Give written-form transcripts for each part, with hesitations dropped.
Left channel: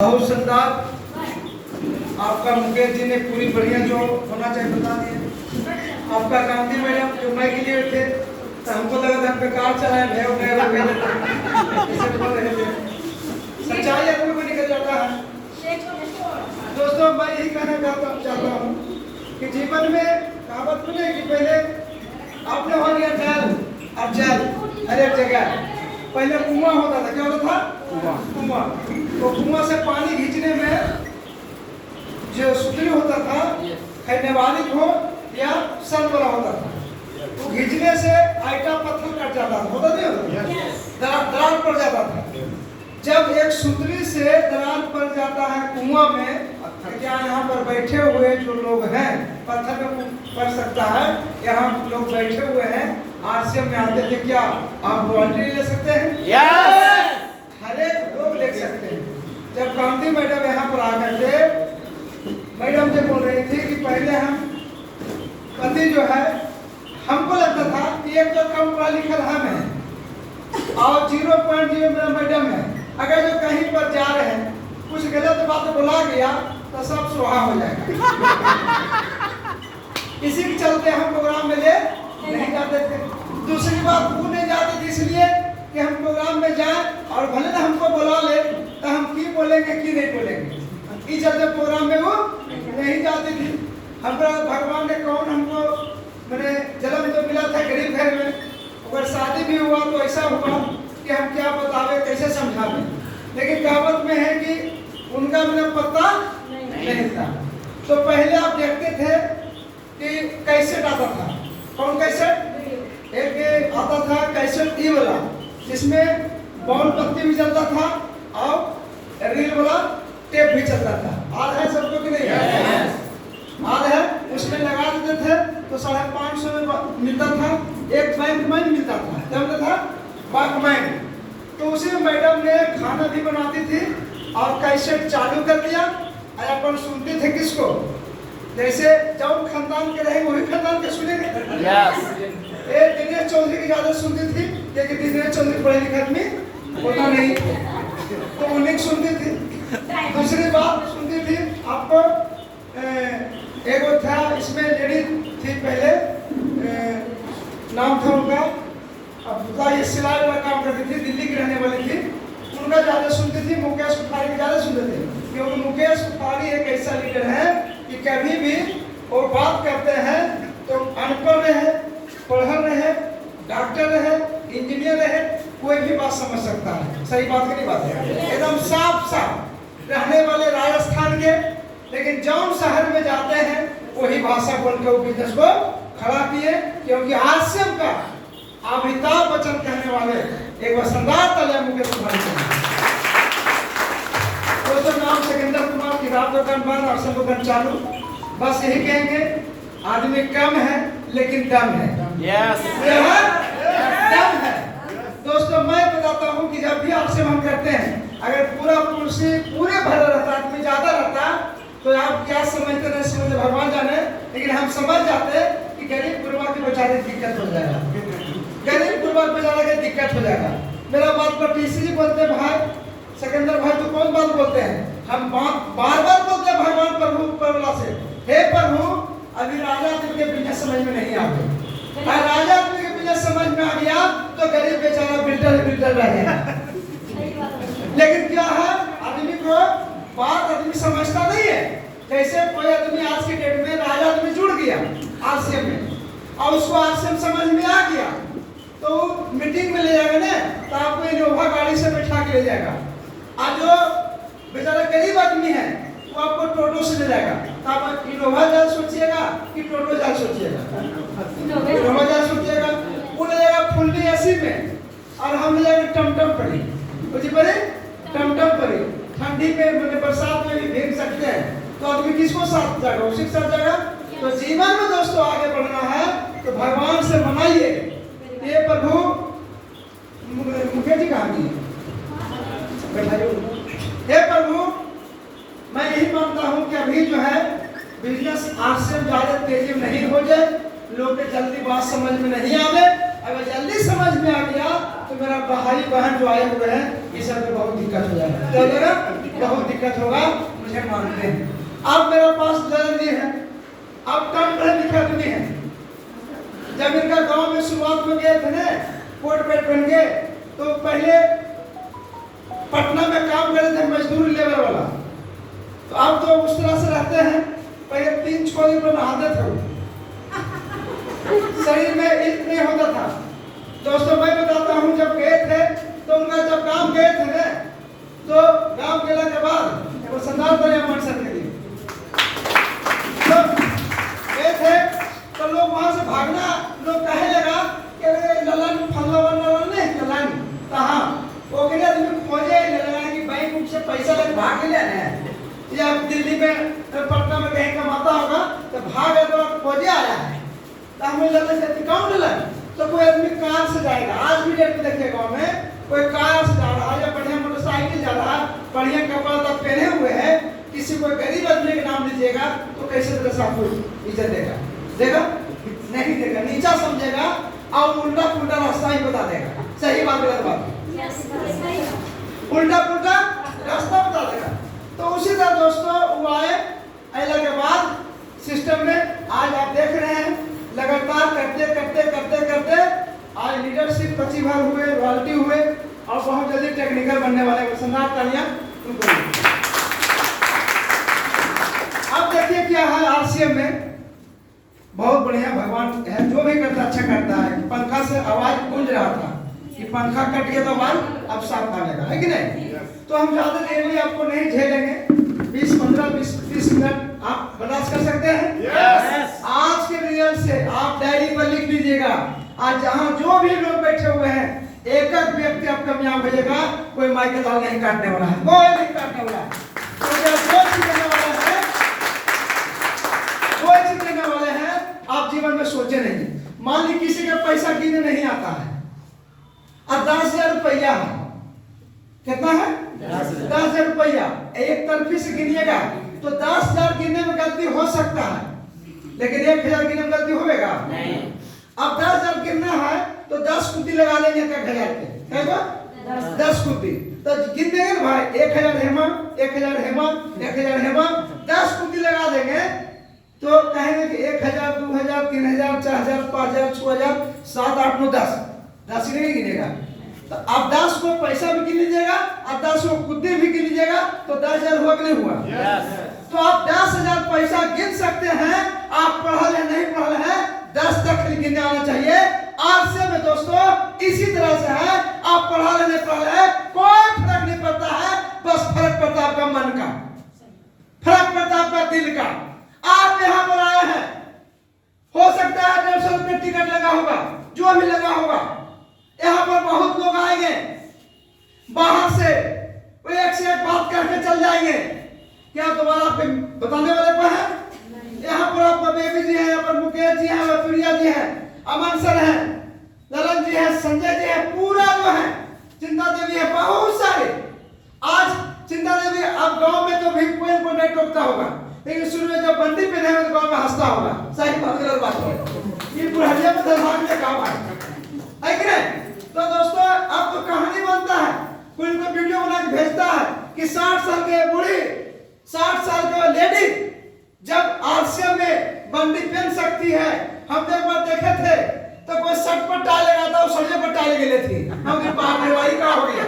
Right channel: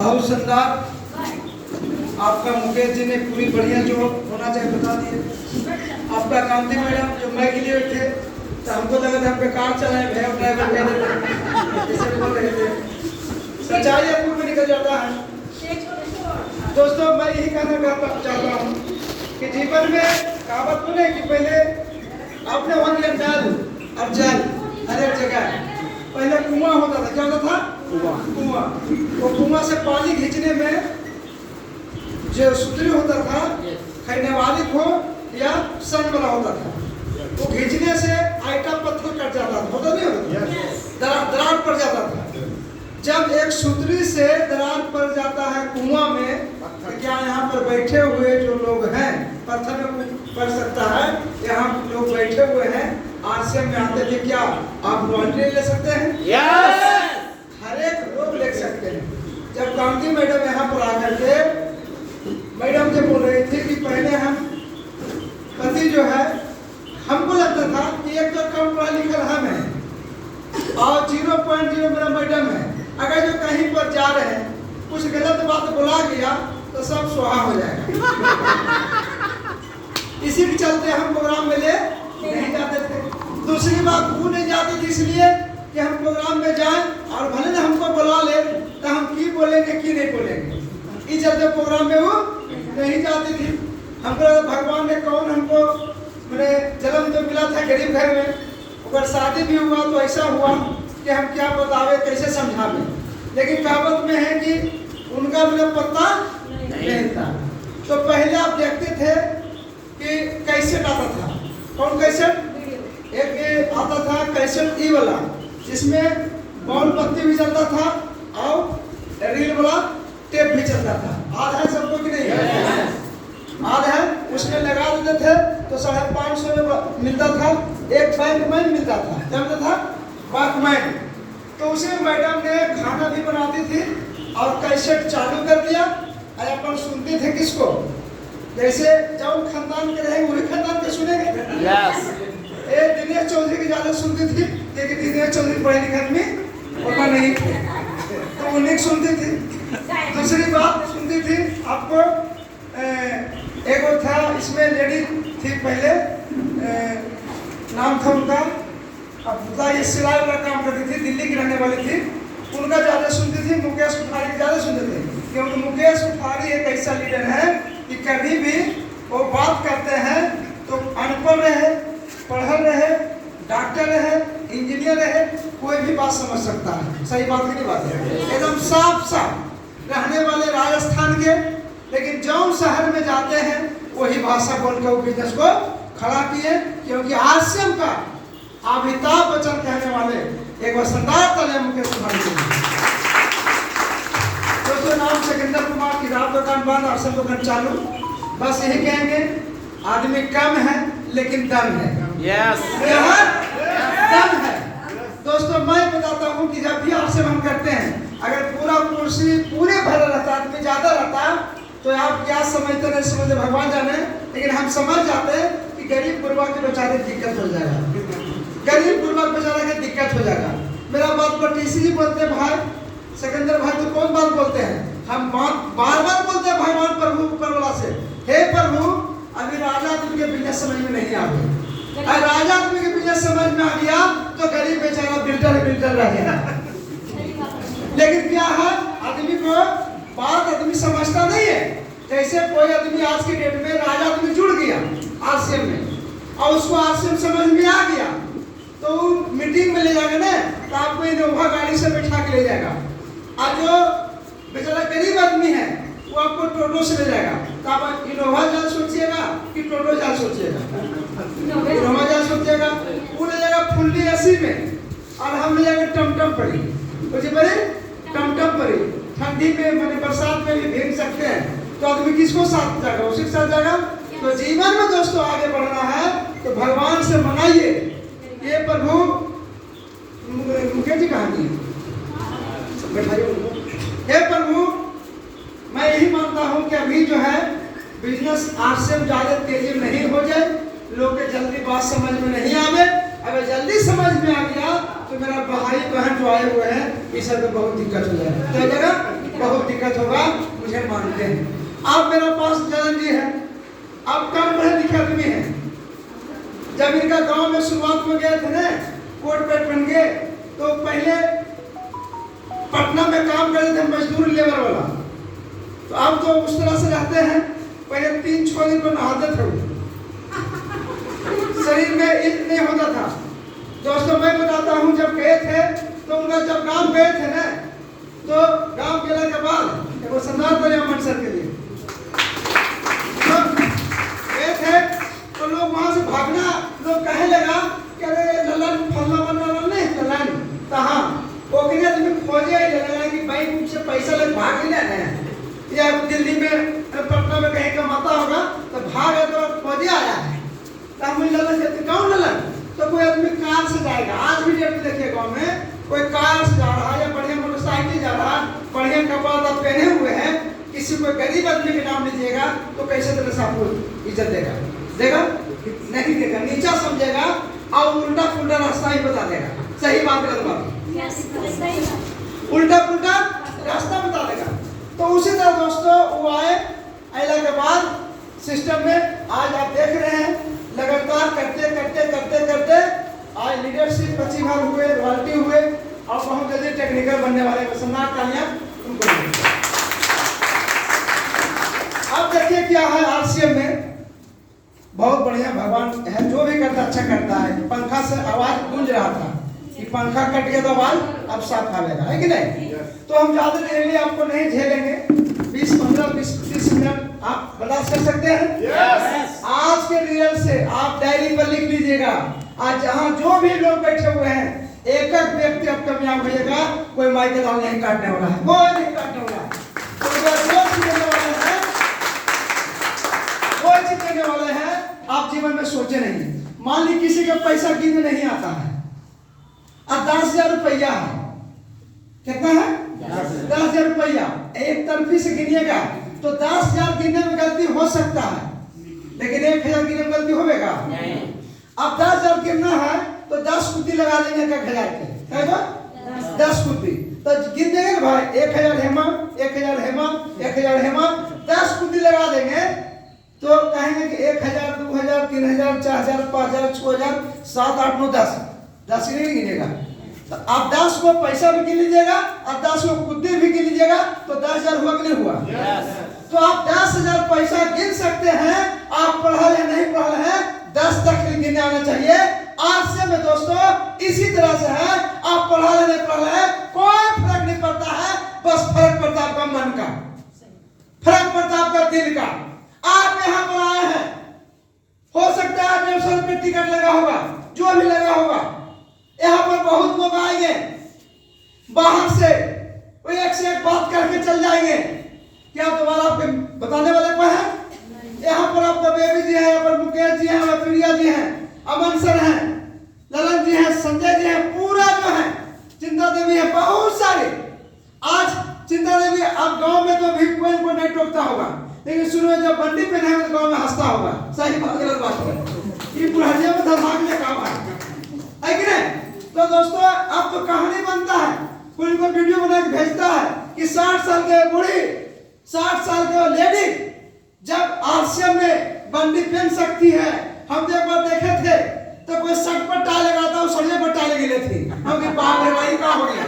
बहुत शानदार। आपका मुकेश जी ने पूरी बढ़िया जो होना चाहिए बता दिए। आपका कांति मैडम जो मैं के लिए थे तो हमको लगा था बेकार चलाए भैया ड्राइवर कह देते जैसे बोल रहे थे। सच्चाई आदमी को निकल जाता है। दोस्तों मैं यही कहना चाहता हूँ कि जीवन में कहावत बोले कि पहले आपने हो गया नल अब जल हर एक जगह। पहले कुआं होता था, क्या होता था? कुआं। वो कुआं से पानी खींचने में जो सुतली होता था, खैने वाली हो या सन वाला होता था, वो खींचने से आइटा पत्थर कट जाता था, होता नहीं होता? दरार पड़ जाता था। जब एक सुतली से दरार पड़ जाता है कुआं में, तो क्या यहाँ पर बैठे हुए जो लोग हैं, पत्थर में पड़ सकता है, यहाँ लोग बैठे हुए हैं आरसीएम में आते थे, क्या आप वॉलंटियर ले सकते हैं? यस। हर एक लोग ले सकते हैं। जब कांति मैडम यहाँ पर आकर के मैडम जो बोल रही थी कि पहले हम पति जो है, हमको लगता था कि एक तो कम पढ़ा लिखा हम है और 0.0 मेरा मैडम है। अगर जो कहीं पर जा रहे हैं कुछ गलत बात बोला गया तो सब सुहा हो जाएगा। इसी के चलते हम प्रोग्राम में ले नहीं जाते थे। दूसरी बात वो नहीं जाते थे इसलिए कि हम प्रोग्राम में जाएं और भले ना हमको बुला ले तो हम की बोलेंगे की नहीं बोलेंगे, इस चलते प्रोग्राम में वो नहीं जाती थी। हमको भगवान ने कौन हमको मैंने जन्म तो मिला था गरीब घर में, अगर शादी भी हुआ तो ऐसा हुआ कि हम क्या बतावे कैसे समझावे। लेकिन कहावत में है कि उनका मैंने पता नहीं था। तो पहले आप देखते थे कि कैसेट आता था। कौन कैसेट? एक आता था कैसेट ई वाला, जिसमें बॉल पत्ती भी चलता था और रील वाला टेप भी चलता था। आज है सबको कि नहीं है? आज है। उसमें लगा देते थे तो 550 में मिलता था, एक वॉकमैन मिलता था। क्या होता था? वॉकमैन। तो उसे मैडम ने खाना भी बनाती थी और कैसेट चालू कर दिया और अपन सुनते थे किसको? जैसे जब खानदान के रहे वही खानदान के सुनेंगे। यस। दिनेश चौधरी की ज्यादा सुनती थी क्योंकि दिनेश चौधरी पढ़े लिखे आदमी होता नहीं तो उन्हीं की सुनती थी। दूसरी बात सुनती थी आपको एक और था, इसमें लेडी थी पहले, नाम था उनका, अब ये सिलाई का काम करती थी, दिल्ली की रहने वाली थी। उनका ज्यादा सुनती थी, मुकेश कुमारी ज्यादा सुनते थे क्योंकि मुकेश कुमारी एक ऐसा लीडर है कि कभी भी वो बात करते हैं तो अनपढ़ रहे, पढ़ल रहे, डॉक्टर रहे, इंजीनियर रहे, कोई भी बात समझ सकता है। सही बात की नहीं बात है? एकदम साफ साफ रहने वाले राजस्थान के, लेकिन जौन शहर में जाते हैं वही भाषा बोल के वो बिजनेस को खड़ा किए। क्योंकि आरसीएम का अमिताभ बच्चन कहने वाले एक वसंतदार तले मुकेश कुमार जी। दोस्तों नाम सिकंदर कुमार की रात दुकान बंद और सब दुकान चालू। बस यही कहेंगे, आदमी कम है लेकिन दम है। यस। दम है। दोस्तों मैं बताता हूँ कि जब भी आपसे हम करते हैं, अगर पूरा कुर्सी पूरे भरा रहता, आदमी ज्यादा रहता तो आप क्या समझते नहीं समझते भगवान जाने, लेकिन हम समझ जाते कि गरीब गुरबा की बेचारे दिक्कत हो जाएगा, गरीब गुरबा बेचारा का दिक्कत हो जाएगा। मेरा बात पर टीसी जी बोलते भाई सिकंदर भाई तो कौन बात बोलते हैं? हम बार बार बोलते हैं भगवान प्रभु परवाला से, हे प्रभु अभी राजा आदमी के बिजनेस समझ में नहीं आ गए। अगर राजा आदमी के बिजनेस समझ में आ गया तो गरीब बेचारा बिल्डर रहेगा। लेकिन क्या है, आदमी को बात आदमी समझता नहीं है। जैसे कोई आदमी आज की डेट में राजा आदमी जुड़ गया आरसीएम में और उसको आरसीएम समझ में आ गया तो वो मीटिंग में ले जाएगा ना, तो आपको इनोवा गाड़ी से बैठा के ले जाएगा। आज जो बेचारा गरीब आदमी है वो आपको टोटो से ले जाएगा, तो आप इनोवा जाल सोचिएगा कि टोटो जाल सोचिएगा? इनोवा जाल सोचिएगा। वो ले जाएगा फुल्ली एसी में और हम ले जाएंगे टमटम पड़ी, बुझे पड़े टमटम पड़ी। ठंडी में मतलब बरसात में भी भीग सकते हैं, तो आदमी किसको साथ जाएगा? उसी के साथ जाएगा। तो जीवन में दोस्तों आगे बढ़ना है तो भगवान से मनाइए, ये प्रभु मुकेश जी कहानी बैठाइए। हे प्रभु मैं यही मानता हूँ कि अभी जो है बिजनेस आरसीएम ज्यादा तेजी में नहीं हो जाए, लोग के जल्दी बात समझ में नहीं आवे। अगर जल्दी समझ में आ गया तो मेरा भाई बहन जो आए हुए हैं इस सब बहुत दिक्कत हो जाएगा, क्या हो जाएगा? बहुत दिक्कत होगा, मुझे मानते हैं। अब मेरे पास ललन जी है, अब कम पढ़े लिखे आदमी है। जब इनका गांव में शुरुआत में गए थे ना, कोट पैंट पहन के, तो पहले पटना में काम करते थे मजदूर लेबर वाला। तो अब तो उस तरह से रहते हैं, पहले 3-6 दिन में नहाते थे, शरीर में इल्क नहीं होता था। दोस्तों मैं बताता हूँ, जब गए थे तो उनका जब गांव गए थे ना, तो गांव गेला के बाद एक सम्मान करें अमन सर के लिए, तो गए थे तो लोग वहां से भागना, लोग कहे लगा कि अरे ललन फल्ला बनवा नहीं ललन, कहाँ ओकरे आदमी खोजे ललन की बैंक से पैसा लग भाग लिया ना, या दिल्ली में पटना में कहीं कमाता होगा तो भाग आया तो खोजे आया है। तो हमें ललन कहते कौन ललन? तो कोई आदमी कार से जाएगा, आज भी डेट में देखिए गाँव में कोई कार से जा रहा है या बढ़िया मोटरसाइकिल जा रहा है, बढ़िया कपड़ा तब पहने हुए हैं, किसी कोई गरीब आदमी के नाम लीजिएगा तो कैसे तरह से आपको इज्जत देगा? देगा नहीं देगा, नीचा समझेगा और उल्टा पुल्टा रास्ता ही बता देगा। सही बात गलत बात? उल्टा पुल्टा रास्ता बता देगा। तो उसी तरह दोस्तों वो आए, आने के बाद सिस्टम में आज आप देख रहे हैं लगातार करते करते करते करते आज लीडरशिप प्रतिभा हुए, रॉयल्टी हुए और बहुत जल्दी टेक्निकल बनने वाले सम्राट तालियां उनको। अब देखिए क्या है आरसीएम में, बहुत बढ़िया भगवान है, जो भी करता अच्छा करता है। पंखा से आवाज गूंज रहा था कि पंखा कट गया तो आवाज अब साफ आएगा, है कि नहीं? तो हम ज्यादा देर में आपको नहीं झेलेंगे, 20-15-20-30 मिनट आप बर्दाश्त कर सकते हैं? yes. आज के रियल से आप डायरी पर लिख लीजिएगा, आज जहां जो भी लोग बैठे हुए हैं एक एक व्यक्ति अब कामयाब होगा, कोई माइक दाल नहीं काटने वाला है, कोई नहीं काटने वाला है, कोई चीज देने वाले हैं। आप जीवन में सोचे नहीं, मान ली किसी का पैसा गिनने नहीं आता है, अब 10,000 रुपया है, कितना है? 10,000 रुपया एक तरफी से गिनिएगा तो 10,000 गिनने में गलती हो सकता है, लेकिन 1,000 गिनने में गलती होगा नहीं। अब 10,000 गिनना है तो 10 कुत्ती लगा लेंगे 1,000 पे, 10 कुत्ती तो गिन देंगे ना भाई, 1,000 हेमा, 1,000 हेमा, 1,000 हेमा, 10 कुत्ती लगा देंगे तो कहेंगे कि 1,000, 2,000, 3,000, 4,000, 5,000, 6,000, 7, 8, 9, 10, 10 ही नहीं गिनेगा। तो आप 10 को पैसा भी गिन लीजिएगा और 10 को कुत्ती भी गिन लीजिएगा तो 10,000 हुआ कि नहीं हुआ? yes. तो आप 10,000 पैसा गिन सकते हैं, आप पढ़ा या नहीं पढ़ा है, 10 तक गिनने आना चाहिए। आज से में दोस्तों इसी तरह से है, आप पढ़ा या नहीं पढ़ा है कोई फर्क नहीं पड़ता है, बस फर्क पड़ता आपका मन का, फर्क पड़ता आपका दिल का। आप यहाँ पर आए हैं, हो सकता है 150 रुपये टिकट लगा होगा, जो भी लगा होगा, यहाँ पर बहुत लोग आएंगे बाहर से, कोई एक से एक बात करके चल जाएंगे, क्या दोबारा आपको बताने वाले कोई है? यहाँ पर आपका बेबी जी है, यहाँ पर मुकेश जी है, प्रिया जी है, अमन सर है, ललन जी है, संजय जी है, पूरा जो है चिंता देवी है, बहुत सारे। आज चिंता देवी अब गांव में तो भी कोई को नहीं टोकता होगा, लेकिन शुरू में जब बंदी पहने हुए गांव में हंसता होगा। सही बात है, ये बुढ़िया में धमाके में काम है कि नहीं? तो दोस्तों अब तो कहानी बनता है, कोई इनको वीडियो बना के भेजता है कि 60 साल के बूढ़ी, 60 साल का लेडी जब आरसीएम में बंदी पहन सकती है। हम तो एक बार देखे थे तो कोई शर्ट पर टाई लगाता और सरिये पर टाई लगे थी, हमने बाप रे भाई का हो गया।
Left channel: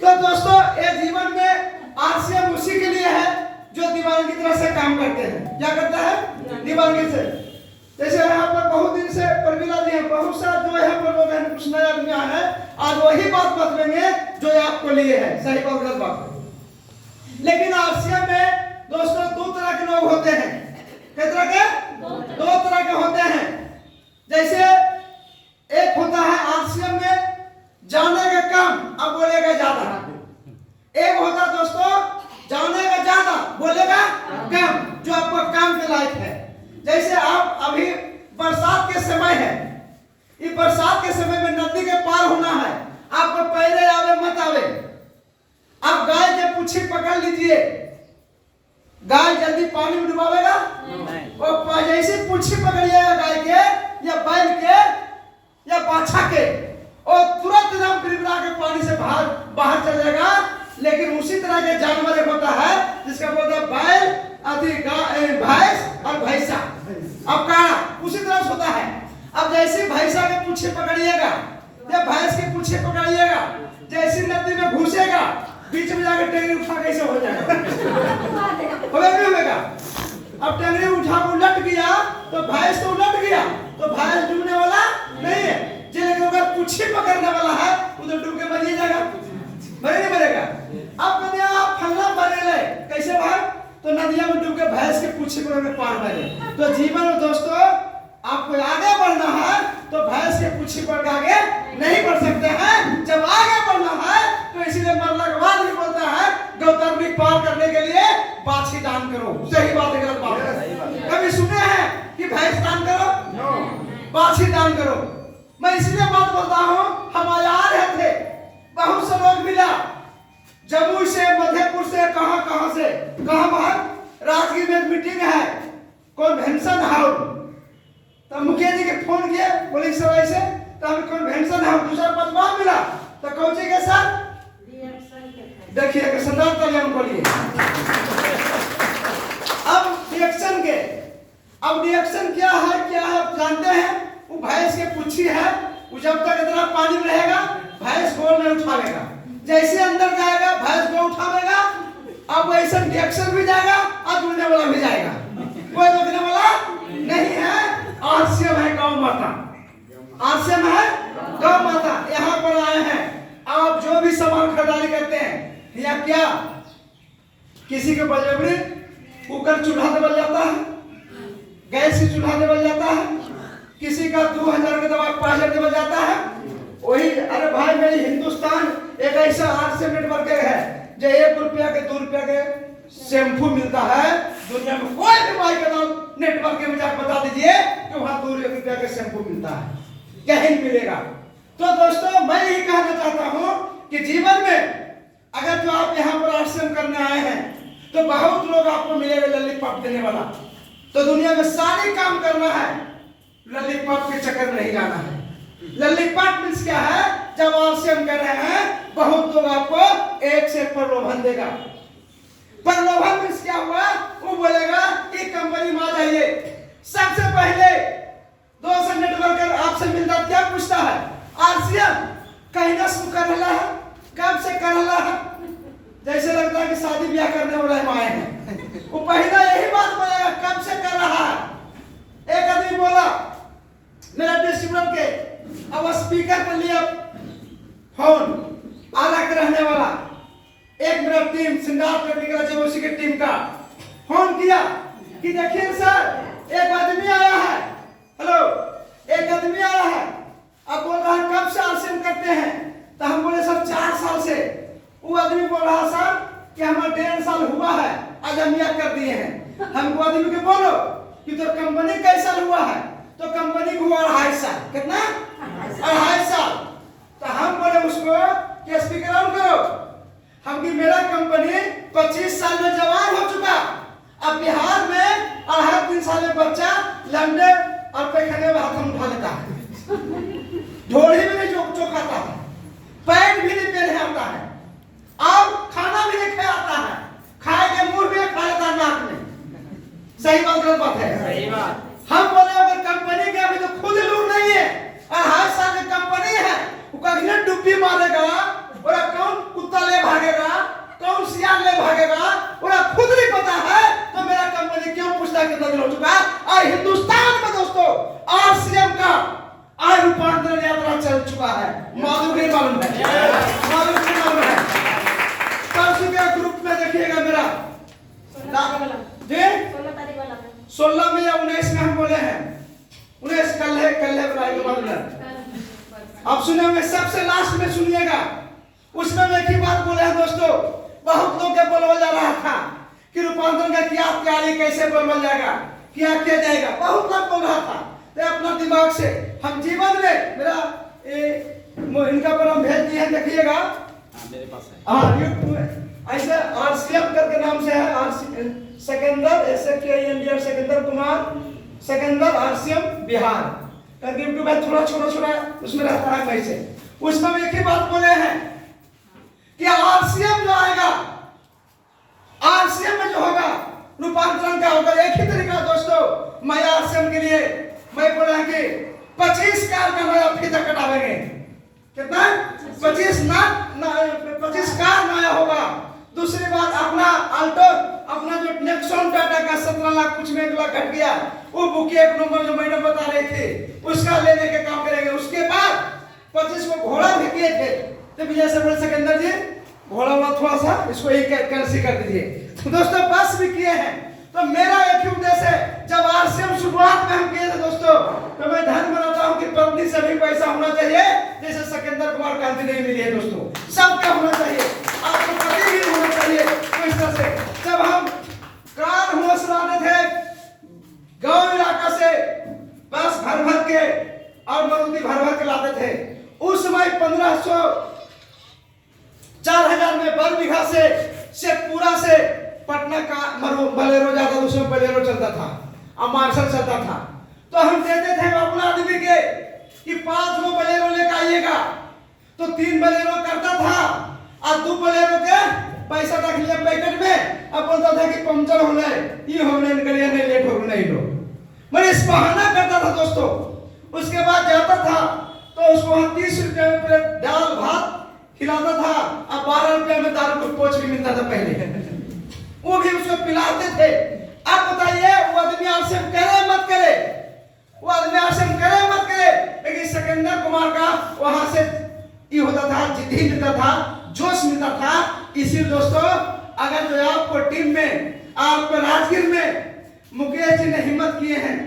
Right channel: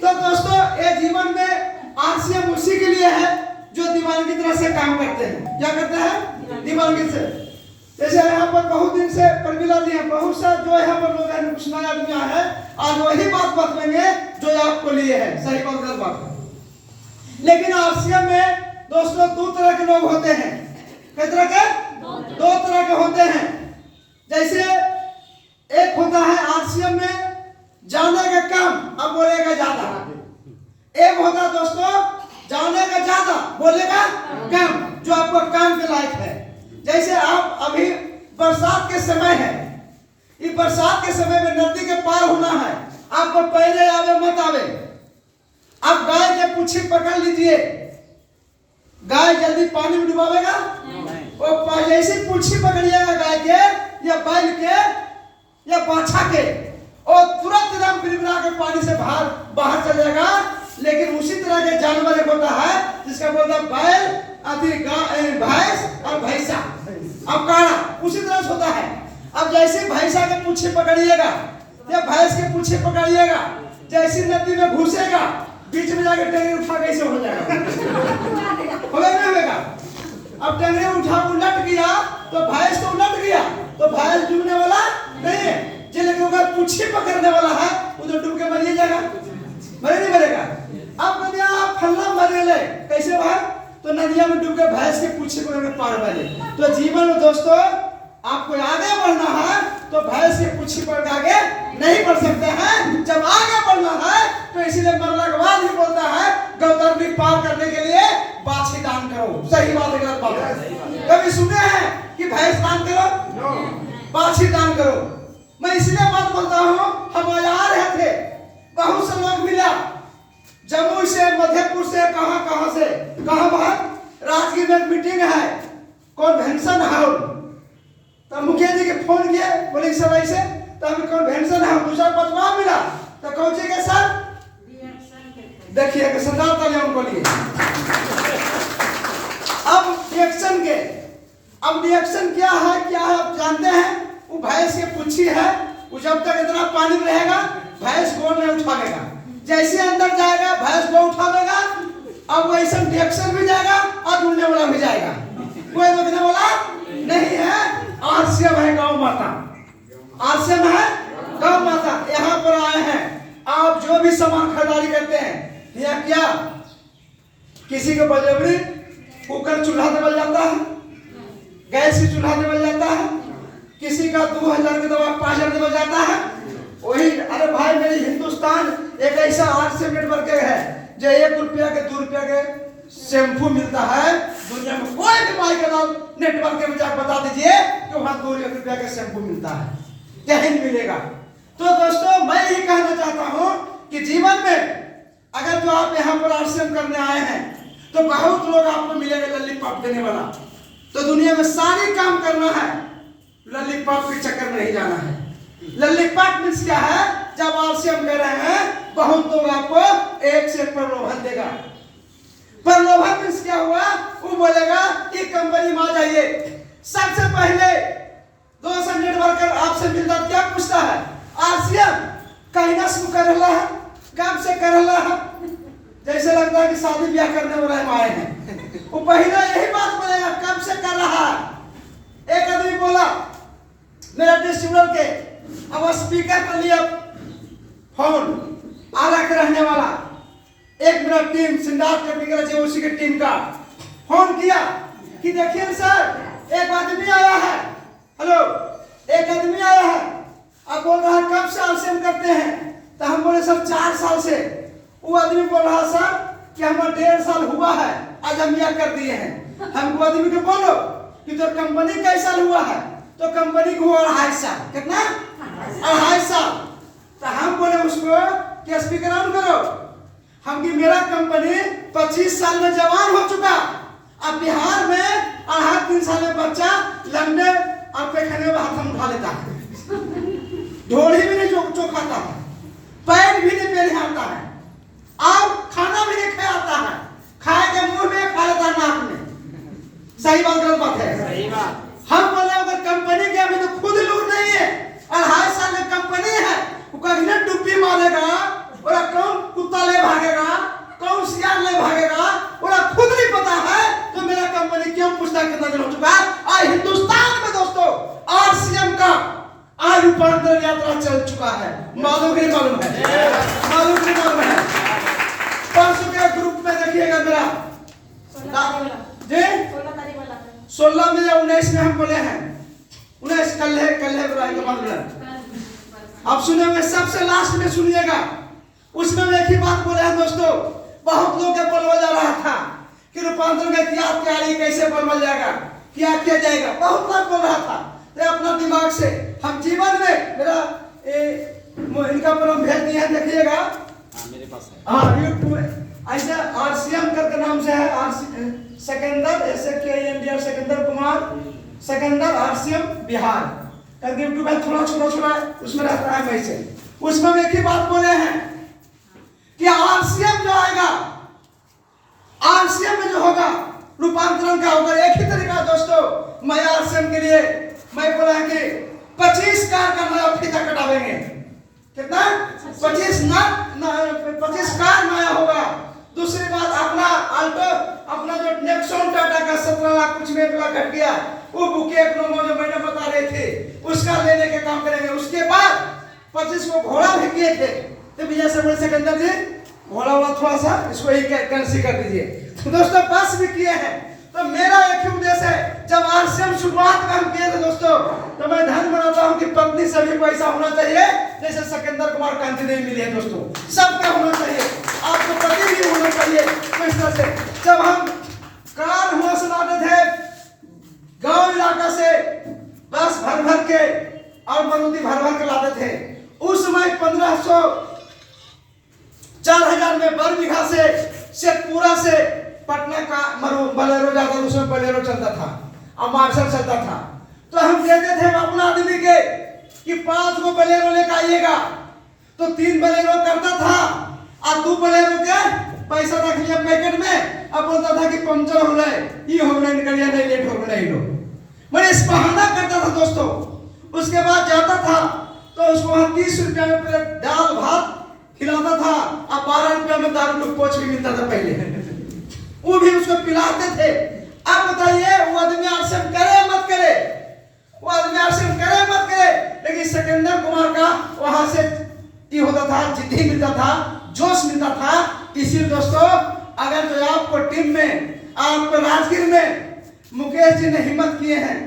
तो दोस्तों ये जीवन में आरसीएम उसी के लिए है जो दीवानगी की तरह से काम करते हैं। क्या करते हैं? दीवानगी से। जैसे यहाँ पर बहुत दिन से प्रमिला जी हैं, बहुत सा जो यहाँ पर लोग हैं, कुछ नया आदमी है, आज वही बात बतलेंगे जो आपको लिए है, सही बात गलत बात। लेकिन आरसीएम में दोस्तों 2 तरह के लोग होते हैं। किस तरह के? 2 तरह के होते हैं। जैसे एक होता है आरसीएम में जाने का काम, अब बोलेगा ज्यादा। एक होता दोस्तों जाने का ज्यादा, बोलेगा कम, जो आपको काम के लायक है। जैसे आप अभी बरसात के समय है, इस बरसात के समय में नदी के पार होना है, आपको पैरे आवे मत आवे, आप गाय के पूंछी पकड़ लीजिए, गाय जल्दी पानी में डुबावेगा? वो जैसे पूंछी पकड़िएगा गाय के या बैल के या बाछा के, और तुरंत एकदम बिड़बिड़ा के पानी से बाहर चल जाएगा। लेकिन उसी तरह के जानवर एक होता है जिसका बोलते हैं बैल, भैंस और भैंसा। अब काड़ा उसी तरह से होता है। अब जैसे भैंसा के पूछे पकड़िएगा या भैंस के पूछे पकड़िएगा, जैसी नदी में घुसेगा बीच में जाकर टेंगरी उठा कैसे हो जाएगा, होगा नहीं होगा। अब टेंगरी उठा उलट गया तो भैंस तो उलट गया तो भैंस डूबने वाला नहीं है। जो लेकिन अगर पूछे पकड़ने वाला है वो तो डूब के मर ही जाएगा, मरे नहीं मरेगा। अब नदिया फल्ला मरे ले कैसे वहां, तो नदिया में डूब के भैंस के पूछे पकड़ के पार मारे। तो जीवन में दोस्तों आपको आगे बढ़ना है तो भैंस के पूछे पकड़ के आगे नहीं बढ़ सकते हैं। जब आगे बढ़ना है तो इसीलिए मरना के बाद ही बोलता है गौतरनी पार करने के लिए बाछी दान करो। सही बात है, गलत बात है? कभी सुने हैं कि भैंस दान करो, बाछी दान करो? मैं इसलिए बात बोलता हूँ, हम आ रहे थे, बहुत से लोग मिला जमुई से, मध्यपुर से, कहां से, कहां राजगीर में मीटिंग है कन्वेंशन हाउस। तो मुखिया जी के फोन किए, बोले सर ऐसे, तो हमें कन्वेंशन हाउस दूसरा पदवा मिला तो कौन सी के सर देखिए कि सरदार तालियां उनको लिए। अब रिएक्शन क्या है आप जानते हैं? वो भैंस की पुच्छी है, वो जब तक इतना पानी में रहेगा भैंस गोल नहीं उठावेगा, जैसे अंदर जाएगा भैंस को उठावेगा। अब वैसे रिएक्शन भी जाएगा और जुड़ने वाला भी जाएगा, कोई रोकने वाला नहीं है। आरसीएम है गौ माता, आरसीएम है गौ माता। यहाँ पर आए हैं, आप जो भी सामान खरीदारी करते हैं या क्या किसी को बजबरी कुकर चूल्हा देवल जाता है, गैस की चूल्हा देवल जाता है, किसी का 2000 के दवा 5000 देवल जाता है। वही अरे भाई मेरी हिंदुस्तान एक ऐसा आरसीएम नेटवर्क है जो 1 रुपया के 2 रुपया के शैम्पू मिलता है। दुनिया में कोई भी माई के नाम नेटवर्क में जाकर बता दीजिए कि वहां 2 रुपया के शैम्पू मिलता है, कहीं मिलेगा। तो दोस्तों मैं यही कहना चाहता हूं कि जीवन में अगर तो आप यहाँ पर आश्रम करने आए हैं तो बहुत लोग आपको मिलेगा लॉलीपॉप देने वाला। तो दुनिया में सारे काम करना है, लॉलीपॉप के चक्कर में नहीं जाना है। लॉलीपॉप मीन्स क्या है? जब आश्रम कर रहे हैं बहुत लोग आपको एक से प्रलोभन देगा। प्रलोभन मीन्स क्या हुआ? वो बोलेगा कि कंपनी में आ जाइए। सबसे पहले 200 नेटवर्कर आपसे मिलता क्या पूछता है? आरसीएम कहना शुरू कर रहा है, कब से कर रहा है? जैसे लगता है कि शादी ब्याह करने वाले हम आए हैं। वो पहले यही बात बोलेगा कब से कर रहा है। एक आदमी बोला मेरा डिस्ट्रीब्यूटर के, अब स्पीकर कर लिया फोन आला के रहने वाला, एक मेरा टीम सिंगार टेक्निकल जो उसी के टीम का फोन किया कि देखिए सर एक आदमी आया है, हेलो एक आदमी आया है, अब बोल रहा है कब से आरसीएम करते हैं? तो हम बोले सर 4 साल से। वो आदमी बोल रहा सर कि हमारा 1.5 साल हुआ है, आज हम यह कर दिए हैं। हमको आदमी के बोलो कि तो कंपनी कैसा हुआ है? तो कंपनी को हुआ 2.5 साल। कितना? 2.5 साल। तो हम बोले उसको कि स्पीकर ऑन करो, हम कि मेरा कंपनी 25 साल में जवान हो चुका, अब बिहार में 2.5-3 साल में बच्चा लंडे और पैखाने में हाथ उठा लेता है, ढोली भी नहीं चौखाता है, पैर भी नहीं पहने आता है, और खाना भी नहीं खाता है, खाए के मुंह में खा लेता नाक में। सही बात गलत बात है? सही बात। हम बोले अगर कंपनी के अभी तो खुद लूट नहीं है, 2.5 साल की कंपनी है, वो कहीं डुब्बी मारेगा, और कौन कुत्ता ले भागेगा, कौन सियार ले भागेगा, और खुद नहीं पता है, तो मेरा कंपनी क्यों पूछता कितना दिन हो चुका है? और हिंदुस्तान में दोस्तों आरसीएम का आज रूपांतरण यात्रा चल चुका है, मालूम नहीं मालूम है? मालूम नहीं मालूम है? परसों के ग्रुप में देखिएगा मेरा जी 16 में या 19 में हम बोले हैं, 19 कल है के बाद में अब सुनेंगे, सबसे लास्ट में सुनिएगा। उसमें एक ही बात बोले हैं दोस्तों, बहुत लोग के बोलवा जा रहा था कि रूपांतरण का क्या तैयारी, कैसे बोलवा जाएगा, क्या किया जाएगा, बहुत लोग बोल रहा था। तो अपना दिमाग से हम जीवन में मेरा इनका पर हम भेज दिए हैं, देखिएगा मेरे पास है। हाँ यूट्यूब ऐसे आरसीएम करके नाम से है, सेकेंदर ऐसे के सेकेंदर कुमार सेकेंदर आरसीएम बिहार करके यूट्यूब है, थोड़ा छोटा उसमें रहता है वैसे। उसमें हम एक ही बात बोले हैं कि आरसीएम जो आएगा, आरसीएम में जो होगा रूपांतरण का होगा एक ही तरीका दोस्तों। मैं आरसीएम के लिए मैं बोला है कि 25 कार का नया फीता कटावेंगे। कितना? 25 कार नया होगा। दूसरी बात अपना अल्टो, अपना जो नेक्सॉन टाटा का 17 लाख कुछ में 1 लाख घट गया, वो बुक एक नंबर जो मैडम बता रहे थे उसका लेने के काम करेंगे। उसके बाद 25 को घोड़ा भी किए थे, तो विजय सरवर सिकंदर जी घोड़ा वाला थोड़ा सा इसको ही कैंसिल कर दीजिए। तो दोस्तों बस भी किए हैं। तो मेरा एक ही उद्देश्य है, जब आरसीएम शुरुआत में हम किए थे दोस्तों, तो मैं ध्यान बनाता हूं कि पत्नी सभी को ऐसा होना चाहिए जैसे सिकंदर कुमार कांति नहीं मिली है दोस्तों। सबके होना चाहिए, आपके पति भी होने चाहिए। तो इस तरह से जब हम कार हुआ सुनाते थे गांव इलाका से बस भर भर के और मारुति भर भर के लाते थे, उस समय 1500 4000 में बर बीघा से पूरा से पटना का बलेरो जाता था। उसमें बलेरो चलता था और मार्शल चलता था। तो हम देते थे अपना आदमी के कि 5 गो बलेरो लेकर आइएगा, तो 3 बलेरो करता था और 2 बलेरो के पैसा रख लिया पैकेट में। अब बोलता था कि पंचर हो जाए, ये हो गया, निकलिए नहीं, लेट हो नहीं लो। मैं इस बहाना करता था दोस्तों। उसके बाद जाता था तो उसको 30 रुपया में प्लेट दाल भात खिलाता था और 12 रुपया में दारू का पोच भी मिलता था पहले, वो भी उसको पिलाते थे। अब बताइए वो आदमी आरसीएम करे मत करे, वो आदमी आरसीएम करे मत करे, लेकिन सिकंदर कुमार का वहां से ये होता था, जिद्दी मिलता था, जोश मिलता था। इसीलिए दोस्तों अगर जो आपको टीम में, आपको राजगीर में मुकेश जी ने हिम्मत किए हैं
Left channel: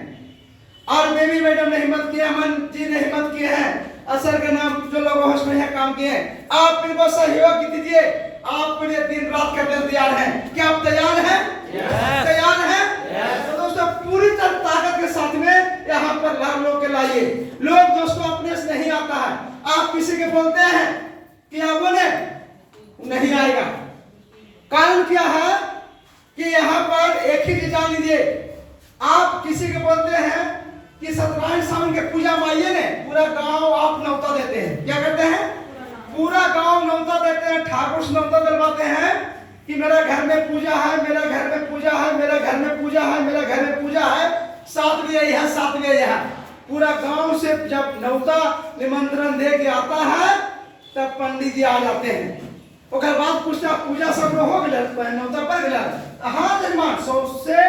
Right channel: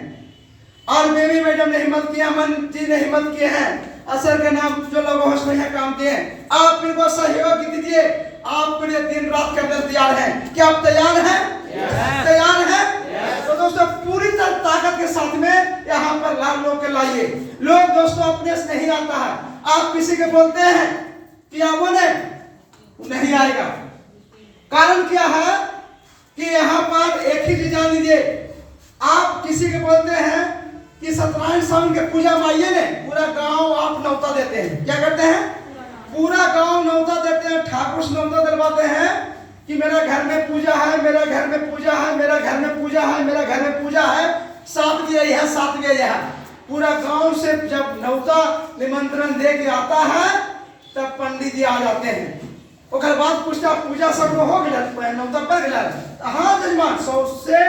और बेबी मैडम ने हिम्मत किया, अमन जी ने हिम्मत किए हैं, असर का नाम जो लोग होस्ट में काम किए हैं, आप इनको सहयोग दीजिए। आपके लिए दिन रात करने तैयार हैं। क्या आप तैयार हैं? तैयार हैं? तो दोस्तों पूरी तरह ताकत के साथ में यहाँ पर लोग के लाइए। लोग दोस्तों अपने से नहीं आता है। आप किसी के बोलते हैं कि आप बोले नहीं आएगा, कारण क्या है कि यहाँ पर एक ही चीज जान लीजिए, आप किसी के बोलते हैं कि सत्यनारायण स्वामी के पूजा में आइए ने, पूरा गांव आप न्योता देते हैं। क्या करते हैं? पूरा गांव न्योता देते हैं, ठाकुर से न्योता दिलवाते हैं कि मेरा घर में पूजा है, मेरा घर में पूजा है, मेरा घर में पूजा है, मेरा घर में पूजा है, साथ में यही है, साथ में यही है। पूरा गांव से जब न्योता निमंत्रण दे के आता है तब पंडित जी आ जाते हैं। ओकर बाद पूछता पूजा सब हो गया, न्योता पड़ गया, हाँ जजमान 100 से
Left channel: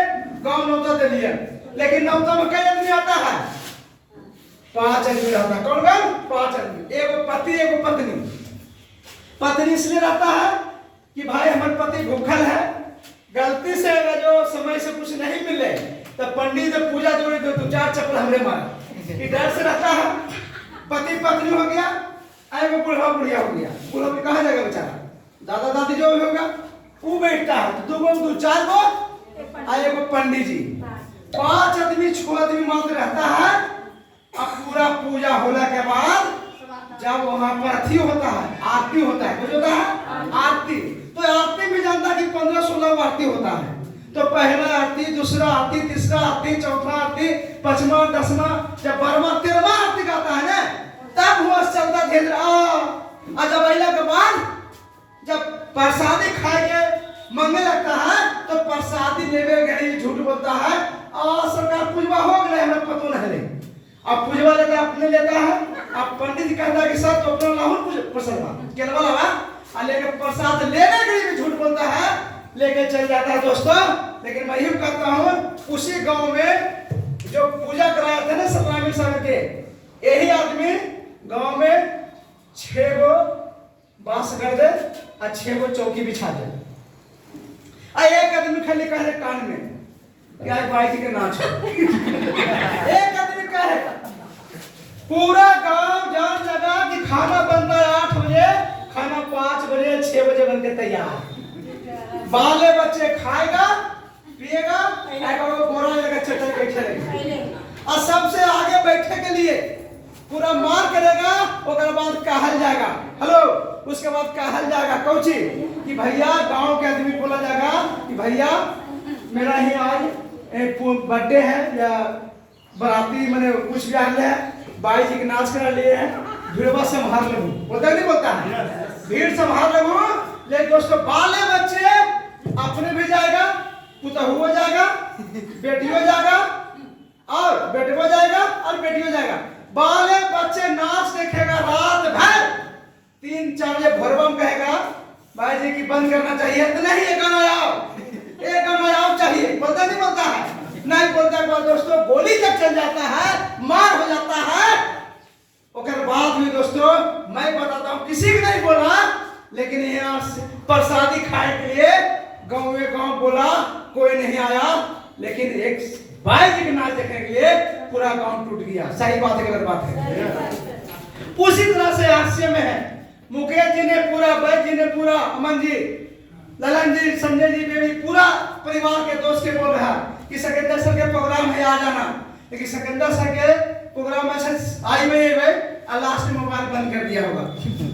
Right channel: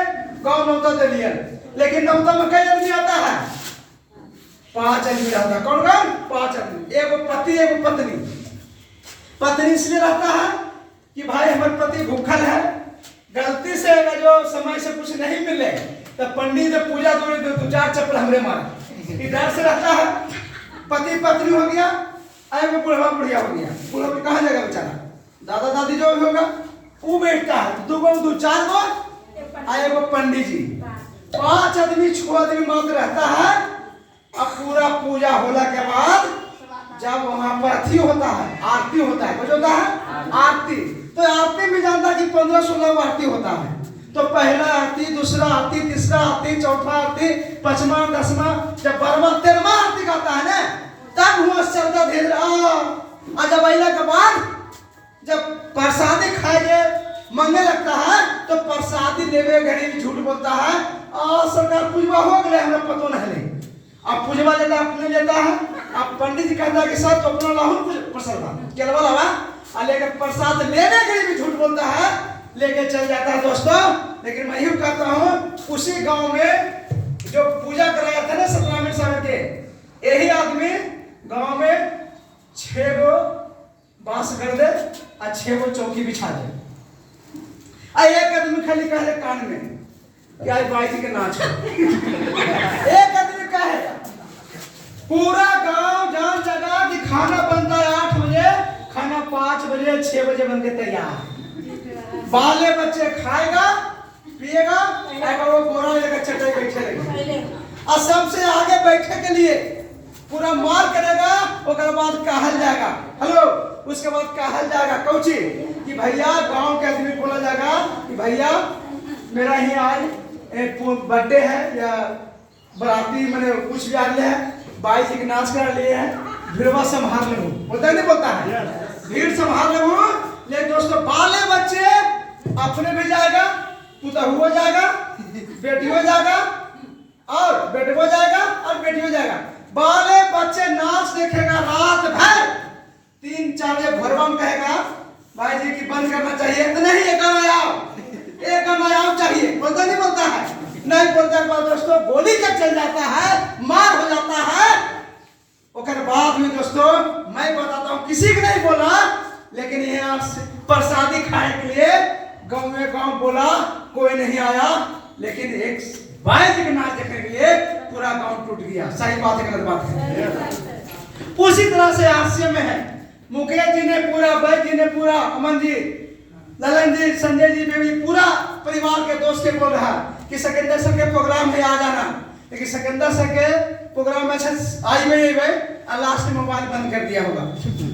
गांव न्योता दे दिया। लेकिन न्योता में कई आदमी आता है? 5 आदमी आता है। कौन कौन? 5 आदमी, एगो पति एगो पत्नी। पत्नी इसलिए रहता है कि भाई हमारे पति भूखल है, गलती से जो समय से कुछ नहीं मिले तो पंडित ने पूजा जोड़ दो 2-4 चप्पल हमरे मारे, कि डर से रहता है। पति पत्नी हो गया, एगो बुढ़वा बुढ़िया हो गया। बुढ़वा भी कहाँ जाएगा बेचारा, दादा दादी जो भी होगा वो बैठता है, 2-4 गो एगो पंडित जी, 5 आदमी 6 आदमी मात्र रहता है। अब पूरा पूजा होने के बाद जब वहां पर अथी होता है, आरती होता है, कुछ होता है आरती, तो आरती में जानता है कि 15-16 आरती होता है। तो पहला आरती, दूसरा आरती, तीसरा आरती, चौथा आरती, 5वां 10वां, जब 12वां 13वां आरती गाता है ना, तब हुआ चलता धीरे आ जब आइला के बाद जब प्रसादी खाएंगे मंगे लगता है तो प्रसादी लेवे घड़ी झूठ बोलता है, सरकार पूजवा हो गए हमें पतो नहीं ले। अब पूजवा लेता अपने लेता है, अब पंडित जी कहता है कि सब तो अपना लाहौर प्रसाद केलवा लावा आ लेकर प्रसाद लेवे घड़ी भी झूठ बोलता है, लेके चल जाता है दोस्तों। लेकिन मैं यूं कहता हूँ उसी गांव में जो पूजा कराया था ना सत्यनारायण स्वामी के, यही आदमी गांव में 6 गो बांस कर दे और 6 गो चौकी बिछा दे। एक आदमी खाली कहे कान में क्या बाई के नाच एक आदमी कहे, पूरा गांव जान लगा कि खाना बनता है 8 बजे, खाना 5 बजे 6 बजे बन के तैयार। बाले बच्चे खाएगा पिएगा, वो बोरा लेकर चटाई बैठे रहेगा और सबसे आगे बैठे के लिए पूरा मार करेगा। उसके बाद कहल जाएगा हेलो, उसके बाद कहल जाएगा कौची कि भैया गांव के आदमी बोला जाएगा कि भैया मेरा ही आज बर्थडे है या बराती मैंने कुछ भी आने है, बाई जी के नाच करा लिए हैं, भीड़वा संभाल ले, बोलता है नहीं बोलता है, भीड़ संभाल ले। लेकिन दोस्तों बाले बच्चे अपने भी जाएगा, पुतहु हो जाएगा, बेटी हो जाएगा और बेटे हो जाएगा और बेटी हो जाएगा। बाले बच्चे नाच देखेगा रात भर, 3-4 बजे भरवम कहेगा भाई जी की बंद करना चाहिए, तो नहीं एक गाना चाहिए, बोलता नहीं बोलता है, नहीं बोलता है दोस्तों। गोली तक चल जाता है, मार हो जाता है। उसके बाद भी दोस्तों मैं बताता हूँ, किसी को नहीं बोला, लेकिन यहाँ प्रसादी खाने के लिए गाँव में गाँव बोला, कोई नहीं आया, लेकिन एक भाई जी के नाच देखने के लिए पूरा गाँव टूट गया। सही बात है गलत बात है? उसी तरह से हास्य में है, मुकेश जी ने पूरा, बैद जी ने पूरा, अमन जी, ललन जी, संजय जी भी पूरा परिवार के दोस्त के बोल रहा है कि सिकंदर सर के प्रोग्राम है आ जाना, लेकिन सिकंदर सर के प्रोग्राम में आई में ये भाई लास्ट में मोबाइल बंद कर दिया होगा,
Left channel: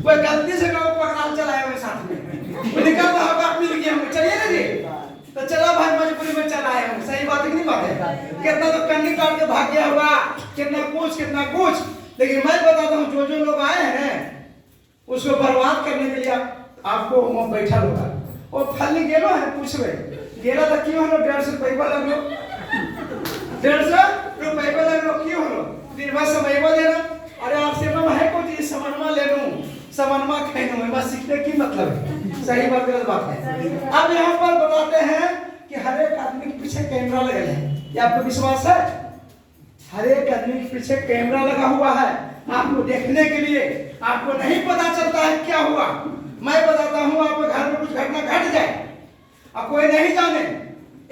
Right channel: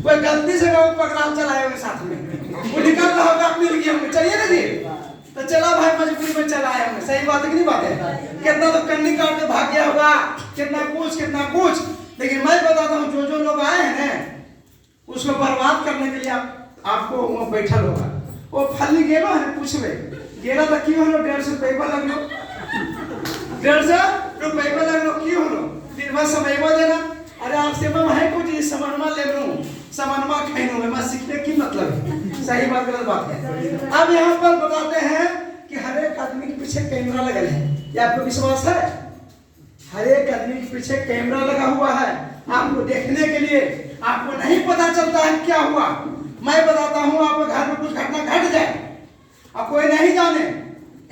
कोई गलती से वो प्रोग्राम चलाए हुए साथ में, वो निकल रहा होगा, मिल गया होगा, चलिए ना जी, तो चला भाई मजबूरी में चला आया होगा। सही बात है कि नहीं बात है? कितना लोग कन्नी काट के भाग गया होगा, कितना कुछ, लेकिन मैं बताता हूँ जो लोग आए हैं ना उसको बर्बाद करने के लिए आपको वहाँ बैठा होगा। वो फली गेलो है, पूछवे गेला तो क्यों हो 150 रुपये लगलो, 150 रुपये लगलो क्यों हो, दिन भर समय देना। अरे आपसे मैं है कुछ समनमा ले लूँ, समनमा खेलूँ, मैं सीखने की मतलब है। सही बात गलत बात है? अब यहाँ पर बताते हैं कि हर एक आदमी के पीछे कैमरा लगा है, ये आपको विश्वास है? हर एक आदमी के पीछे कैमरा लगा हुआ है आपको देखने के लिए। आपको नहीं पता चलता है क्या हुआ, मैं बताता हूँ, आपके घर में कुछ घटना घट जाए, अब कोई नहीं जाने,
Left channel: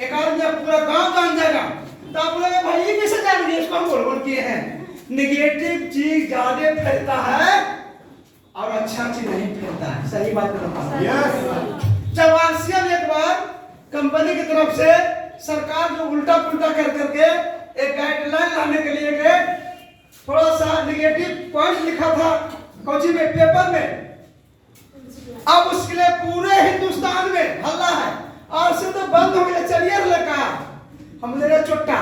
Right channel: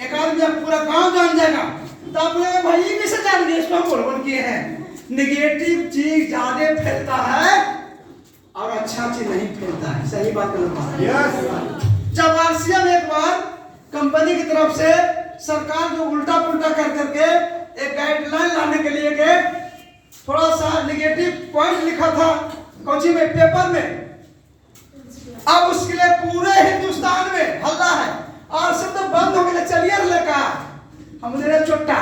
एक आदमी पूरा गांव जान जाएगा, तो आप लोग भाई ये किसे जान गए, इसको बोल किए हैं। निगेटिव चीज ज्यादा फैलता है और अच्छा चीज नहीं फैलता है। सही बात है? जब आरसीएम एक बार कंपनी की तरफ से सरकार जो उल्टा पुल्टा कर करके एक गाइडलाइन लाने के लिए गए, थोड़ा सा निगेटिव पॉइंट लिखा था कोची में पेपर में, अब उसके लिए पूरे हिंदुस्तान में हल्ला है, और सिर्फ तो बंद हो गया, चलिए लगा हमने चुट्टा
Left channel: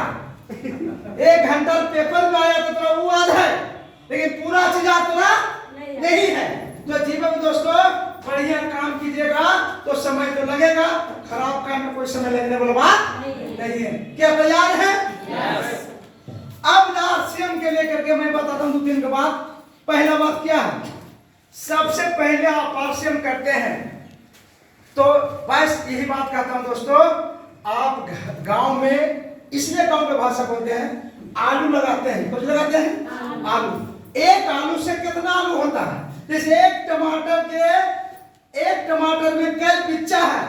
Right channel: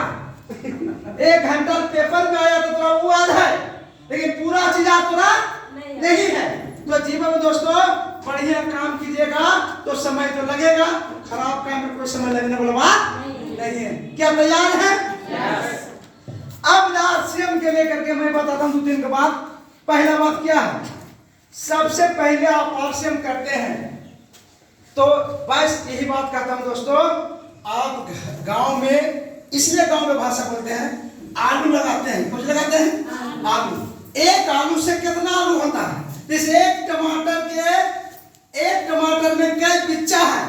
1 घंटा पेपर में आया तो थोड़ा वो याद है, लेकिन पूरा चीज आपका नहीं है। तो जीवन में दोस्तों बढ़िया काम कीजिएगा तो समय तो लगेगा, खराब काम में कोई समय लगने वाला बात नहीं है। क्या तैयार है? अब आरसीएम के लेकर के मैं बताता हूँ 2 दिन के बाद। पहला बात क्या है, सबसे पहले आप आरसीएम करते हैं तो बस यही बात कहता हूँ दोस्तों, आप गांव में, इसलिए गांव में भाषा बोलते हैं, आलू लगाते हैं। कुछ लगाते हैं आलू। एक आलू से कितना आलू होता है? जैसे एक टमाटर में कई बिच्चा है,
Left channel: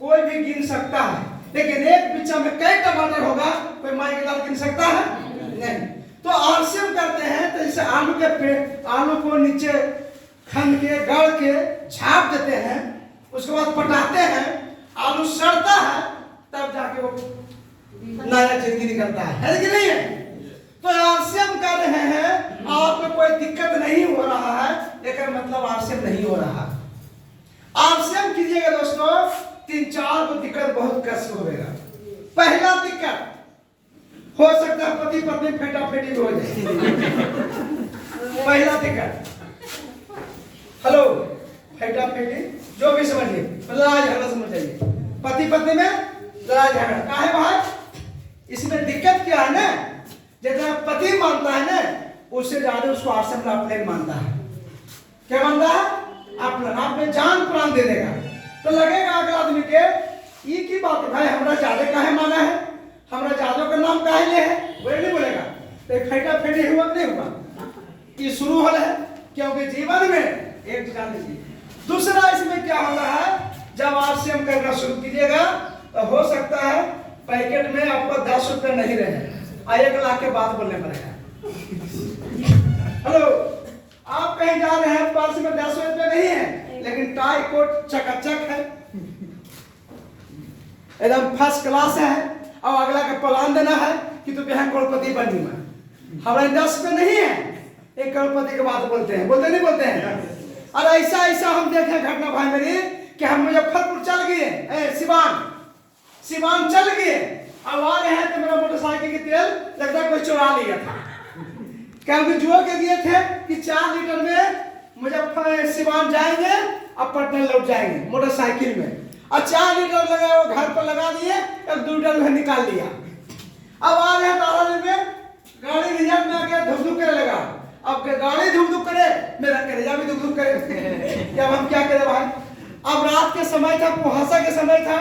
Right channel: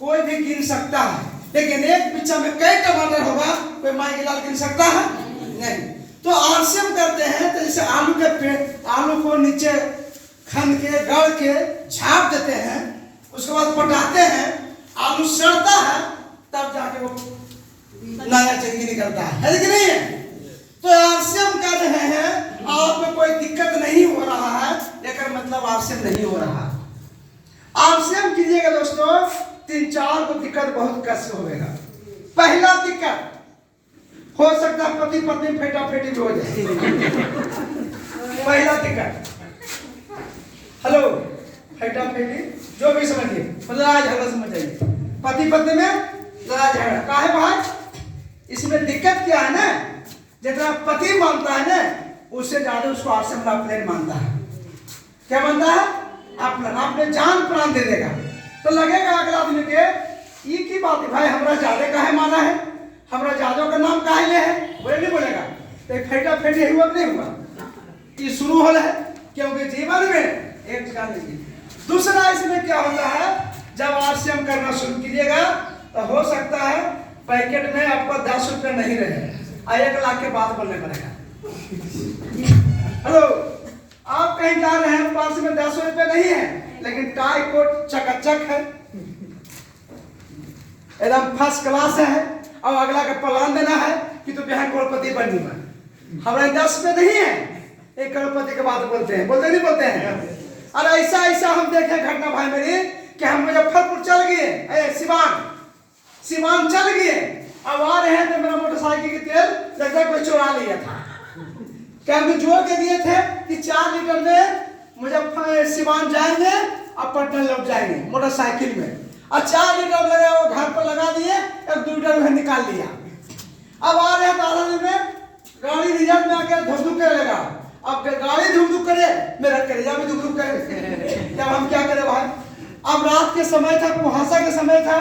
कोई भी गिन सकता है, लेकिन एक बिच्चा में कई टमाटर होगा, कोई माई के लाल गिन सकता है? नहीं। तो आरसीएम करते हैं तो जैसे आलू के पेड़, आलू को नीचे खन के गड़ के झाप देते हैं, उसके बाद पटाते हैं, आलू सड़ता है, तब जाके वो नया जिंदगी निकलता है कि नहीं है? तो आरसीएम कर रहे हैं, आपको कोई दिक्कत नहीं हो रहा है, लेकिन मतलब आरसीएम नहीं हो रहा। आरसीएम कीजिएगा दोस्तों, 3-4 को दिक्कत बहुत कष्ट होगा। पहला दिक्कत हो सकता है पति पत्नी फेटा फेटी भी हो जाए। पहला दिक्कत, हेलो, फेटा फेटी जो भी समझिए, लड़ाई झगड़ा समझ जाइए, पति पत्नी में लड़ाई झगड़ा काहे भाई? इसमें दिक्कत क्या है ना, जितना पति मानता है ना, उससे ज्यादा उसको आरसीएम अपने मानता है। क्या मानता है? अपने जान प्राण दे देगा। तो लगेगा अगला आदमी के ये की बात है भाई, हमरा ज्यादा काहे माना है, हमरा जादव का नाम काहे ले है, बोले नहीं बोलेगा। तो फेटा फेटी हुआ नहीं हुआ, ये शुरू हो रहा है, क्योंकि जीवन में एक जगह नहीं। दूसरा इसमें क्या होता है, जब आरसीएम करना शुरू कीजिएगा तो हो सकता है पैकेट में आपको 10 रुपये नहीं रहे, 1 लाख के बाद बोलने पड़ेगा। हेलो, आप कहीं जा रहे हैं, पर्स में 10 रुपये नहीं है, लेकिन टाई कोट चकाचक है, एकदम फर्स्ट क्लास है, और अगला का प्लान देना है कि तो यहाँ करोड़पति बनूं मैं, हमारे 10 पे नहीं है, 1 करोड़पति के बात बोलते हैं, बोलते नहीं बोलते हैं। और ऐसा हम देखे घटना भाई मेरी कि हम मुजफ्फरपुर चल गए, सिवान चल गए, अब आ रहे हैं तो मेरा मोटरसाइकिल की तेल लगता कोई चुरा लिया था। क्योंकि जुआ के दिए थे कि 4 लीटर में मुजफ्फर सिवान जाएंगे अब पटना लौट जाएंगे मोटरसाइकिल में, और 4 लीटर लगा वो घर पर लगा दिए, 1-2 लीटर घर निकाल लिया। अब आ रहे ताराली में गाड़ी रिजर्व में आकर धुक करे लगा। अब गाड़ी धुक करे, मेरा करेजा भी धुक करे। जब हम क्या करें भाई, अब रात के समय था, कुहासा के समय था,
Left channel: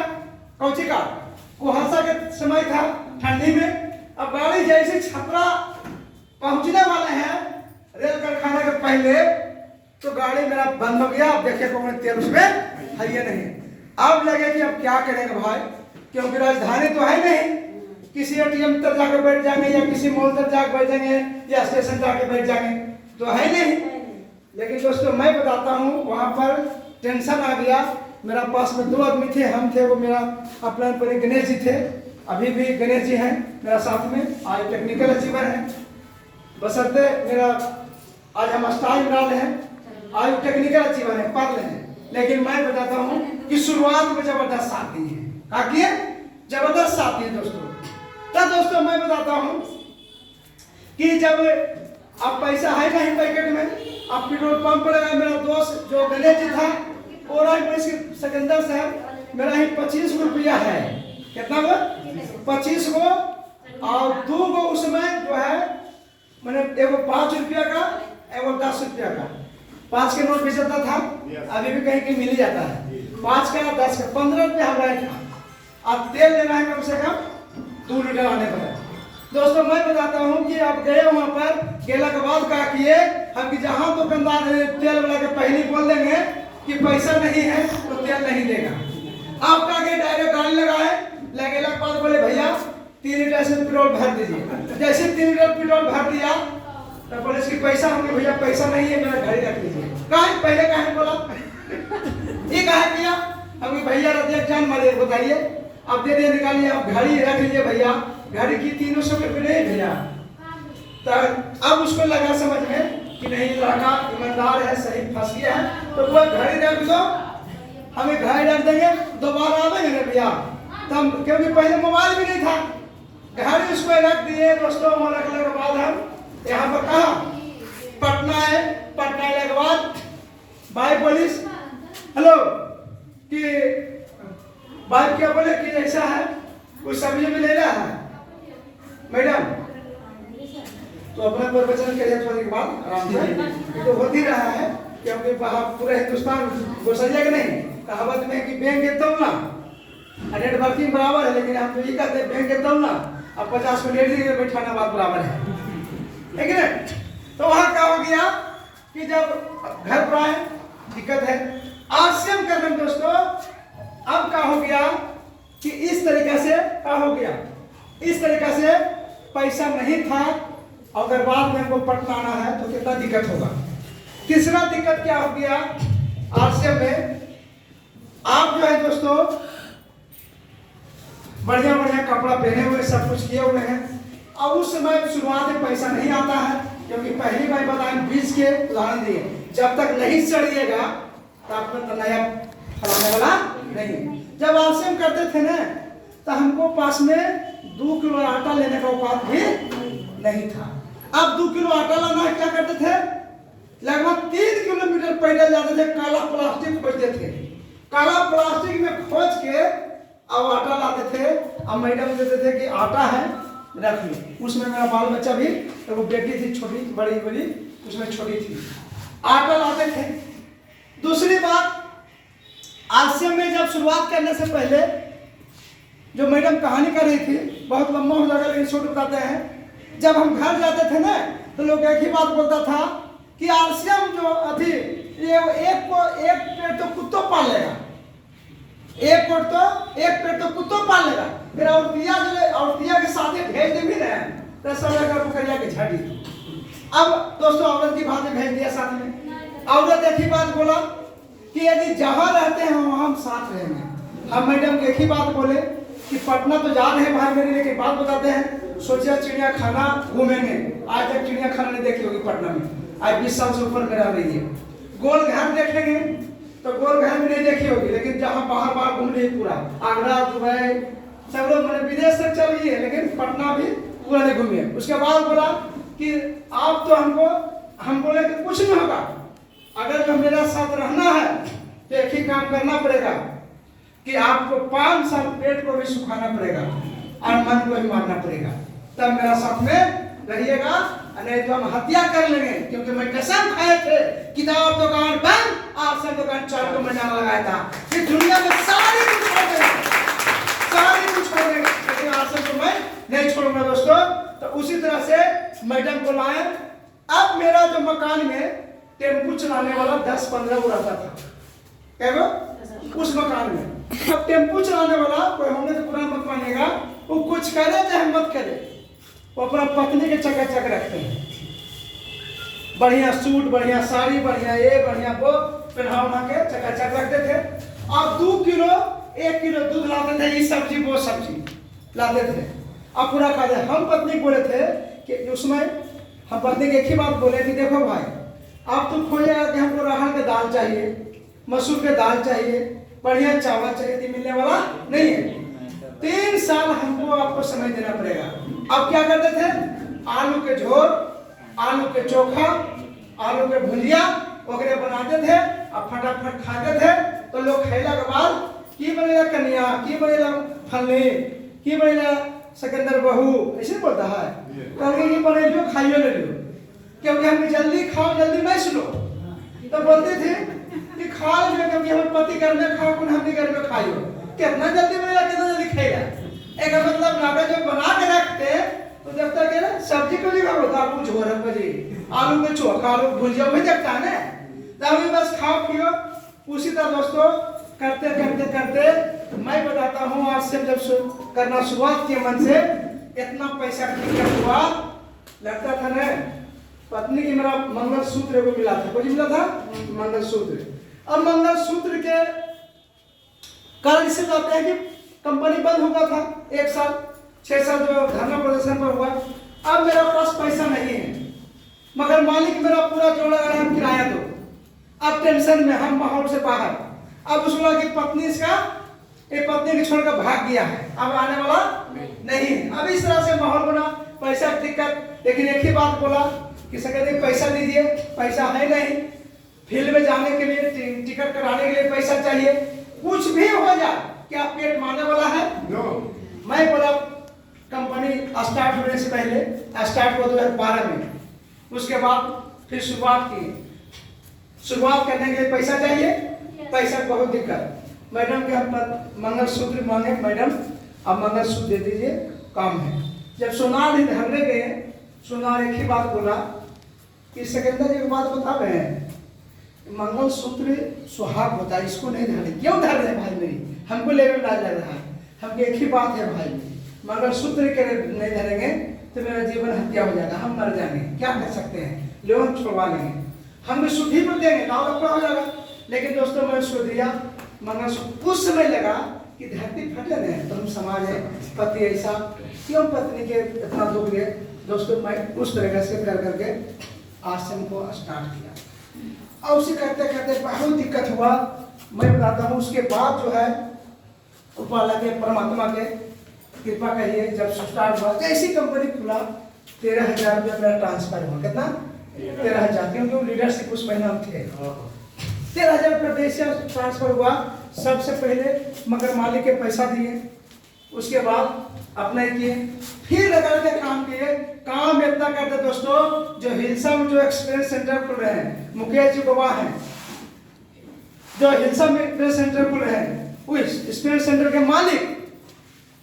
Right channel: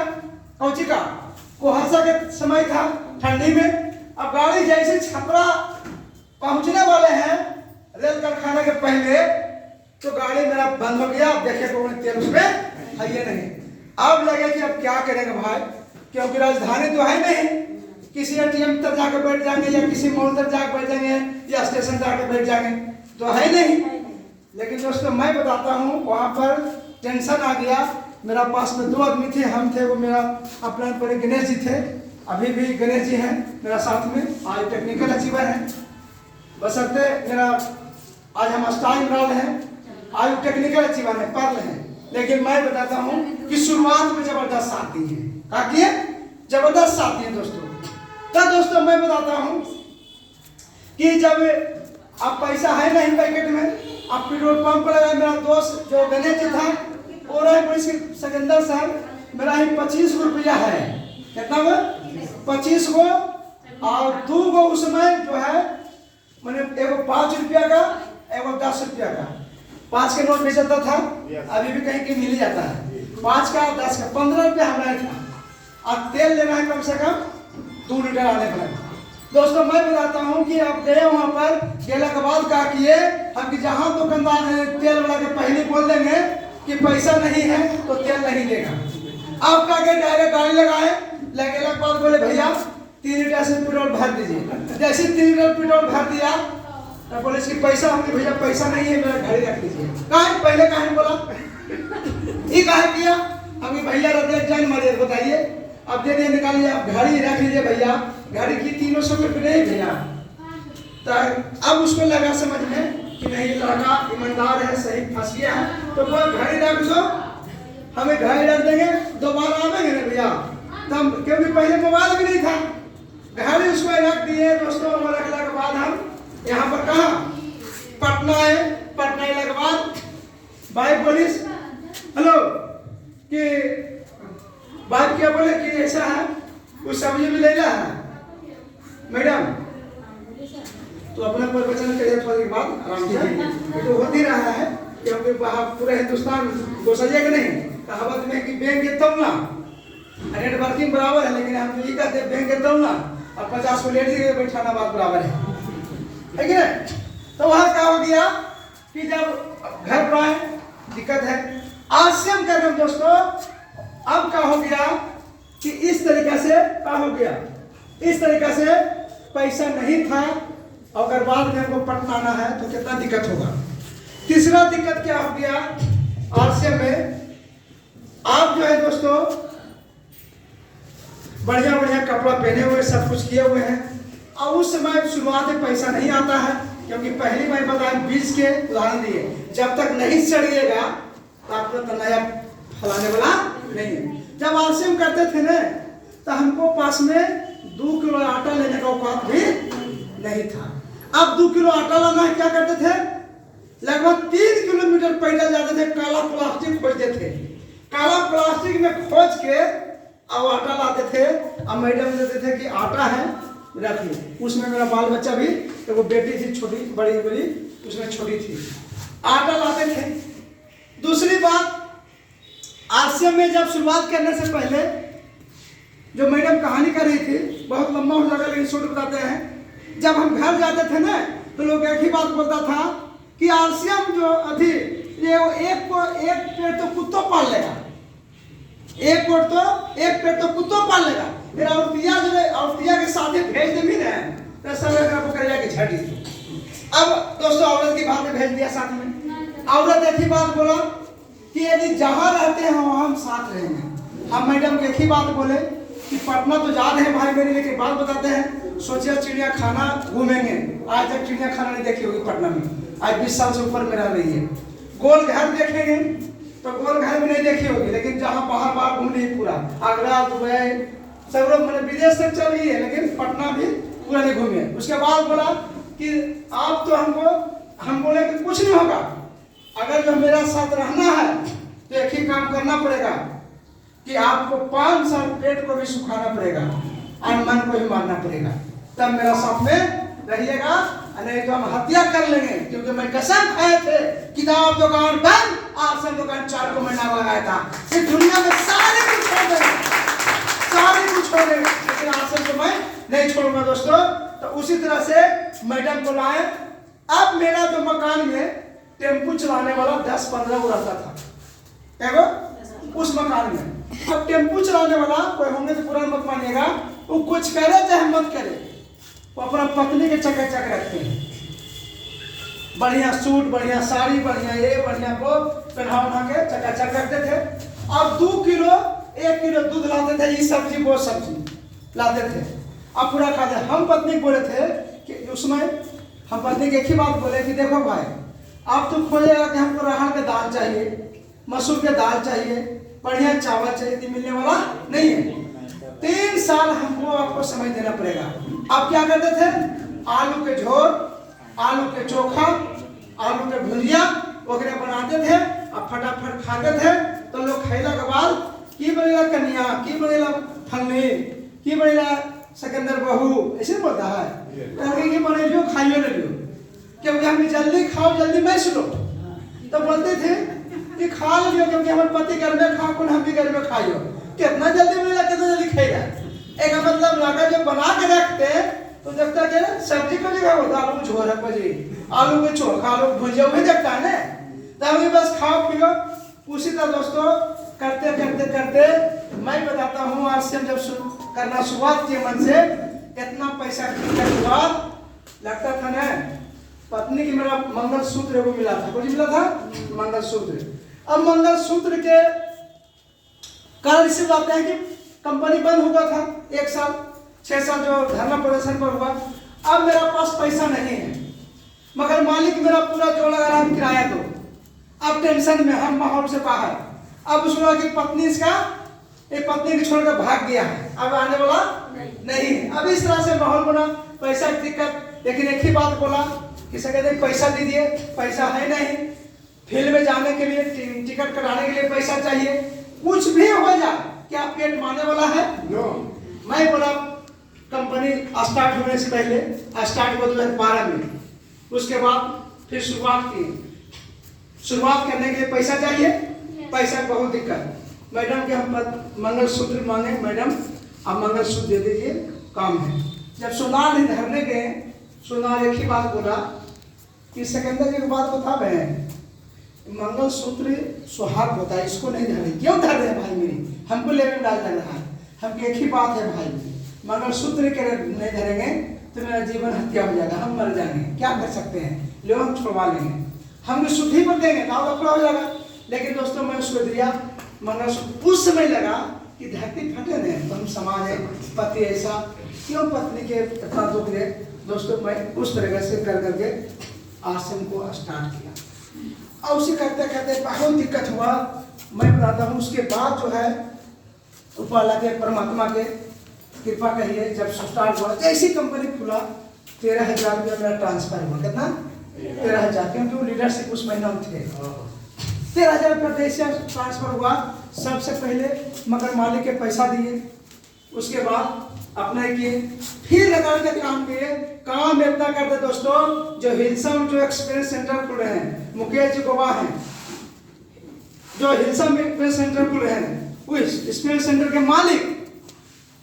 कौची का कुहासा के समय था, ठंडी में। अब गाड़ी जैसे छपरा पहुंचने वाले हैं रेल कारखाना के पहले, तो गाड़ी मेरा बंद हो गया। अब देखे तो तेल उसमें है ये नहीं। अब लगे कि अब क्या करेंगे भाई, क्योंकि राजधानी तो है नहीं, किसी एटीएम तक जाकर बैठ जाएंगे या किसी मॉल तक जाकर बैठ जाएंगे या स्टेशन जाकर बैठ जाएंगे, तो है नहीं। लेकिन दोस्तों मैं बताता हूँ, वहाँ पर टेंशन आ गया। मेरा पास में 2 आदमी थे, हम थे, वो मेरा अपना पर गणेश जी थे, अभी भी गणेश जी हैं मेरा साथ में, आज टेक्निकल अचीवर हैं, बशर्ते मेरा आज हम स्टार इमरान हैं, आज टेक्निकल अचीवर हैं, पर्ल हैं। लेकिन मैं बताता हूँ कि शुरुआत में जबरदस्त साथ दिए, क्या किए, जबरदस्त साथ दिए दोस्तों। तो दोस्तों मैं बताता हूँ कि जब अब पैसा है नहीं पैकेट में, अब पेट्रोल पंप लगा, मेरा दोस्त जो गणेश जी था वो रहे सिकंदर साहब, मेरा ही 25 रुपया है, कितना वो 25 को, और 2 को उसमें जो है मैंने एगो 5 रुपया का, एगो 10 रुपया का, 5 के नोट बेचता था, अभी भी कहीं के मिल ही जाता है, 5 का 10 का 15 रुपया हमारा था। अब तेल लेना है कम से कम 2 लीटर आने पर। दोस्तों मैं बताता हूँ कि आप गए वहाँ पर, गेला के बाद क्या किए हम कि जहाँ दुकानदार है तेल वाला के पहले बोल देंगे कि पैसा नहीं है तो तेल नहीं देगा। आप क्या के डायरेक्ट गाड़ी लगाए, लगेला के बाद बोले भैया 3 लीटर से पेट्रोल भर दीजिए। जैसे 3 लीटर पेट्रोल भर दिया तो बोले इसकी पैसा, हमने भैया पैसा नहीं है, मेरा गाड़ी रख लीजिए। कहा पहले कहा बोला ये कहा किया, हमें भैया रख जान मारे बताइए, अब दे दिए निकालिए, अब गाड़ी रख लीजिए भैया, गाड़ी की 300 रुपये नहीं भैया। तो अब उसको लगा समझ में कि नहीं लड़का ईमानदार है, सही फंस गया है, तो वो घड़ी रख दो, हमें घड़ी रख देंगे, दोबारा आवेंगे ना भैया तब, क्योंकि पहले मोबाइल भी नहीं था, घड़ी उसको रख दिए। दोस्तों वहाँ रखने के बाद हम यहाँ पर कहा पटना है, पटना आने के बाद बाइक पुलिस हेलो कि बाइक क्या बोले कि ऐसा है कुछ सब्जी भी लेना है मैडम, तो अपना प्रवचन करिए थोड़ी देर बाद आराम से। तो होती रहा है क्योंकि वहाँ पूरे हिंदुस्तान घुसैया कि नहीं, कहावत में कि बैंक के तब ना नेट वर्किंग बराबर है, लेकिन हम ये कहते हैं बैंक के तब ना, अब 50 को लेट दीजिए बैठाना बात बराबर है कि नहीं। तो वहाँ क्या हो गया कि जब घर पर आए दिक्कत है, आज से हम कर दोस्तों, अब क्या हो गया कि इस तरीके से क्या हो गया, इस तरीके से पैसा नहीं था, अगर बाद में हमको पटना आना है तो कितना दिक्कत होगा। तीसरा दिक्कत क्या हो गया, आरसीएम में आप जो है दोस्तों बढ़िया बढ़िया कपड़ा पहने हुए, सब कुछ किए हुए हैं, और उस समय शुरुआत में पैसा नहीं आता है, क्योंकि पहली बार बताएं बीज के उदाहरण दिए, जब तक नहीं चढ़िएगा तो आपको तो नया फलाने वाला नहीं। जब आरसीएम करते थे ना तो हमको पास में 2 किलो आटा लेने का औकात भी नहीं था। अब 2 किलो आटा लाना है, क्या करते थे, लगभग 3 किलोमीटर पैदल जाते थे, काला प्लास्टिक खोजते थे, काला प्लास्टिक में खोज के अब आटा लाते थे। अब मैडम देते थे कि आटा है रख ली, उसमें मेरा बाल बच्चा भी, तो वो बेटी थी छोटी, बड़ी बड़ी उसमें छोटी थी, आटा लाते थे। दूसरी बात, आरसीएम में जब शुरुआत करने से पहले जो मैडम कहानी कर रही थी, बहुत लंबा हो जाएगा लेकिन छोटे बताते हैं, जब हम घर जाते थे ना तो लोग एक ही बात बोलता था कि आरसीएम जो अभी ये एक पेट तो कुत्तों पाल लेगा, एक पेट तो कुत्तों पाल लेगा, फिर औरतिया जो है औरतिया के साथ भेज दे भी रहे हैं तो सब अगर वो करिया के झाड़ी। अब दोस्तों औरत की बात भेज दिया साथ में, औरत एक ही बात बोला कि यदि जहाँ रहते हैं वहाँ हम साथ रहेंगे। हम मैडम एक ही बात बोले कि पटना तो जा रहे हैं भाई मेरी, लेकिन बात बताते हैं, सोचिए चिड़िया खाना घूमेंगे, आज तक चिड़िया खाना नहीं देखी होगी पटना में, आज 20 साल से ऊपर में रह रही है। गोल घर देखेंगे तो गोल घर में नहीं देखी होगी, लेकिन जहाँ बाहर बाहर घूम रही है पूरा, आगरा दुबई सब लोग मैंने विदेश तक चल गई है, लेकिन पटना भी पूरा नहीं घूमी है। उसके बाद बोला कि कि आप तो हमको, हम बोले कि कुछ नहीं होगा, अगर जो मेरा साथ रहना है तो एक ही काम करना पड़ेगा कि आपको 5 साल पेट को भी सुखाना पड़ेगा और मन को भी मारना पड़ेगा, तब मेरा साथ में रहिएगा, नहीं तो हम हत्या कर लेंगे। क्योंकि मैं कसम खाए थे, किताब दुकान बंद, आश्रम दुकान 4 महीना लगाया था, इस दुनिया में सारे कुछ छोड़ देंगे, सारे कुछ छोड़ देंगे, लेकिन आश्रम को मैं नहीं छोड़ूंगा दोस्तों। तो उसी तरह से मैडम को लाए। अब मेरा जो मकान में टेम्पू चलाने वाला 10-15 को रहता था, क्या उस मकान में। अब टेम्पू चलाने वाला कोई होंगे तो पूरा मत मानिएगा, वो कुछ करे चाहे मत करे, वो अपना पत्नी के चकाचक रखते हैं, बढ़िया सूट, बढ़िया साड़ी, बढ़िया ये बढ़िया वो पहना के चकाचक रखते थे। अब 2 किलो 1 किलो दूध लाते थे, ये सब्जी वो सब्जी लाते थे, अब पूरा खाते। हम पत्नी बोले थे कि उसमें हम पत्नी की एक ही बात बोले कि देखो भाई, आप तो खोजेगा कि हमको अरहर के दाल चाहिए, मसूर के दाल चाहिए, बढ़िया चावल चाहिए, तो मिलने वाला नहीं है। 3 साल हमको आपको समय देना पड़ेगा। आप क्या करते थे, आलू के झोर, आलू के चोखा, आलू के भुजिया वगैरह बनाते थे और फटाफट खाते थे। तो लोग खैला के बाद की बनेला कन्या, की बनेला फलनी, की बनेला सिकंदर बहू, ऐसे बोलता है, कहते कि बने जो खाइयो ले लो, क्योंकि हम जल्दी खाओ जल्दी मैं सुनो। तो बोलते थे कि खा लो, क्योंकि हम पति घर में खाओ, हम भी घर में खाइयो, कितना जल्दी मिलेगा, कितना जल्दी खाएगा। एक मतलब नाटक जब बना के रखते तो देखता क्या ना, सब्जी को भी होता, आलू झोर जी, आलू के चोखा, आलू भुजिया भी देखता है ना, तभी बस खाओ पियो। उसी तरह दोस्तों करते करते करते मैं बताता हूँ, आज से जब करना शुरुआत किए मन से, इतना पैसा खर्च हुआ, लगता था ना पत्नी की मेरा मंगलसूत्र को मिला था, कुछ मिला था मंगलसूत्र। अब मंगलसूत्र के कारण इससे बातें हैं कि कंपनी बंद हुआ था 1 साल 6 साल जो धरना प्रदर्शन पर हुआ। अब मेरा पास पैसा नहीं है, मगर मालिक मेरा पूरा जोड़ा लगा रहा, किराया दो। अब टेंशन में, हम माहौल से बाहर। अब उसको लगा कि पत्नी इसका, ये पत्नी को छोड़कर भाग गया है, अब आने वाला नहीं। अब इस तरह से माहौल बना, पैसा की दिक्कत। लेकिन एक ही बात बोला कि कहते पैसा दीजिए, पैसा है नहीं, फील्ड में जाने के लिए, टिकट कराने के लिए पैसा चाहिए, कुछ भी हो जाए, क्या पेट मारने वाला है? मैं बोला कंपनी स्टार्ट होने से पहले, स्टार्ट हुआ 2012 में, उसके बाद फिर शुरुआत की। शुरुआत करने के लिए पैसा चाहिए, पैसा की बहुत दिक्कत। मैडम के हम मंगलसूत्र मांगे, मैडम अब मंगलसूत्र दे दीजिए, काम है। जब सोनार ही धरने गए, सोनार एक ही बात बोला कि सिकंदर एक बात बता रहे हैं, मंगलसूत्र सुहाग होता है, इसको नहीं धरे। क्यों धर रहे भाई मेरी, हमको लेने में लाज लग रहा है, हमको एक ही बात है भाई, मंगलसूत्र के नहीं धरेंगे तो मेरा जीवन हत्या हो जाएगा, हम मर जाएंगे, क्या कर सकते हैं, लो हम छुड़वा लेंगे, हम भी शुद्धि पर देंगे, गाँव का पूरा हो जाएगा। लेकिन दोस्तों मैं उसको दिया मंगलसूत्र। उस समय लगा कि धरती फटे नहीं, तो हम समाज है, पति ऐसा क्यों पत्नी के इतना दुख दे। दोस्तों मैं उस तरह से कर करके आश्रम को स्टार्ट किया, और उसे करते करते बहुत दिक्कत हुआ। मैं बताता हूँ, उसके बाद जो है ऊपर के परमात्मा के कृपा कहिए, जब स्टार्ट हुआ ऐसी कंपनी खुला, 13,000 रुपया मेरा ट्रांसफर हुआ। कितना? 13,000, क्योंकि वो लीडरशिप उस महीना में थे। 13,000 रुपया कैसे ट्रांसफर हुआ? सबसे पहले मगर मालिक के पैसा दिए, उसके बाद अपने किए, फिर लगा के काम किए। काम इतना करते दोस्तों, जो हिलसा में जो एक्सपीरियंस सेंटर खुल रहे हैं, मुकेश जी गवाह हैं, जो हिलसा में एक्सपीरियंस सेंटर खुल रहे हैं, उस एक्सपीरियंस सेंटर के मालिक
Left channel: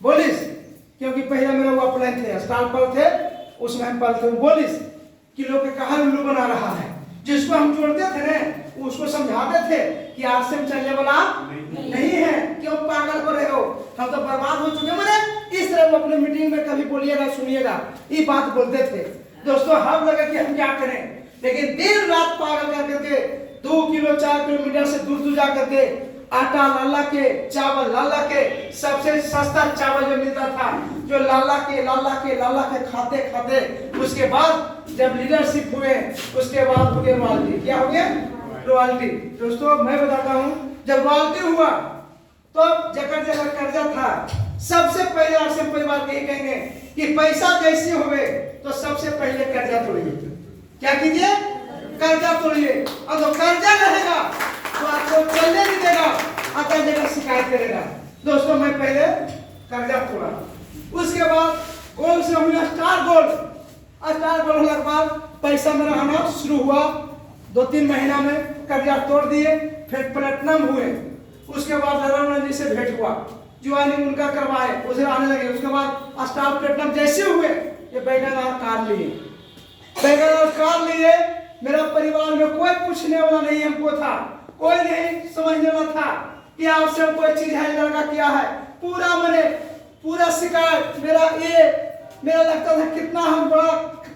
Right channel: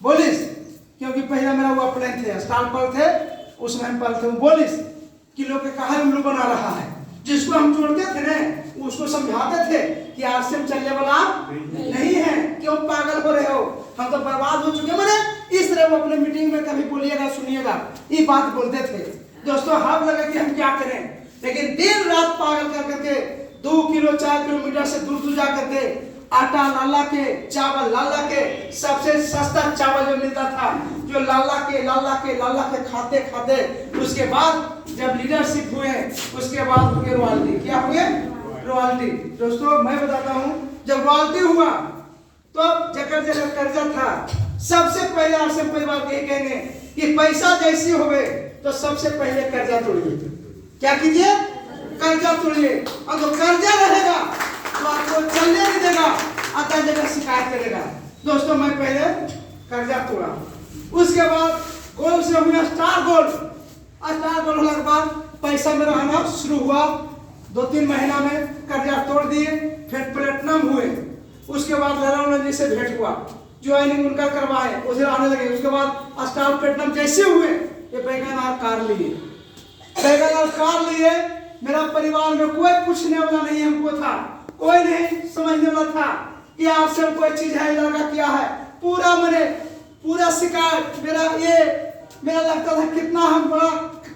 बोलिस, क्योंकि पहला मेरा वो प्लान थे, स्टाल पर थे, उसमें हम पल थे, वो बोलिस कि लोग के कहा उल्लू बना रहा है, जिसको हम जोड़ते थे ना, उसको समझाते थे कि आपसे चलने वाला नहीं है, क्यों पागल हो रहे हो, हम तो बर्बाद हो चुके। मैंने इस तरह वो अपने मीटिंग में कभी बोलिएगा, सुनिएगा, ये बात बोलते थे दोस्तों। हम लगे कि हम क्या करें, लेकिन दिन रात पागल कर करके 2 किलो 4 किलोमीटर से दूर जा करके आटा लाला के, चावल लाला के, सबसे सस्ता चावल जो मिलता था, जो लाला के खाते खाते, उसके बाद जब लीडरशिप हुए, उसके बाद हुए रॉयल्टी। क्या हुए? रॉयल्टी। दोस्तों मैं बताता हूँ, जब रॉयल्टी हुआ तो जकर जकर कर्जा था, सबसे पहले आश्रम परिवार के कहेंगे कि पैसा जैसी होवे तो सबसे पहले कर्जा तोड़िए। क्या कीजिए? कर्जा तोड़िए। और जो कर्जा रहेगा तो आपको चलने नहीं देगा, आता जगह शिकायत करेगा। दोस्तों मैं पहले कर्जा तोड़ा, उसके बाद गोल्ड से हमने स्टार गोल्ड होने के बाद पैसा मेरा आना शुरू हुआ। 2-3 महीना में कर्जा तोड़ दिए, फिर प्लेटिनम हुए। उसके बाद लहरा जी से भेंट हुआ, ज्वाइनिंग उनका करवाए, उसे आने लगे। उसके बाद स्टार प्लेटिनम जैसे हुए ये बैगनदार कार लिए। मेरा परिवार में कोई पूछने वाला नहीं हमको था, कोई नहीं समझने वाला था कि आपसे कोई चीज है, लड़का क्या है। पूरा शिकायत मेरा लगता था कितना हम बड़ा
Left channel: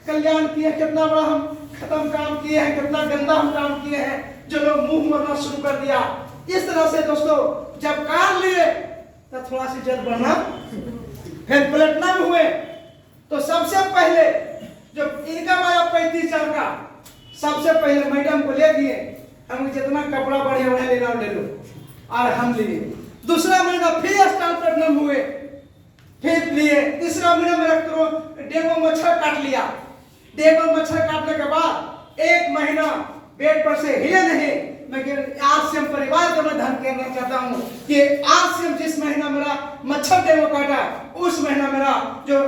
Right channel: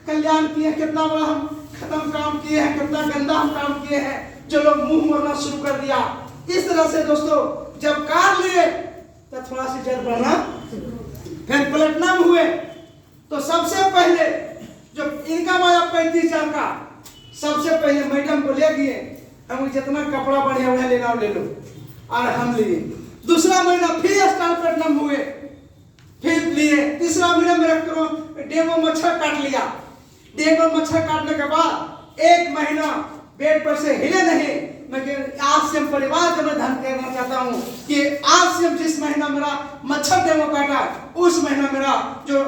कल्याण किए, कितना बड़ा हम खत्म काम किए हैं, कितना गंदा हम काम किए हैं, जो लोग मुंह मोड़ना शुरू कर दिया। इस तरह से दोस्तों जब कार लिए तो थोड़ा सी जल्द बढ़ना, फिर प्लेटिनम हुए तो सबसे पहले जो इनकम आया 35 साल का, सबसे पहले मैडम को ले गए, हम जितना कपड़ा बढ़िया बढ़िया लेना ले लो, और हम लिए। दूसरा महीना फिर स्टार प्लेटिनम हुए, फिर लिए। तीसरा महीना मेरा डेंगू मच्छर काट लिया। डेंगू मच्छर काटने के बाद 1 महीना बेड पर से हिले नहीं। मैं आज से हम परिवार को मैं धन कहना चाहता हूँ कि आज से हम जिस महीना मेरा मच्छर डेंगू काटा, उस महीना मेरा जो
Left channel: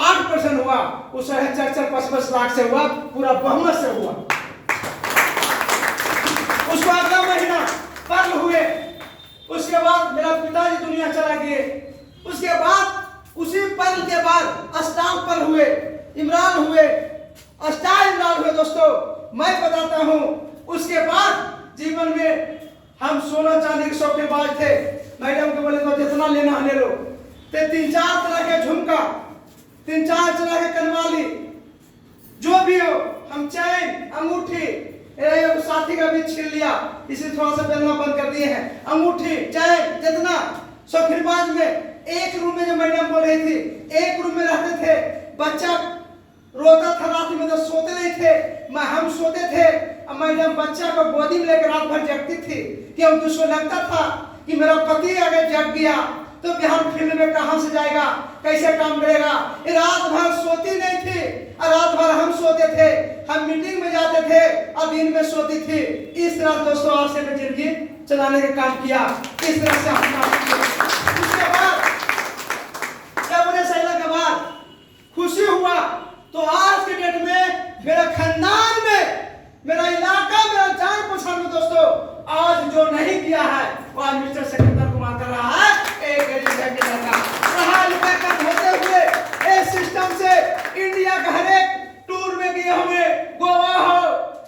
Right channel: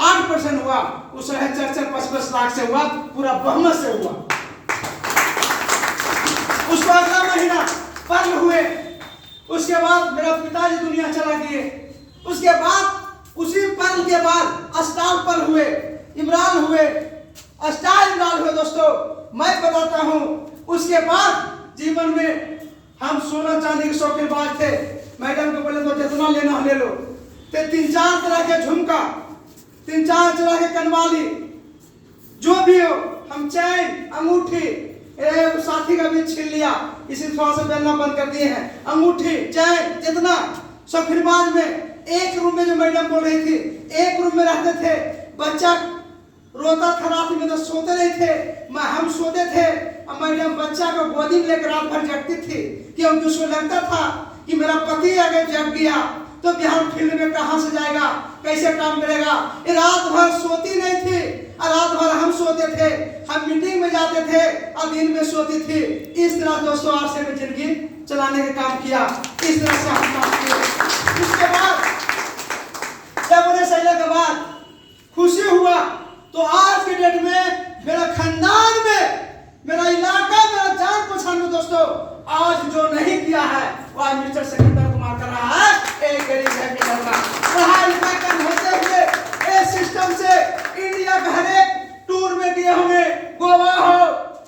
8% हुआ, उस 4-5 लाख से हुआ, पूरा बहुमत से हुआ। उसको अगला महीना पर्ल हुए, उसके बाद मेरा पिताजी दुनिया चला गए। उसके बाद उसी पर्ल के बाद स्टार पर्ल हुए, इमरान हुए, स्टार इमरान हुए। दोस्तों मैं बताता हूँ, उसके बाद जीवन में हम सोना चांदी के शौकीनबाज थे। मैडम को बोले तो जितना लेना ले लो। ते 3-4 तरह के झुमका, 3-4 तरह के कनवाली, जो भी हो, हम चैन, अंगूठी, साथी का भी छीन लिया, इसी थोड़ा सा पहनना बंद कर दिए हैं। अंगूठी, चैन, जितना शौकीनबाज में। एक रूम में जो मैडम बोल रही थी, एक रूम में रहते थे। बच्चा रोता था रात में तो सोते नहीं थे, हम सोते थे। मैडम बच्चा को गोदी में लेकर रात भर जगती थी, क्योंकि उसको लगता था कि मेरा पति अगर जग गया तो बिहार फील्ड में कहां से जाएगा, कैसे काम करेगा। रात भर सोती नहीं थी, और रात भर हम सोते थे। हम मीटिंग में जाते थे और दिन में सोती थी। इस तरह दोस्तों आज से जिंदगी चलाने का काम किया। इस तरह से हम काम किए। उसके बाद जब उन्हें सहला के बाद खुशी हुआ, तो आज के डेट में मेरा खानदान में, मेरा इलाका, मेरा जान पहचान में दोस्तों आज जो नहीं किया है वह मिस्टर सिकंदर कुमार कर रहा है। एक गरीब है लड़का पढ़ाई लिखाई कम होते हुए इस सिस्टम से इंडिया का हर एक टूर में गए होंगे। गोवा हो,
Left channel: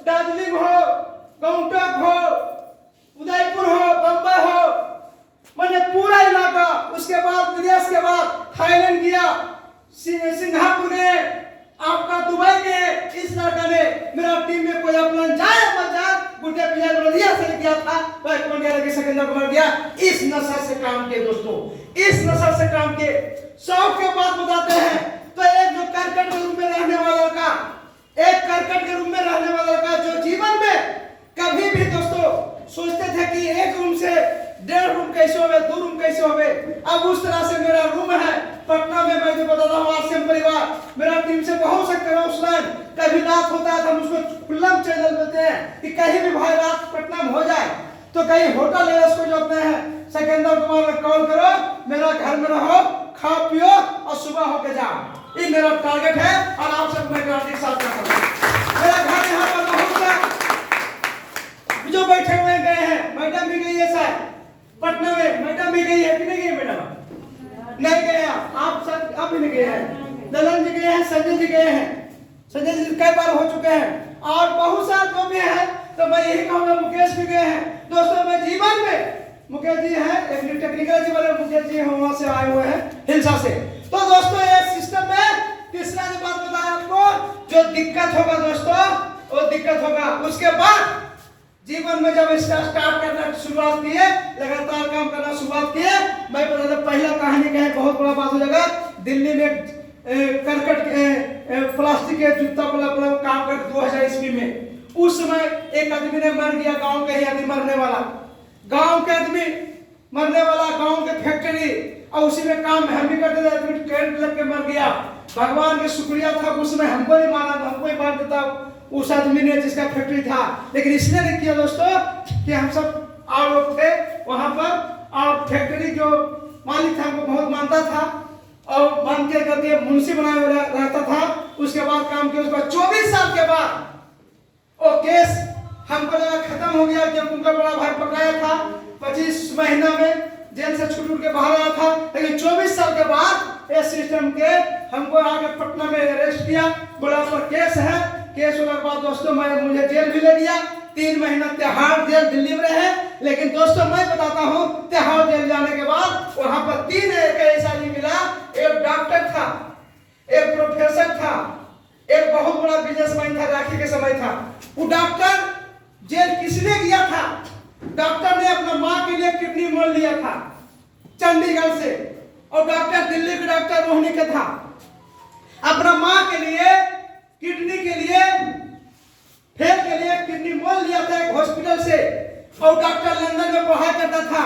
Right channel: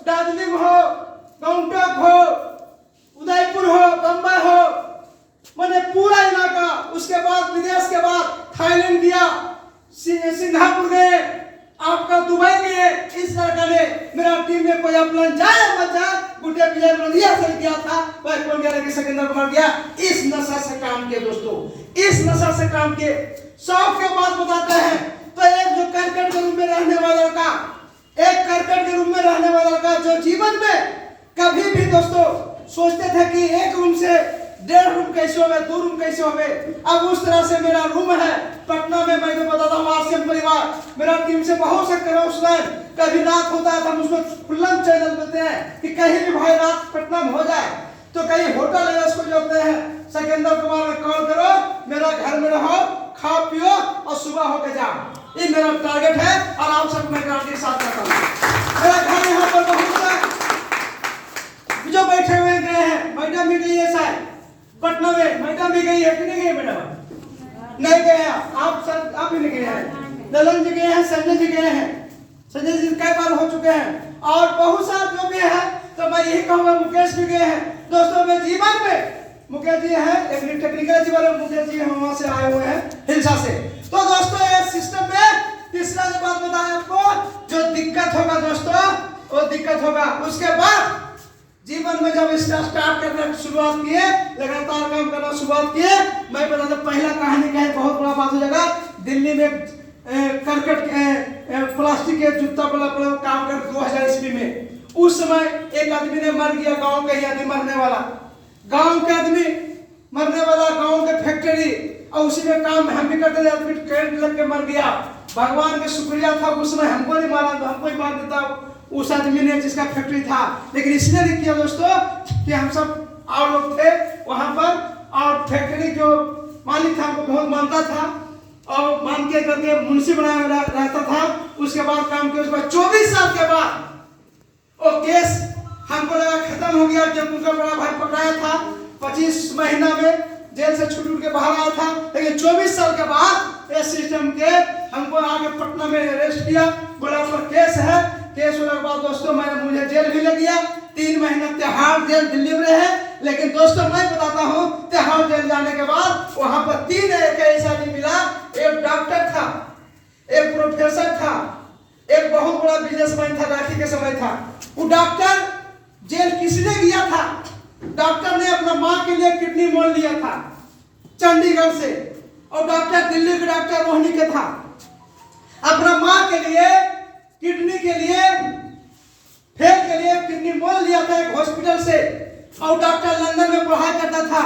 दार्जिलिंग हो, गंगटोक हो, उदयपुर हो, बम्बई हो, मैंने पूरा इलाका। उसके बाद विदेश के बाद थाईलैंड गया, सिंगापुर गए, आपका दुबई गए। इस लड़का ने मेरा टीम में कोई अपना जाए मत जाए, गुड्डे प्लेयर रदिया से गया था, वह कौन गया लगे सिकंदर कुमार गया। इस नशा से काम के दोस्तों, इस नशा से काम के। शौक के बात बताते हैं तो एक जो करकट के रूम में रहने वाला लड़का, एक करकट के रूम में रहने वाला लड़का जो जीवन में कभी भी दोस्तों सोचते थे कि एक रूम से 1.5 रूम कैसे होवे, 2 रूम कैसे होवे। अब उस तरह से मेरा रूम है पटना में। मैं तो बताता हूँ आसिम परिवार मेरा टीम से बहुत से करोड़। कभी रात होता है तो हम उसको खुल्लम चैनल देते हैं कि कहीं भी भाई रात पटना में हो जाए तो कहीं होटल है उसको जोड़ते हैं, सिकंदर कुमार में कॉल करो, मेरा घर में रहो, खाओ पियो और सुबह होके जाओ। ये मेरा टारगेट है और आप सब मैं गारंटी के साथ करता हूँ। मेरा घर यहाँ पर बहुत से जो बैठे हुए गए हैं, मैडम भी गई है शायद पटना में, मैडम भी गई है कि नहीं गई मैडम? नहीं गए आप सब, आप भी नहीं गए हैं। ललन जी गए हैं, संजय जी गए हैं, संजय जी कई बार हो चुके हैं, और बहुत सारे जो भी है। तो मैं यही कहूँगा मुकेश भी गए हैं। दोस्तों मैं जीवन में मुकेश जी हैं, एक टेक्निकल जीवन में मुकेश जी वहां से आए हुए हैं हिलसा से। तो दोस्तों ये सिस्टम में तीसरा जो बात बताया आपको, जो दिक्कत होगा दोस्तों वो दिक्कत होगा। उसके बाद जीवन में जब इसका स्टार्ट करना शुरुआत किए, लगातार काम करना शुरुआत किए, मैं बता पहला कहानी कहे बहुत बड़ा बात हो जाएगा। दिल्ली में करकट प्लास्टिक के जूता वाला काम कर 2000 ईस्वी में। उस समय एक आदमी ने मर गया, गांव के ही आदमी मरने वाला, गांव के आदमी मरने वाला, गांव के फैक्ट्री और उसी में काम हम भी करते थे। आदमी करंट लग के मर गया, भगवान का शुक्रिया था उस समय हमको नहीं मारा तो हमको ही मार देता उस आदमी ने जिसका फैक्ट्री था। लेकिन इसलिए नहीं किया दोस्तों कि हम सब और लोग थे वहां पर, और फैक्ट्री जो मालिक था हमको बहुत मानता था और मान के करके मुंशी बनाया रहता था। उसके बाद काम किया, उसके बाद 24 साल के बाद वो केस हमको लगा खत्म हो गया, जब उनका बड़ा भाई पकड़ाया था 25 महीना में जेल से छूट के बाहर आया था। लेकिन 24 साल के बाद इस सिस्टम के हमको आगे पटना में अरेस्ट किया, बोला पर केस है। केस होने के बाद दोस्तों मुझे जेल भी ले गया, 3 महीना तिहाड़ जेल दिल्ली में रहे। लेकिन दोस्तों मैं बताता हूँ, तिहाड़ जेल जाने के बाद वहां पर 3 ऐसा आदमी मिला, एक डॉक्टर था, एक प्रोफेसर था, एक बहुत बड़ा बिजनेसमैन था, राखी के समय था। वो डॉक्टर जेल किसने गया था? डॉक्टर ने अपना माँ के लिए किडनी मोल लिया था चंडीगढ़ से, और डॉक्टर दिल्ली के डॉक्टर रोहिणी के था। अपना माँ के लिए किडनी के लिए फेल के लिए किडनी मोल लिया था एक हॉस्पिटल से, और डॉक्टर लंदन में पढ़ाई करता था।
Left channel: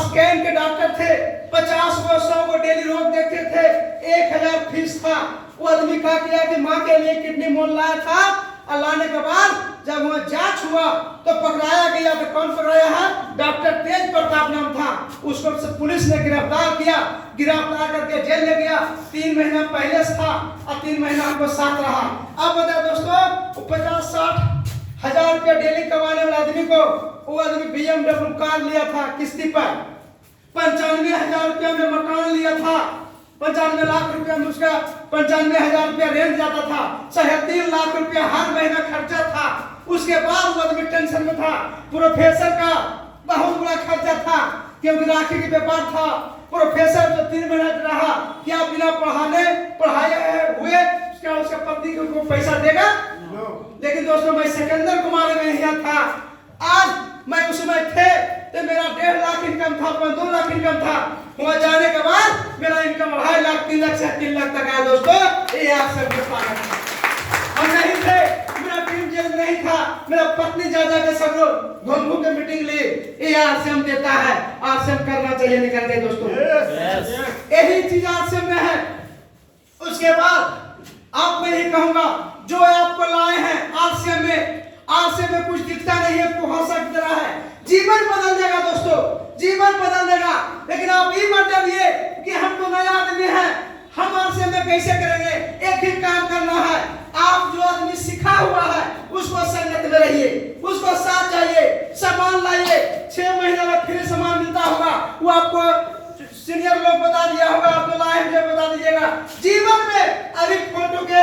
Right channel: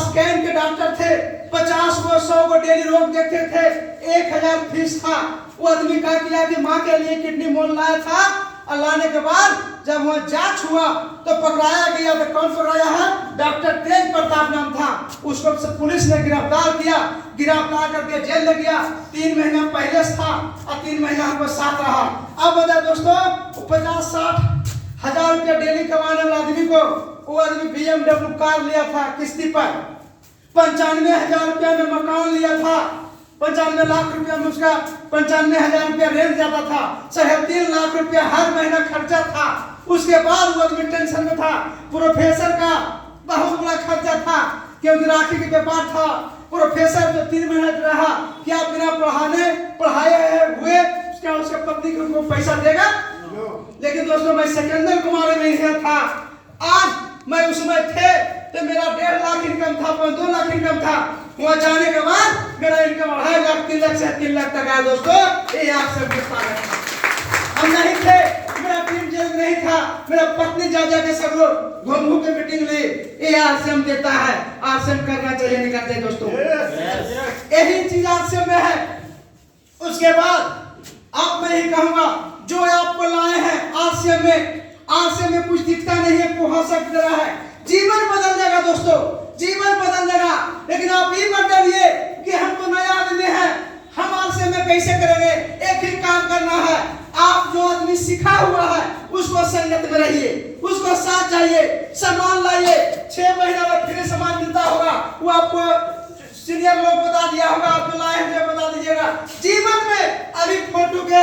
स्कैन के डॉक्टर थे, 50 को 100 को डेली रोग देखते थे, 1000 फीस था। वो आदमी क्या किया कि माँ के लिए किडनी मोल लाया था, और लाने के बाद जब वहाँ जांच हुआ तो पकड़ाया गया। तो कौन पकड़ाया है? डॉक्टर तेज प्रताप नाम था। उसको पुलिस ने गिरफ्तार किया, गिरफ्तार करके जेल में गया। 3 महीना पहले था और 3 महीना हमको साथ रहा। अब बताए दोस्तों, 50-60 हजार रुपया डेली कमाने वाला आदमी को वो आदमी BMW कार लिया था किस्ती पर, 95,000 रुपया में मकान लिया था, 95 लाख रुपया में उसका 95,000 रुपया रेंट जाता था, 3.5 लाख रुपया हर महीना खर्चा था। उसके बाद वो आदमी टेंशन में था। प्रोफेसर का बहुत बड़ा खर्चा था क्योंकि राखी के व्यापार था। प्रोफेसर जो 3 महीना रहा, क्या बिना पढ़ाए हुए उसका पत्नी को पैसा देगा? लेकिन दोस्तों मैं सिकंदर कुमार में गया था। आज मैं उसमें थे तो मेरा 1.5 लाख इनकम था, 2 लाख इनकम था। वहां जाने के बाद मेरा इनकम 2.5 लाख 3 लाख से 3 लाख तक आया। दोस्तों ये आप सबके पास हम नहीं थे, मेरा टीम जेल में नहीं था, मेरा पत्नी जा के सब लोग घूम के मीटिंग ली। ये आरसीएम देता है, आरसीएम करना चाहिए, नहीं करते दोस्तों। यही चीज आरसीएम में है। उसके बाद आप मैं ही कहूंगा, जो आपको लाए हैं आरसीएम में कुछ दिखता नहीं है, कुहासा की तरह है। जीवन बदल देगा दोस्तों, जीवन बदल देगा। लेकिन आप ये मत डरिए कि हम तो नया आदमी हैं, हम आरसीएम में कैसे करेंगे। एक ही काम करना है, आप जो आदमी सिखा हुआ है उसको संगत में रहिए, उसको साथ जाइए, सामान लाइए। 6 महीना में फिर सामान मिलता होगा, वो आपको सीनियर लोग बता दिया होगा, आपको लाए हैं बता दीजिएगा। जीवन में अभी फोटो के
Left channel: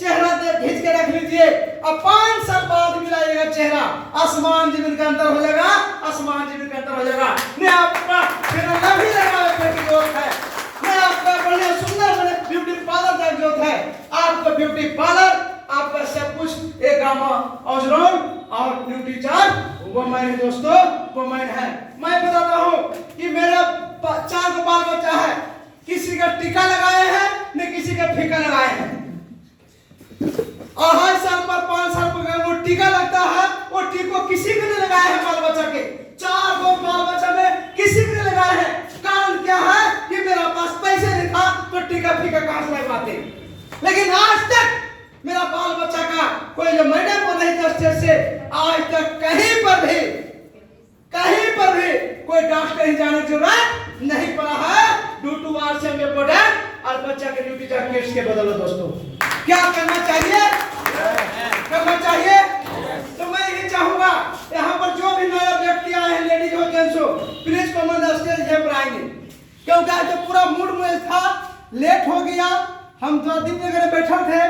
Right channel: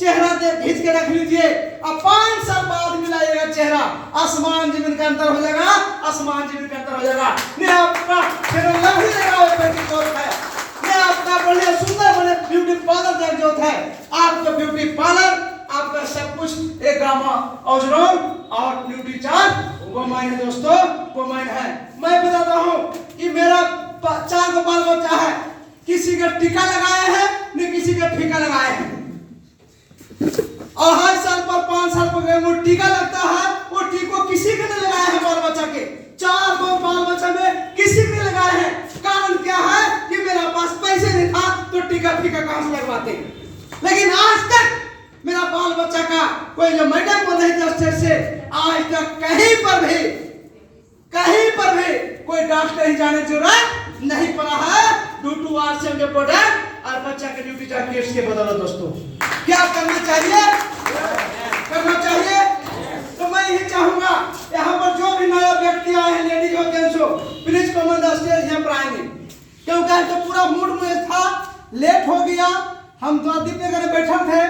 चेहरा खींच के रख लीजिए, अब 5 साल बाद मिलाइएगा चेहरा, आसमान जमीन का अंतर हो जाएगा, आसमान जमीन का अंतर हो जाएगा। मैं आपका लव ही लगावे की जरूरत है, मैं आपका बढ़िया सुंदर बड़े ब्यूटी पार्लर का जरूरत है। आपका ब्यूटी पार्लर, आपका सब कुछ एक ऑजरोन और ब्यूटी चार्ज वो मैंने दोस्तों वो मैं है। मैं बताता हूँ कि मेरा 4 को बाल बच्चा है, किसी का टीका लगाए हैं न किसी का फीका लगाए हैं। और हर साल पर 5 साल पर वो टीका लगता है, वो टीको किसी के नहीं लगाए हैं बाल बच्चा के। 4 बाल बच्चा में किसी के नहीं लगाए हैं। कारण क्या है कि मेरा पास पैसे नहीं था तो टीका फीका कहां से लगवाते। लेकिन आज तक मेरा बाल बच्चा का कोई जो मैडम को नहीं था से आज तक कहीं पर भी कोई डॉक्टर ही जाने की जरूरत नहीं पड़ा है। ड्यू टू आरसीएम के प्रोडक्ट और बच्चा के ड्यूटी केस के बदलो दोस्तों क्या करना चाहिए, करना चाहिए। तो मैं यही चाहूंगा यहाँ पर जो भी नया व्यक्ति आए हैं, लेडीज और जेंट्स हो, प्लीज कॉमन स्टेज यहाँ पर आएंगे, क्योंकि आज तो पूरा मूड में था, लेट हो गया। हम तो दीप में बैठे थे,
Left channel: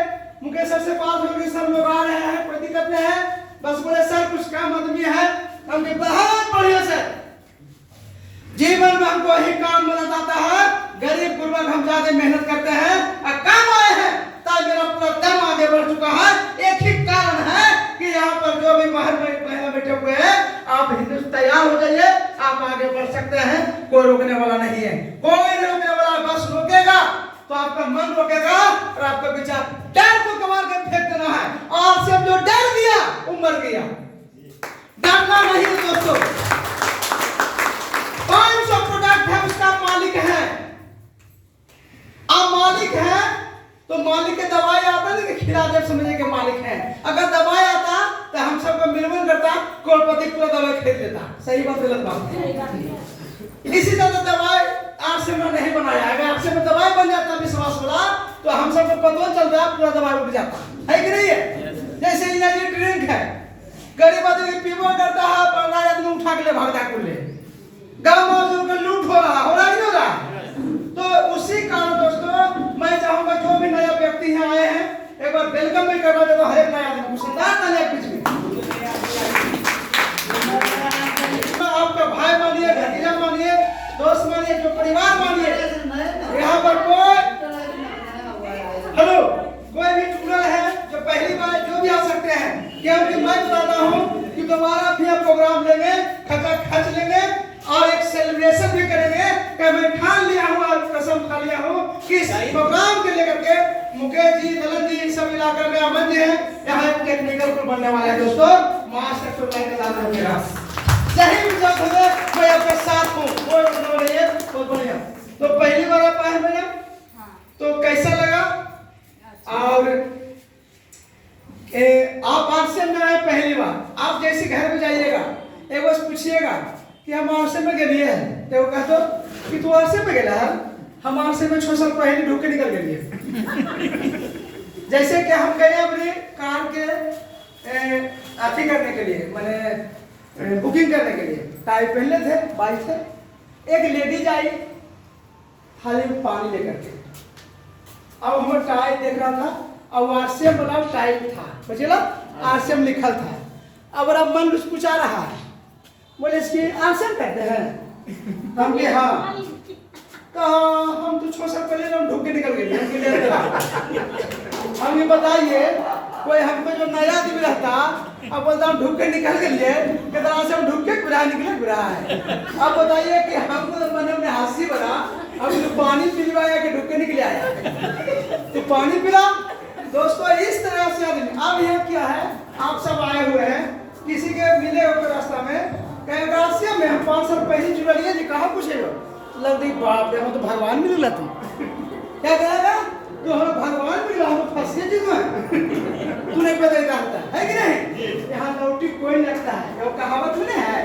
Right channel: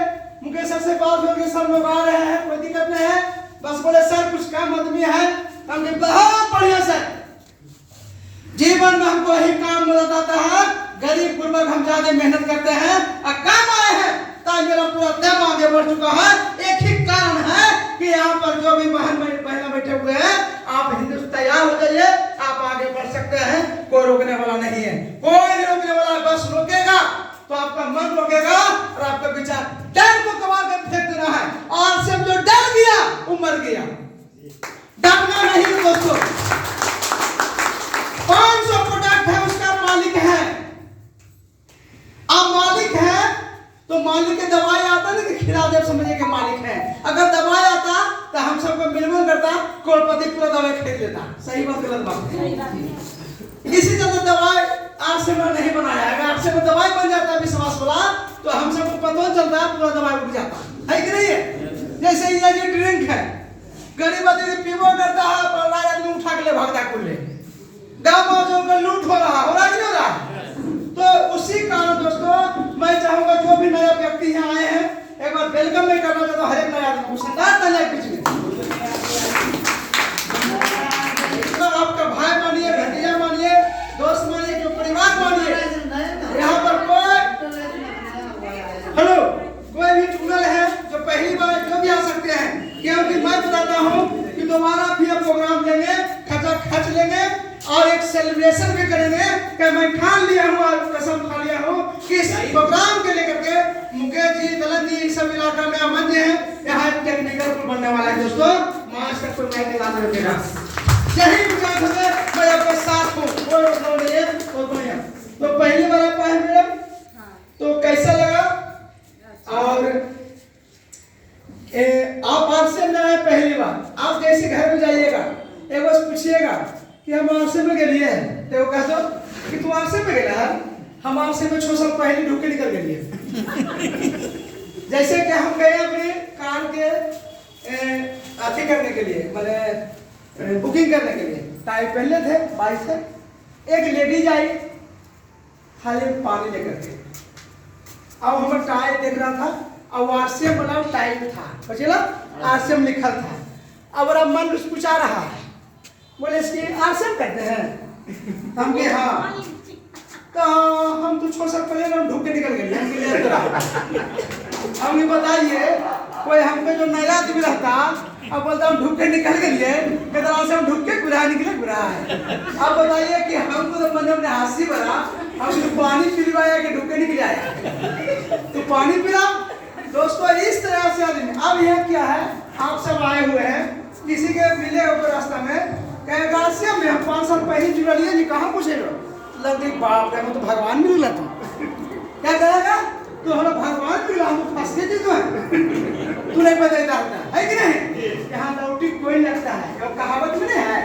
मुकेश सर से बात हो गई, सब लोग आ रहे हैं, कोई दिक्कत नहीं है। बस बोले सर कुछ काम आदमी है, हमने बहुत बढ़िया सर जीवन में हमको यही काम मिलता आता है। गरीब गुरबा हम ज्यादा मेहनत करते हैं और काम आए हैं, ताकि मेरा पूरा दम आगे बढ़ चुका है। एक ही कारण है कि यहाँ पर जो भी महिला बैठे हुए हैं, आप हिंदुस्तान तैयार हो जाइए, आप आगे बढ़ सकते हैं, कोई रोकने वाला नहीं है, कोई नहीं रोकने वाला। बस रोकेगा तो आपका मन रोकेगा और आपका विचार डर को कमाल कर फेंक देना है। और सब जो डर दिया वो मर गया, डरना नहीं दोस्तों। 500 प्रोडक्ट है, उसका मालिक है, दवाई आता नहीं कि खिला दे समझे के मालिक हैं। अगर दवाई आता तो हम सबको मिलवन करता, करोड़पति पूरा दवाई खरीद लेता। सही बात गलत बात? इसी तरह दवाई आरसे में नहीं बनाया। अगर आरसे में दवाई बन जाता विश्वास वाला तो हम सबको पता चलता पूरा दवाई उग जाता है कि नहीं है? जैसे ये ड्रिंक है, गरीब आदमी पीबो करता है, बड़ा आदमी उठा के ले भागता कुल्ले, गाँव में उनका लूट हो रहा है कि नहीं हो रहा? तो उसी कारण दोस्तों मैं चाहूंगा जो भी नया व्यक्ति यहाँ आए हैं एक बार वेलकम में करना चाहता हूँ। हर एक नया आदमी को बीच में तो आपका भाई मानिए, भतीजा मानिए, दोस्त मानिए, जो परिवार मानिए, यहाँ पर कोई हेलो कोई भी टूरल है जो पहली बार जो भी आ सकते हैं, क्योंकि मैं बताता हूँ कि दोबारा भी आप प्रोग्राम लेंगे, खचा खच लेंगे और एक सेलिब्रेशन भी करेंगे कि मैं ठान लिया हूँ और कसम खा लिया हूँ कि इस प्रोग्राम के लेकर के मुकेश जी, दलन जी, सब इलाका में अमन जी हैं, यहाँ एक टेक्निकल को बनने वाला है दोस्तों। मास्टर को लाइन लाना होगा। यही विचार होगा मैं आपके साथ हूँ। बहुत बढ़िया। तो पहली बार आप आए मैडम, तो कैसा लगा? और आप आरसे में आए पहली बार, आप जैसे घर में जाइएगा एक बार पूछिएगा कि हम आरसे में गए हैं, तो वो कहते कि तू आरसे में गया है। हम आरसे में 6 साल पहले ढूंढ के निकल गए। जैसे कि हम गए अपनी कार के अथी करने के लिए, मैंने बुकिंग करने के लिए टायर पहले थे, बाइक से एक लेडीज आई खाली पानी लेकर के। अब हम टायर देख रहा था और आरसीएम बना टाइप था, बचेला आरसीएम लिखल था। अब मेरा मन कुछ पूछा रहा है, बोले इसकी आरसीएम कहते हैं हम कि हाँ, तो हम तो 6 साल पहले हम ढूंढ के निकल गए। हम बताइए कोई हमको जो नया आदमी रहता अब बोलता हम ढूंढ के निकल गए, कहता से हम ढूंढ के गुरा निकले गुरा है। अब बताइए कि हमको तो मन में हंसी बना, अब पानी पिलवाया कि ढूंढ के निकल आया तो पानी पिला। दोस्तों इस तरह से आदमी अब यहाँ क्या है, आप सब आए हुए हैं, किसी के मिले हो रास्ता में, कहेगा से में हम 5 साल पहले जुड़लिए जी, कहाँ पूछेगा? लग गई बाप रे, मैं तो भगवान मिला तुम क्या करेगा? तो हम भगवान मिला, हम फंसे जी तो तू नहीं पता रहता है कि नहीं? यहाँ लौटी कोई लगता है, वो कहावत में नहीं है,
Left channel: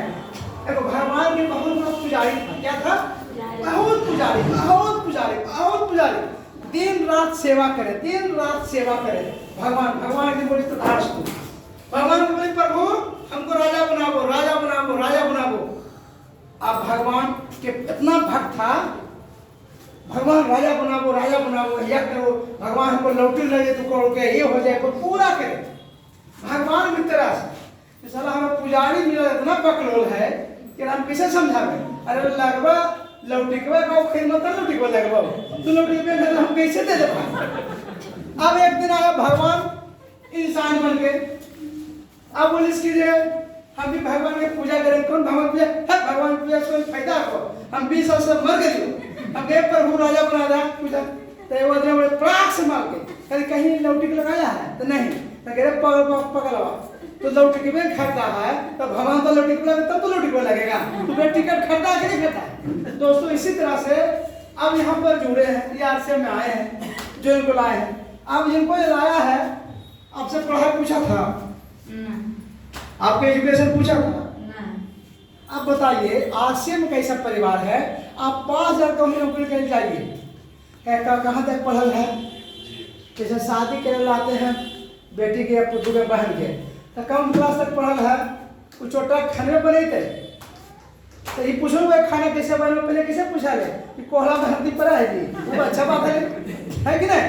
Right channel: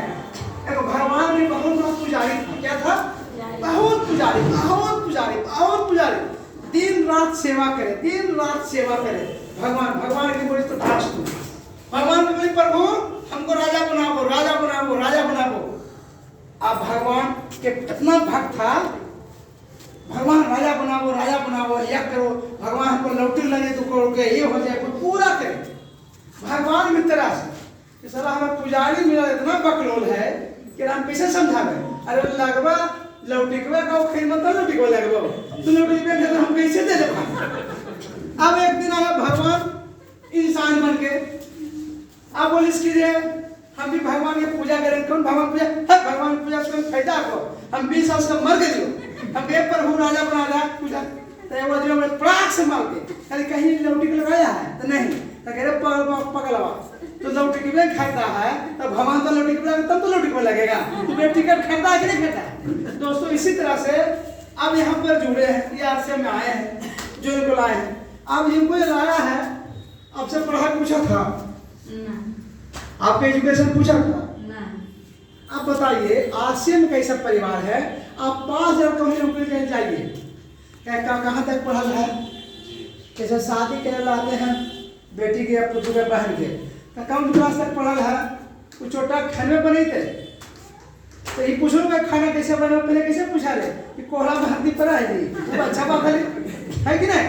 देखो भगवान भी बहुत लोग पुजारी था। क्या था? बहुत पुजारी, बहुत पुजारी, बहुत पुजारी। दिन रात सेवा करे, दिन रात सेवा करे। भगवान भगवान की बोली तो भगवान की प्रभु हमको राजा बनाओ, राजा बनाओ, राजा बनाओ। अब भगवान के इतना भक्त था, भगवान राजा बनाओ, राजा बनाओ, यज्ञ करो, भगवान हमको लौटी लगे तो करो के ये हो जाए, पूरा करे। भगवान मित्र से साला हमें पुजारी मिला, इतना बकलोल है कि हम कैसे समझावे? अरे लगवा लौटिकवा का खेल मत लौटिकवा लगवा, तो लौटिकवा तो हम कैसे दे दे? अब एक दिन आया भगवान इंसान बन के, अब बोलिस कीजिए हम भी भगवान की पूजा करें। कौन भगवान पूजा है? भगवान पूजा से फायदा हो, हम 20 साल से मर गए, हम एक प्रभु राजा बना रहा पूजा। तो वो आदमी बड़े प्राक से मार के कहीं कहीं लौटिक लगाया है तो नहीं, तो कह रहे पकड़वा तो लौटिक में खरीदा है, तो भगवान का लौटिक लगे तब तो लौटिक लगेगा। तो टिकट खरीदा है कि नहीं खरीदा? दोस्तों इसी तरह से अब यहाँ पर जुड़े हैं, ये आरसीएम में आए हैं, जो इनको लाए हैं। अब इनको जो लाया है आपसे पढ़ाई पूछा था, आपके एजुकेशन पूछा था, आप बताइए आरसीएम कैसा परिवार है? आप 5,000 कहीं नौकरी करने जाइए, कहाँ तक पढ़ल है? जैसे शादी के लाते हैं बेटी के या पुत्र के बहन के, तो कौन क्लास तक पढ़ल है? कुछ छोटा खाने बने थे तो ये पूछो खाना कैसे बना, पहले कैसे पूछा ले कि कोहरा में हल्दी पड़ा है जी, वो अच्छा बात है कि नहीं?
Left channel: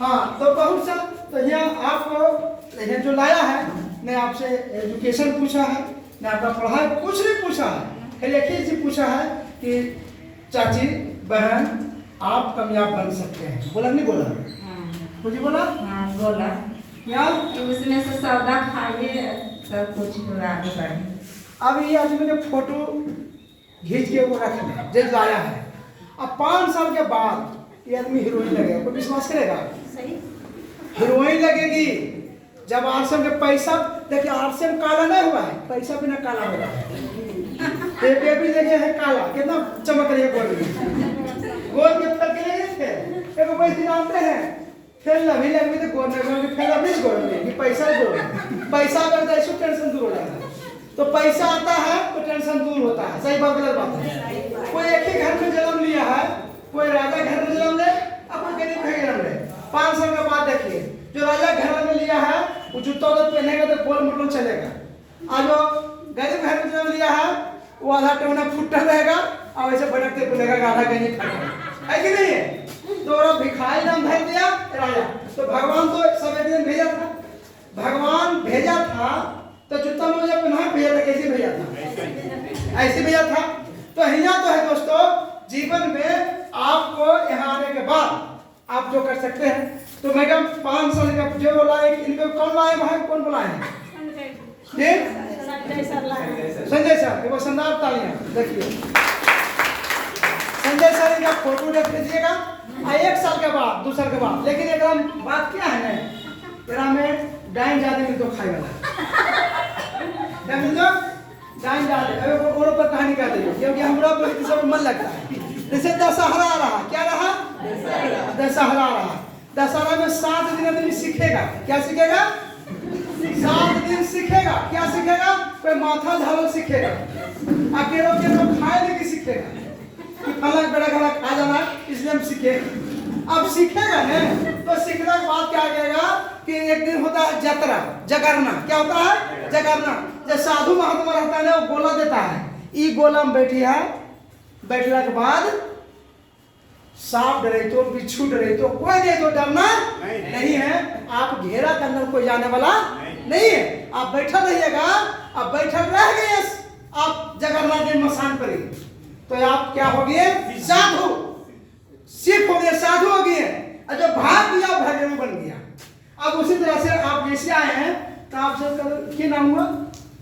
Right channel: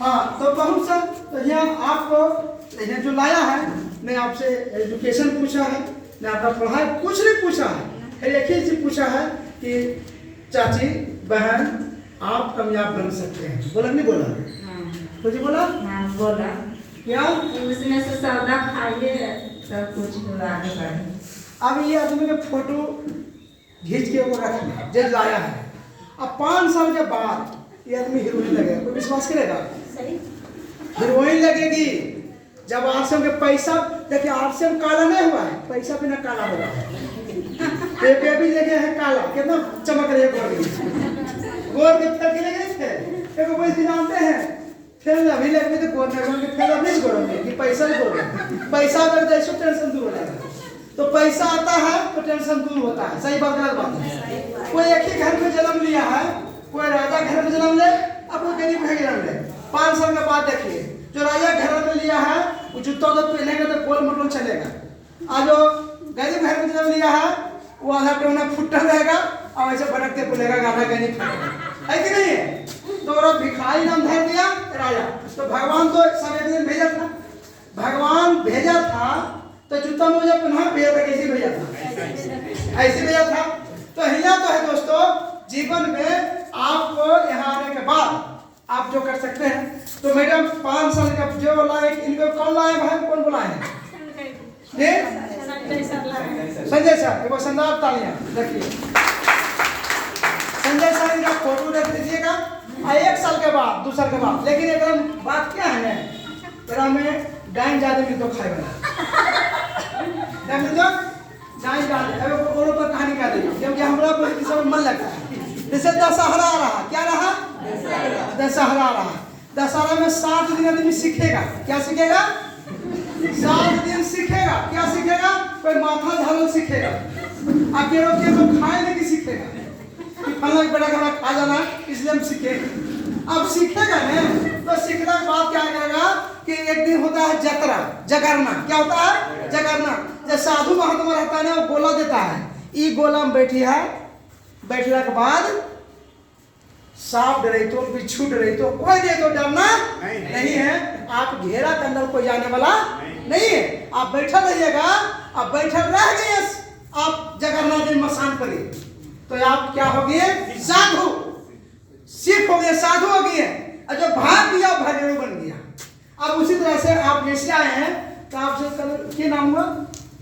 हाँ, तो बहुत सा तो यहाँ आपको यहाँ जो लाया है, मैं आपसे एजुकेशन पूछा है, मैं आपका पढ़ाई कुछ नहीं पूछा है, फिर एक ही चीज पूछा है कि चाची बहन आप कामयाब बन सकते हैं। बोला नहीं बोला? कुछ बोला? बोला क्या? उसमें से सौदा खाइए सब कुछ आगे बढ़े। अब ये आदमी के फोटो खींच के वो रखना जब लाया है, अब 5 साल के बाद ये आदमी हीरोइन लगेगा, कोई विश्वास करेगा? सही हीरोइन लगेगी जब आरसीएम के पैसा देखिए, आरसीएम काला नहीं हुआ है, पैसा बिना काला हो रहा है। पेपे भी लगे हैं काला, कितना चमक रही है गोर के फल के लगे थे। देखो वैसे जानते हैं फिर अभी लगेंगे तो गोर नहीं फिर अब नहीं गोरेंगे कि पैसा ही गोरेंगे। पैसा अगर जैसे टेंशन दूर हो जाता है, तो पैसा आता है तो टेंशन दूर होता है। सही बात गलत बात है? कोई एक ही घर में जन्म लिया है, कोई राजा घर में जन्म ले, अपना गरीब घर जन्म ले। 5 साल के बाद देखिए जो राजा घर में लिया है वो जूता तो पहनेगा तो गोल मोटल चलेगा, और जो गरीब घर में जन्म लिया है वो आधा टोना फुट्टा रहेगा और ऐसे भटकते बोलेगा आधा गरीब है कि नहीं है? तो और भिखारी नाम धर दिया राजा। तो भगवान तो सब एक दिन भेजा था, भगवान भेजा था तो जूता मोजा पहना भेजा था, कैसे भेजा था? ऐसे भेजा था। तो हिया तो है दोस्तों, जीवन में आपको यहाँ आने के बाद आप जो कर सकते हैं। तो मैडम 5 साल का जो लाए, इनको कौन लाए भाई, कौन बुलाए हैं? संजय सर, एक बार संदार तालियां देखिए। संजय सर का फोटो देख लीजिएगा। 1 साल के बाद 2 साल के बाद, लेकिन एकदम बात क्या है ना, तेरा में डाइन ज्यादा मिल तो खाएगा क्या मिल दो डाइन ज्यादा। अरे वो पर कहानी कर देगी क्योंकि हमरा बहुत सब मन लगता है। जैसे दशहरा आ रहा, क्या रहा? दशहरा आ रहा। दशहरा में 7 दिन आदमी सीखेगा। क्या सीखेगा? 7 दिन सीखेगा। क्या सीखेगा? कोई माथा झाड़ल सीखेगा, अकेलो के तो खाए लेके सीखेगा कि फला बड़ा घड़ा खा जाना, इसलिए हम सीखे। अब सीखेगा ना तो सीखने के बाद क्या करेगा कि एक दिन होता है जतरा, जगरना। क्या होता है? जगरना। जब साधु महात्मा रहता है ना, वो गोला देता है, ई गोला में बैठी है। बैठने के बाद सांप डरे तो, बिच्छू डरे तो, कोई दे तो डरना नहीं है। आप घेरा के अंदर कोई जाने वाला नहीं है। आप बैठा रहिएगा, आप बैठा रह गए, आप जगन्नाथ देव मसान पर, तो आप क्या हो गए? साधु। सिख हो गए, साधु हो गए, और जो भाग गया भजन बन गया। अब उसी तरह से आप जैसे आए हैं तो आपसे क्या नाम हुआ?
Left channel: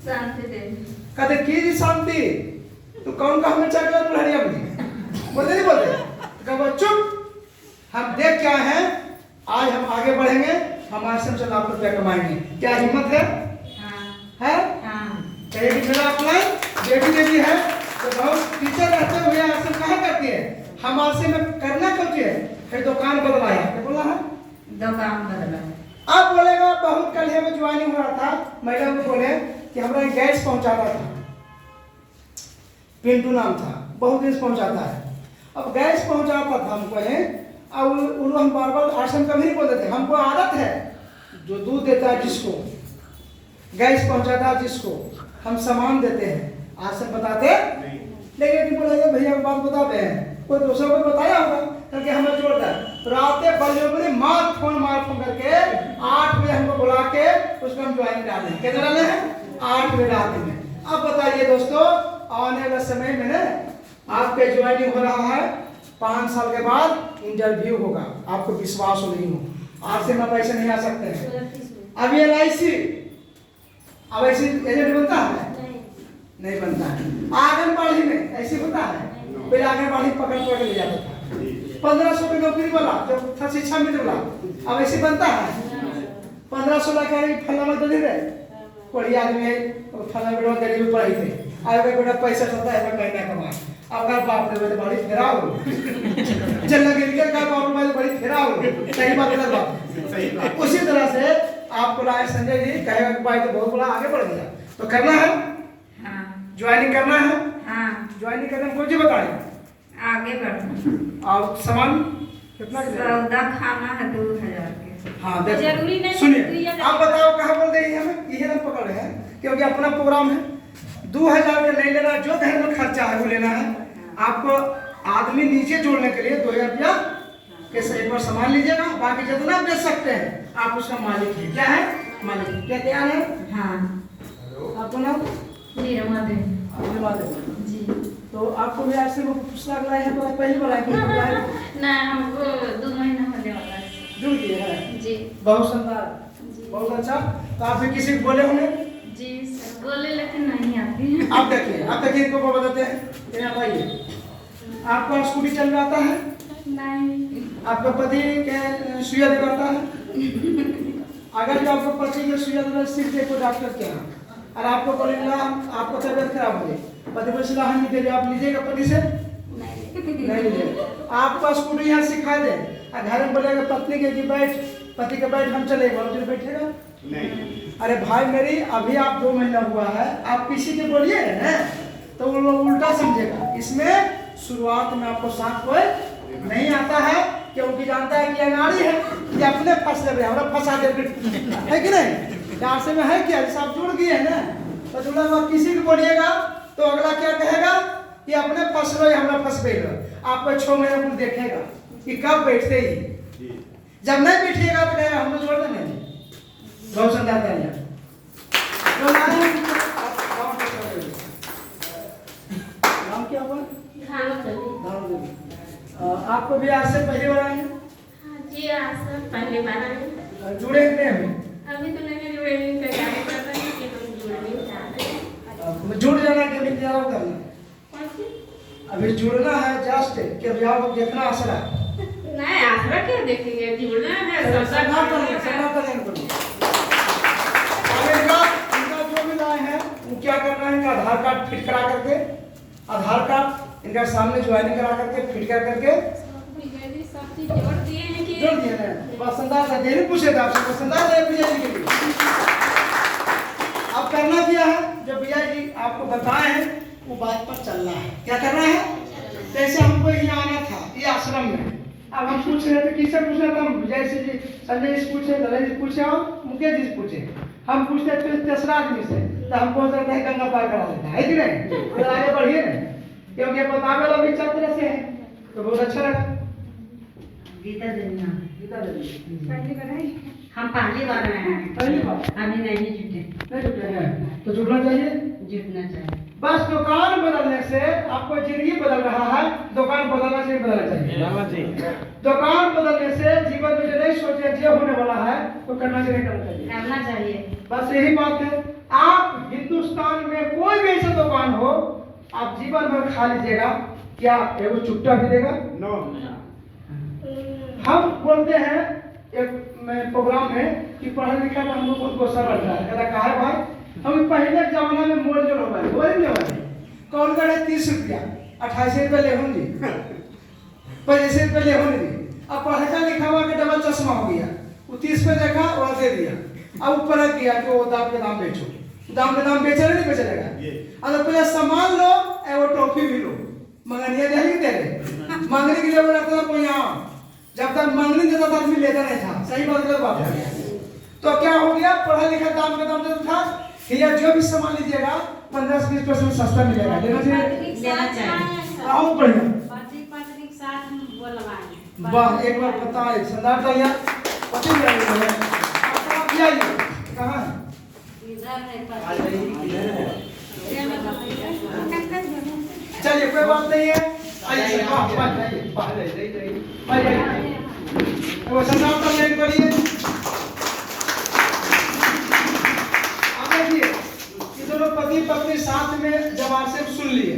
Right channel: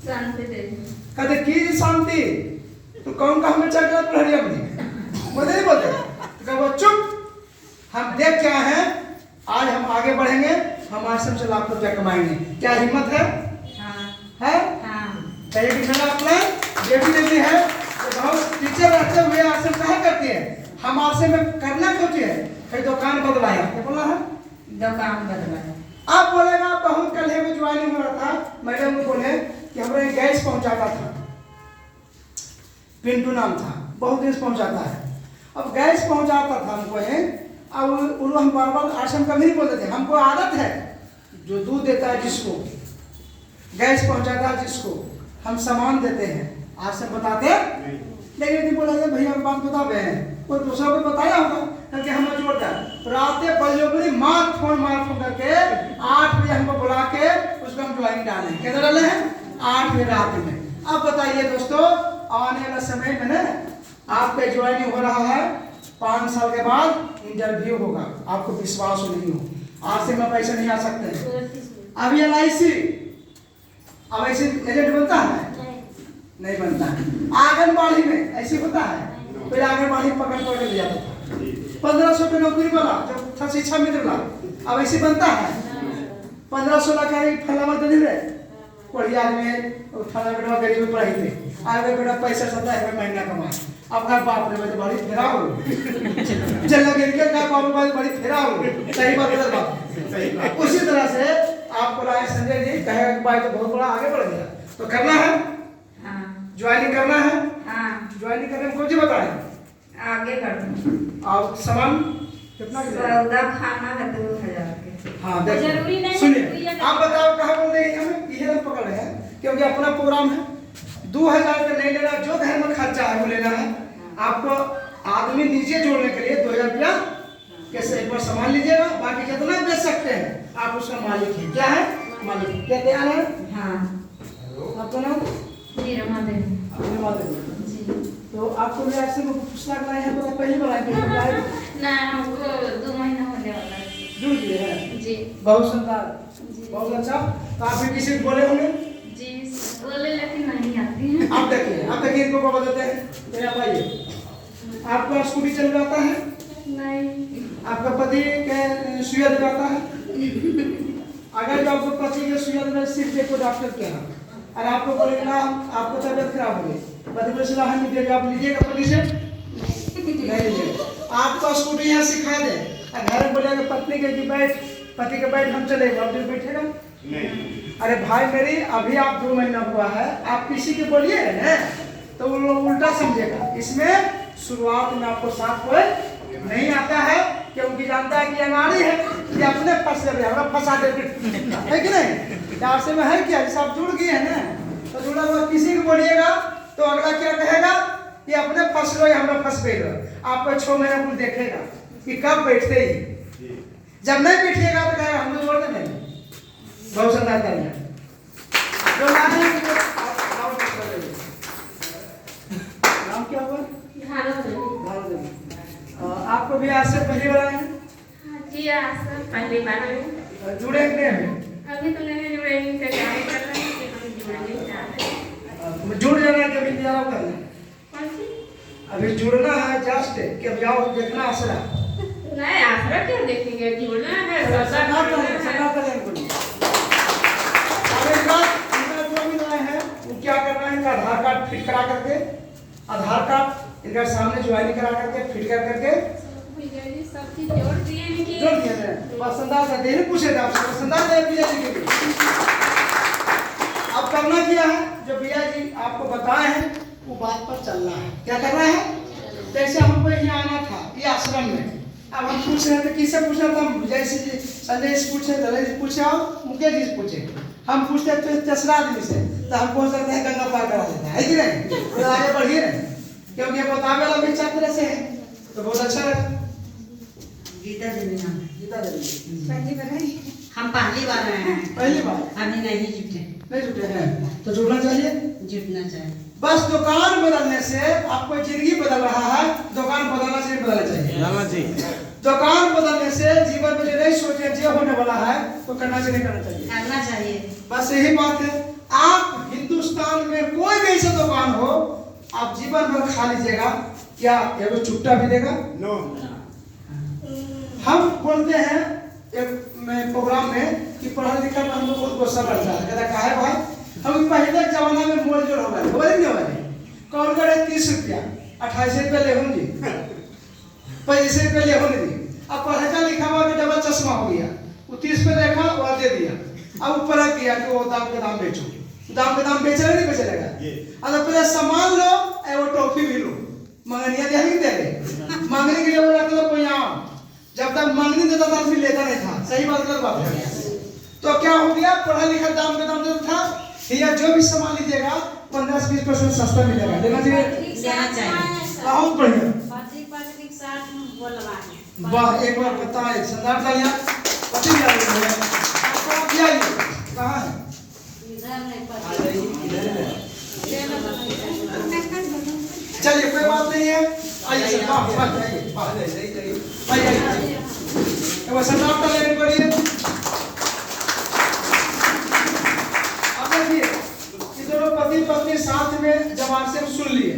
शांति देवी। कहते की जी शांति, तो कौन का हमें चक्कर पुरानी अपनी बोलते नहीं बोलते? तो चुप, हम देख क्या है, आज हम आगे बढ़ेंगे, हम आश्रम से लाख रुपया कमाएंगे। क्या हिम्मत है? हाँ। है? हाँ। कहिए कि मेरा अपना बेटी बेटी है तो बहुत टीचर रहते हुए आश्रम कहाँ करती है? हम आश्रम में करना क्यों चाहिए? फिर दुकान बदलाया, क्या बोला है? दुकान बदला। अब बोलेगा बहुत कल में ज्वाइनिंग हो रहा था, मैडम बोले कि हमारा गैस पहुंचाता था, पिंटू नाम था, बहुत दिन से पहुंचाता है। अब गैस पहुंचाता था हमको है, अब हम बार बार आश्रम का नहीं बोलते थे। हमको आदत है, जो दूध देता है जिसको, गैस पहुंचाता है जिसको, हम सामान देते हैं, आश्रम बताते लेकिन नहीं बोला ये भैया बात बता रहे हैं, कोई दूसरा को बताया होगा करके हमें जोड़ता है। रात बल्ले मार फोन करके 8 बजे हमको बुला के उसको हम ज्वाइन डाले। कितने डाले हैं? 8 बजे रात में। अब बताइए दोस्तों, आने वाले समय में ना आपके ज्वाइनिंग हो रहा है, 5 साल के बाद इंटरव्यू होगा। आपको विश्वास हो नहीं हो, आज से मैं पैसे नहीं आ सकते हैं। अब ये LIC अब ऐसे एजेंट बनता है? नहीं बनता है। आंगनबाड़ी में ऐसे होता है, पहले आंगनबाड़ी पकड़ ले जाता था, 1500 की नौकरी वाला जो था शिक्षा मित्र वाला, अब ऐसे बनता है। 15-16 का फला मत दे रहे कोई आदमी है, फला बेटा गरीब पढ़ाई थे, आगे बेटा पैसा 70,000 महीना कमाए। अब घर बाप रे बड़ी फेरा हो चल लगे का बाप रे बड़ी फेरा हो। सही बात गलत बात? सही बात। उसी तरह से आपको लाए संजय जी कहेगा कि भाई तो बहुत बड़ा आगे बढ़ गया, तो करना है, ज्वाइनिंग करना है। ज्वाइनिंग करने में कौन सी बताए? आगे बढ़ना। और सामान कितना सौदा खाना है 2000 के। हाँ जरूरी नहीं। सुनिए आप बताओ कहाँ बोल रहे हैं? हमें यही हम पकड़ रहे हैं क्योंकि अपना प्रोग्राम है। 2000 का नहीं लेना, जो घर में खर्चा है वो लेना है। आपको आदमी नीचे जोड़ने के लिए 2000 रुपया कैसे एक बार सामान लीजिएगा, बाकी जितना बेच सकते हैं आप उसका मालिक है। क्या है? मालिक। क्या तैयार है? हाँ। आप दोनों निर्मा देवी जी। तो आपको भी आपसे पूछना है तो पहली बार आए ना, हमको 2 महीना होने वाला है। जुड़ गए हैं जी। बहुत शानदार, बहुत अच्छा। तो आप भी किसी को बोले होंगे? जी बोले लेकिन नहीं आती है। आप देखिए इनको को बताते हैं। आप आइए, आपको स्कूटी चल आता है? नहीं। आपका पति क्या सुइया दिलाता है? अगर जो आपको पति के सुइया दिला सिर्फ देखो डॉक्टर के यहाँ, और आपको बोलेगा आपको तबियत खराब हो गई, पति को सलाह नहीं देगा, आप लीजिएगा पति से? नहीं लीजिएगा। आपको स्कूटी यहाँ सिखा दे, घर में बोलेगा पत्नी के कि बैठ, पति के बैठ हम चले, आप जो बैठेगा नहीं। अरे भाई मेरी अभी आप 2 महीना हुआ है, आप किसी के बोलिए ना तो वो लोग उल्टा समझेगा। इसमें शुरुआत में आपको साथ कोई नहीं आता है, क्योंकि जानता है कि अनाड़ी है, कि अपने फंस ले हमरा फंसा दे है कि नहीं। आपसे में है क्या, जैसे आप जुड़ गए हैं ना, तो जुड़ने के बाद किसी को बोलिएगा तो अगला क्या कहेगा कि अपने फंस लो, हमरा फंस गए। आपको 6 महीना कुछ देखेगा कि कब बैठते ही, जब नहीं बैठिएगा तो कहेगा हम जोड़ देंगे। बहुत सुंदर करेंगे नाम क्या हुआ? आपको भी आज से पहली बार आए हैं? जी आज से पहली बार आए। जुड़े कि नहीं? अभी तो मैंने जुड़े नहीं, तैयारी कर रहे हैं कि हम जुड़ना नहीं चाहते हैं। जुड़ जाना है, कभी तैयार करना कौन सी? अभी जुड़ना है जस्ट कि अभी आओ देखना आसरा नहीं, आसरा क्या देखेंगे, जुड़ना है। सरकार करें जो भी लाए हैं वो क्या करना है, इनका आधार कार्ड फिट करा करके, आधार कार्ड इनका सामने ज्वाइनिंग करा करके फिट कर करके विजय जी सब चीज जोड़ दिए हैं कि जोड़ दिए हैं। पसंदा था देने पूछे थे आपसे, पसंदा है विजय जी के लिए। अब करना क्या है, जो विजय जी आपको बताए हैं वो बात पर चलना है। क्या करना है, जैसे हमको यहाँ आना था ये आश्रम में, अब हम पूछ रहे थे किससे पूछना था, विजय जी संजय जी पूछे, दलाई जी पूछे और मुकेश जी पूछे। हम पूछते थे तेसरा आदमी से तो हमको हो सकता है गंगा पार करा देता है कि नहीं, तो आगे बढ़िए नहीं, क्योंकि बतावे वाला भी चक्र से है तो बहुत अच्छा लगा। गीता देवी नाम है। गीता देवी हम पहली बार आए हैं, पहली बार अभी नहीं जुटे। नहीं जुटे हैं तो जुड़ना चाहिए। जुटना चाहिए। बस दुकान बदलने से आपको जिंदगी बदल रहा है, दुकान बदलना चाहिए, बदलना चाहिए। दुकान बदलने से जीवन में जो नहीं सोचे जो होने वाला है तो करना चाहिए, करना चाहिए, करना चाहिए। बस यही बात है। आप हिंदुस्तान में कोई भी ऐसा दुकान हो आप जीवन भर खा लीजिएगा, क्या एगो चुट्टा भी देगा? नो। हम बोलते हैं एक प्रोग्राम में कि पढ़ा लिखा में हमको बहुत गुस्सा करता है, कहता है भाई हम पहले जमाना में मोल जोड़ हमारे बोलेंगे हमारे कौन करे 30 रुपया 28 रुपये ले होंगे 25 रुपये ले होंगे। अब पढ़ा लिखा हुआ के डबल चश्मा हो गया, वो 30 पे देखा और दे दिया, अब ऊपर रख दिया कि वो दाम के दाम बेचो, दाम के दाम बेचेगा नहीं बेचेगा। अगर पहले सामान लो वो टॉफी भी लो, मंगनिया दे नहीं दे रहे, मांगने के लिए बोला था कोई आओ, जब तक मांगनी देता था आदमी लेता नहीं था। सही बात गलत बात है। तो क्या हो गया, पढ़ा लिखा दाम का दाम देता था, या जो भी सामान लीजिएगा 15-20% सस्ता मिलेगा, लेना चाहिए, देना चाहिए। बहुत बढ़िया। पत्रिक साथ बोलवा वाह, एक बार पता है सरदार तालिया पति भी आए हैं। आपका क्या है, कहाँ है? चलिए कोई बात नहीं है, आइए सर, वाह जाइए, आइए वो सरदार तालिया एक बढ़िए। अब देखिए कि दोनों पति पत्नी साथ में जब आपसे सुन लिए,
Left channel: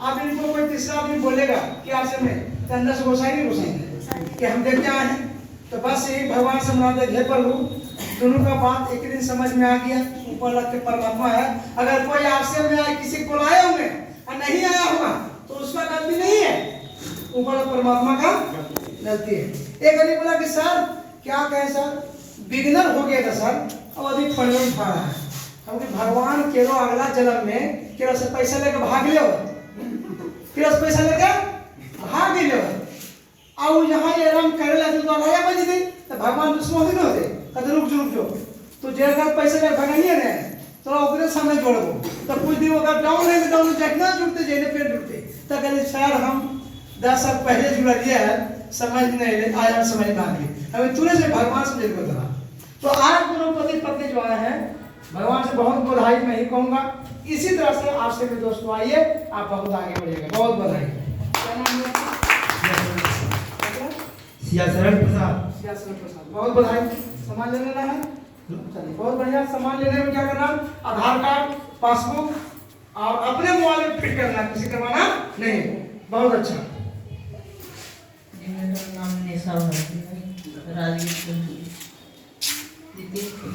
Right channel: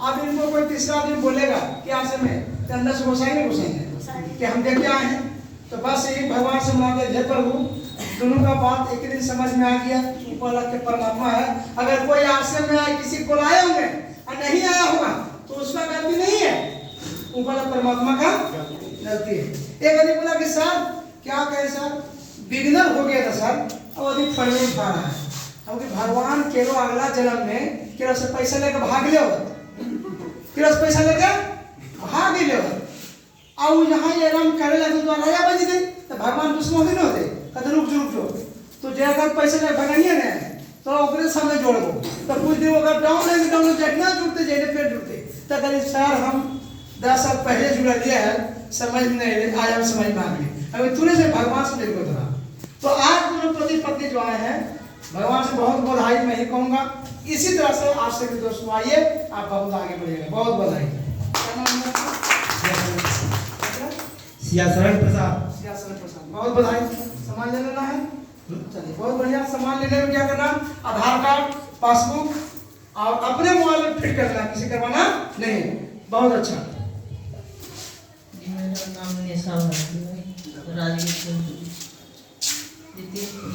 अब इनको कोई तीसरा आदमी बोलेगा कि आज में तो अंदर से गोसाई नहीं गोसाई कि हम देख के आए हैं, तो बस यही भगवान से मानते हे प्रभु दोनों का बात एक दिन समझ में आ गया, ऊपर लग के परमात्मा है। अगर कोई आश्रम में आए किसी को लाए होंगे और नहीं आया होगा तो उसका गलती नहीं है, ऊपर परमात्मा का गलती है। एक आदमी बोला कि सर क्या कहें सर, बिगनर हो गया था सर, अब अधिक फल नहीं खा रहा है, क्योंकि भगवान केरो अगला जन्म में केरो से पैसा लेकर भाग लियो, केरो से पैसा लेकर भाग लियो, अब जहाँ ये राम करे लगे तो राजा बन गई, तो भगवान दुश्मन ही न होते, कहते रुक जो तो जैसा पैसा ले भगाइए ना तो ओकरे सामने जोड़बो, तो कुछ दिन अगर डाउन है तो डाउन जितना जुड़ते जैसे पेड़ जुड़ते, तो कहते सर हम 10 साल पहले जुड़ा दिया है, समझ नहीं आया, हम समझ में आ गई, अभी तुरंत से भगवान से मिल गया। तो आज दोनों पति पत्नी जो आए हैं भगवान से बहुत बधाई मैं ही कहूँगा। इसी तरह से आपसे भी दोस्तों आइए, आप बहुत आगे बढ़िएगा, बहुत बधाई। सियासरण प्रसाद, सियासरण प्रसाद, बहुत बधाई। सामान ले लेना है, चलिए बहुत बढ़िया। सामान लेने में क्या करना, आधार कार्ड पासबुक और अपने मोबाइल में फिट करना, किसी करवाना नहीं, बहुत अच्छा। मेरा नाम निशा है, राजवीर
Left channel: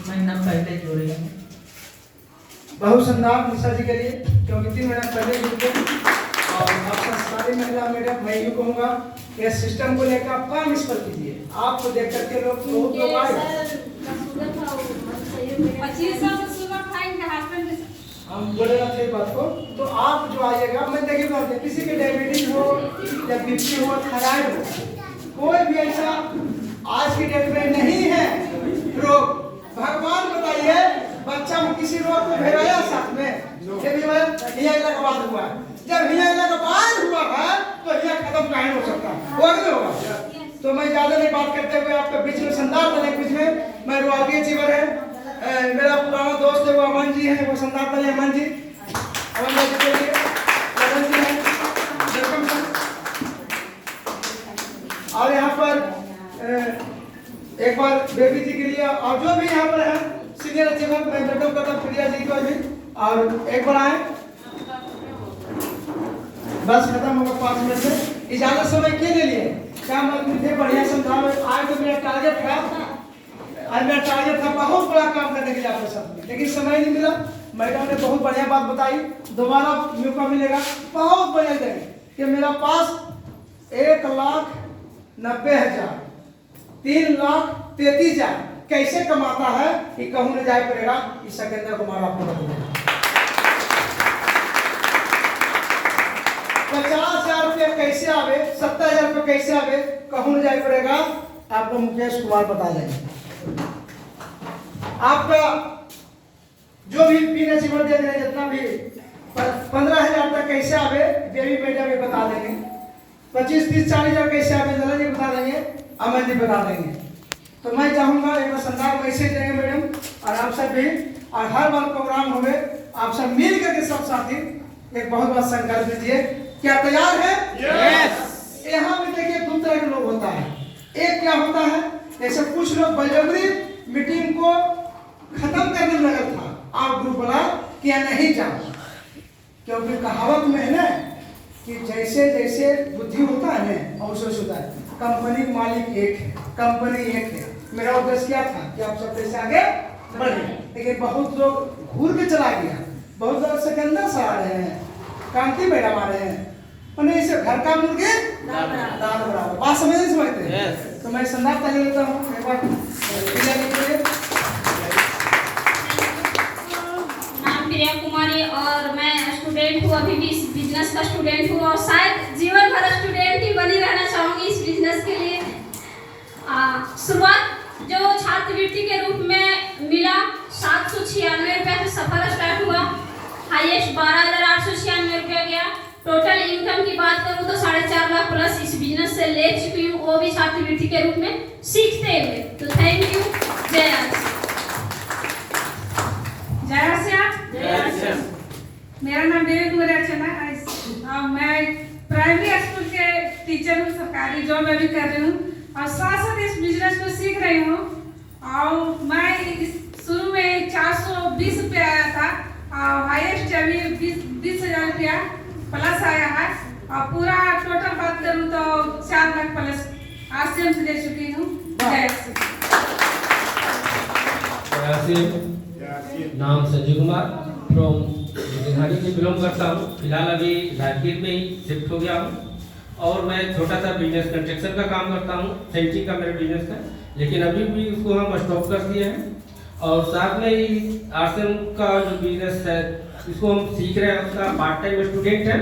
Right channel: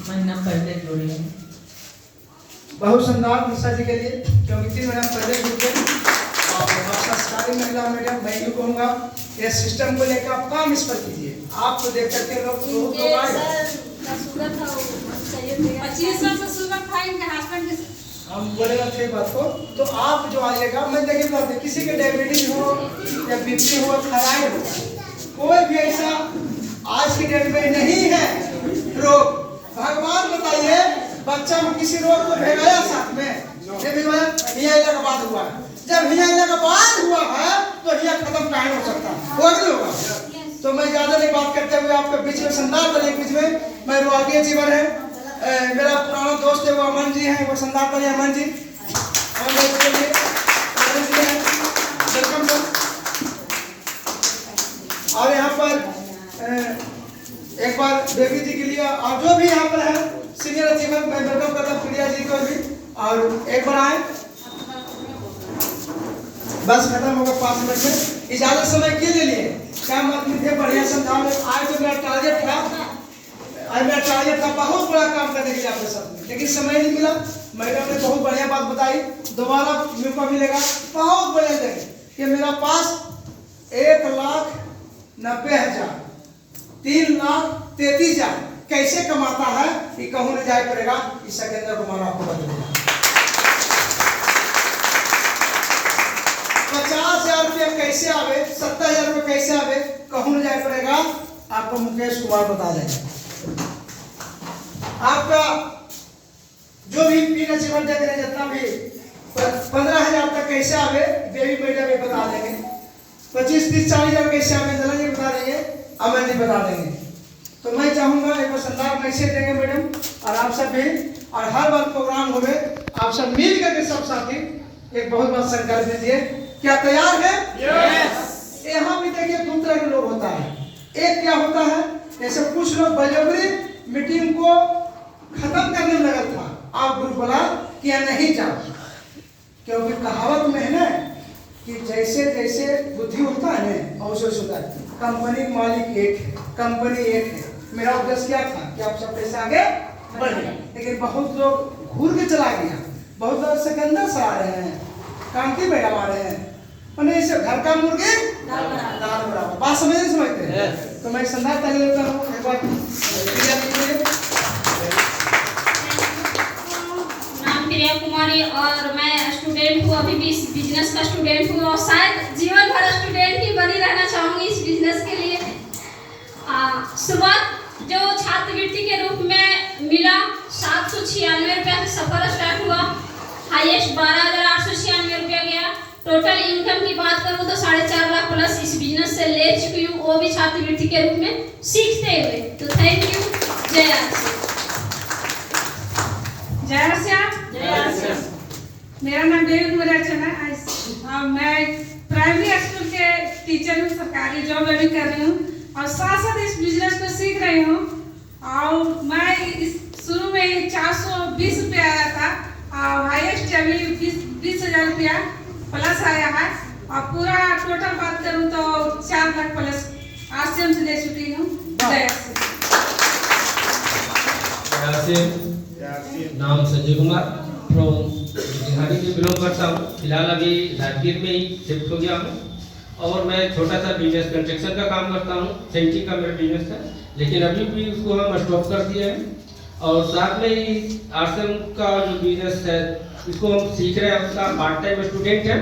महीना पहले जोड़े हैं। बहुत सुंदर निशा जी के लिए, क्योंकि 3 महीना पहले जुड़ गए और संस्कारी महिला मैडम, मैं यूँ कहूँगा ये सिस्टम को लेकर आप काम इस पर कीजिए। आपको देख करके लोग बहुत लोग आए। हम बोले ना थे बात को, तो आप जो आइएगा, मैं देखिए बात है, किसी के डायबिटीज हो या बीपी हो, थायराइड हो, कोई भी ऐसा आज की डेट में नहीं है रोग। भगवान बताइए, बच्चा में किसी रोग को भेजाया साथ में, जब हिया का बाद हुआ है, जब हिया का बाद हुआ है तो हिया खत्म कहीं हो सकता है, और नहीं होगा। तो मैं ज्यादा नहीं बात करते हुए आपके बीच में संदार बने, बीच में मैं रोगिया जीवन है, मेरा पुराना दोस्त है वो अमन जी है, वो संदार बने अमन जी, अमन जी के लिए अमन जी हैं, वेलकम सर। और यहाँ पर एक बार बेबी जी के लिए, और जो भी यहाँ पर है सीनियर अचीवर, मैं वेलकम करता हूँ प्रिया जी को भी, और एक बार आए। बस खत्म होगा 5 मिनट में, इजाजत समय के लिए क्या मतलब थे, बढ़िया समझाओ। आज तो मेरा टारगेट था, आज मेरा टारगेट था बहुत बड़ा काम करने के लिए आपके साथ, लेकिन समय नहीं मिला। मैडम ने बहुत बढ़िया बात बताई, दोबारा मौका मिलेगा। बहुत बढ़िया जगह कि मेरा पास 1,90,000 3,33,000 कैसे कमाता है कि कहूँ नहीं जाए पड़ेगा, इस सेकेंडर को मारा पूरा देगा। 50,000 रुपया कैसे आवे, 70,000 रुपया कैसे आवे, कहूँ नहीं जाए पड़ेगा, आपको मुकेश कुमार बता देंगे। आपका जो भी पीना जीवन देख रहे हैं, जितना भी 15,000 तक कैसे आवे, बेबी मैडम भी बता देंगे। 25, 30, 40,000 कैसे आवे, नला जी बता देंगे, अमन जी बता देंगे। तो मैं चाहूंगा एक बार संदार मैसेज देंगे मैडम, और आप सब भी, और हर बार प्रोग्राम होवे आप सब मिल करके सब साथी एक बहुत बड़ा संकल्प लीजिए। क्या तैयार है? यस। यहाँ भी देखिए 2 तरह के लोग होता है। एक क्या होता है, जैसे कुछ लोग बलजबरी मीटिंग को खत्म करने में लगा था, आप ग्रुप बोला कि यहाँ नहीं जाओ, क्योंकि कहावत में है ना कि जैसे जैसे बुद्धि होता है ना वैसे होता है। कंपनी मालिक एक है, कंपनी एक है। मेरा उद्देश्य क्या था कि आप सब कैसे आगे बढ़े, लेकिन बहुत लोग घूर के चला गया, बहुत लोग सेकंडर से आ रहे हैं, कांति मैडम आ रहे हैं, मैंने इसे घर का मुर्गे दाल बराबर बात समझते हैं। तो मैं संदार ताली लेता हूँ एक बार। नाम प्रिया कुमारी, और मैं स्टूडेंट हूँ, अभी भी इस बिजनेस का स्टूडेंट हूँ, और शायद जीवन भर स्टूडेंट ही बनी रहना चाहूँगी इस बिजनेस के लिए। शुरुआत जो छात्रवृत्ति के रूप में मिला 796 रुपया से सफर स्टार्ट हुआ, हाईएस्ट 12,896 रुपया गया। टोटल इनकम की बात करूँ तो 4.5 लाख प्लस इस बिजनेस से ले चुकी हूँ, वो भी छात्रवृत्ति के रूप में सीखते हुए। तो थैंक यू। जय जय। मेरा नाम देवी कुमारी अर्चना है, मैं प्राइमरी स्कूल के टीचर हूँ, सरकारी जॉब मैं भी कर रही हूँ, और साथ साथ इस बिजनेस को सीख रही हूँ। और मैं शुरू में 420 रुपया आया था, और हाईएस्ट अभी 20,000 रुपया प्लस आया है, और पूरा टोटल बात करूँ तो 4 लाख प्लस आरसीएम से ले चुकी हूँ। नाम संजय कुमार, फ्रॉम बिहारी से बिलोंग करता हूँ। फिलहाल अभी राजगीर में ही शिफ्ट हो गया हूँ, और मैं छोटा सा बिजनेस कंस्ट्रक्शन का काम करता हूँ। सेंटिंग का मेरा बिजनेस है, लेकिन अभी भी उसको हम स्टॉप कर दिए हैं, और साथ में ही आरसीएम का जो बिजनेस है इसको हम सीख रहे हैं, उसका पार्ट टाइम स्टूडेंट है।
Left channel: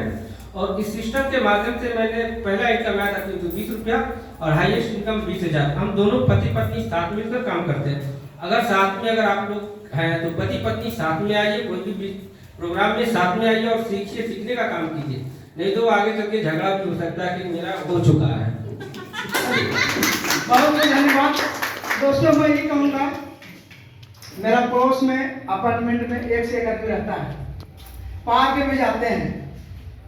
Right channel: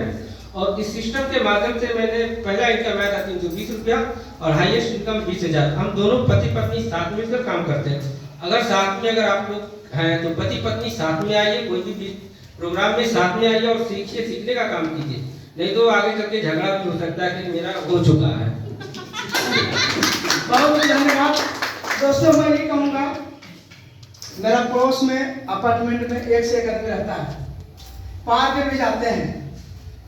और इस सिस्टम के माध्यम से मैंने पहला इनकम आया था 320 रुपया, और हाईएस्ट इनकम 20,000। हम दोनों पति पत्नी साथ मिलकर काम करते हैं। अगर साथ में अगर आप लोग हैं तो पति पत्नी साथ में आइए, कोई भी प्रोग्राम में साथ में आइए और सीखिए, सीखने का काम कीजिए, नहीं तो आगे चल के झगड़ा भी हो सकता है कि मेरा हो चुका है। बहुत धन्यवाद दोस्तों। मैं ये कहूँगा, मेरा पड़ोस में अपार्टमेंट में 1 से 1 आदमी रहता है, पार्क में जाते हैं,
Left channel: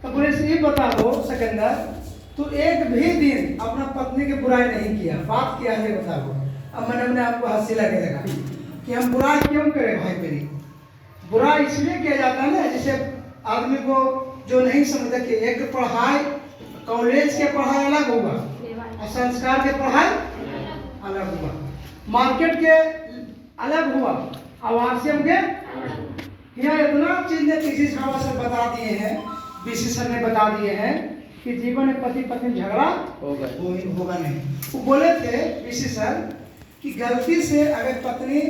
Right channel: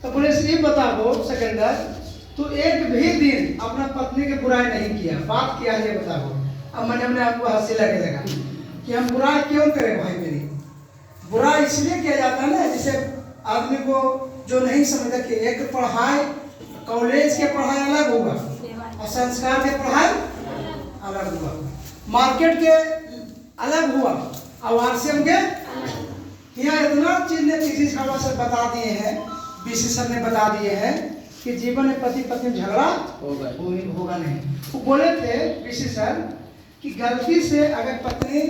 तो बोले ये बता दो सिकंदर, तू एक भी दिन अपना पत्नी की बुराई नहीं किया, बात किया है, ये बता दो। अब मैंने अपने आपको हंसी लगे लगा कि हम बुराई क्यों करें भाई मेरी। बुरा इसलिए किया जाता है ना, जैसे आदमी को जो नहीं समझता कि एक पढ़ाई, कॉलेज के पढ़ाई अलग होगा और संस्कार के पढ़ाई अलग हुआ, मार्केट के अलग हुआ और आरसीएम के। यहाँ इतना चीज ने किसी खावा से बता दिए हैं, बीसी सर ने बता दिए हैं कि जीवन में पति पत्नी झगड़ा होगा नहीं। वो बोले थे ऋषि सर कि गलती से अगर पत्नी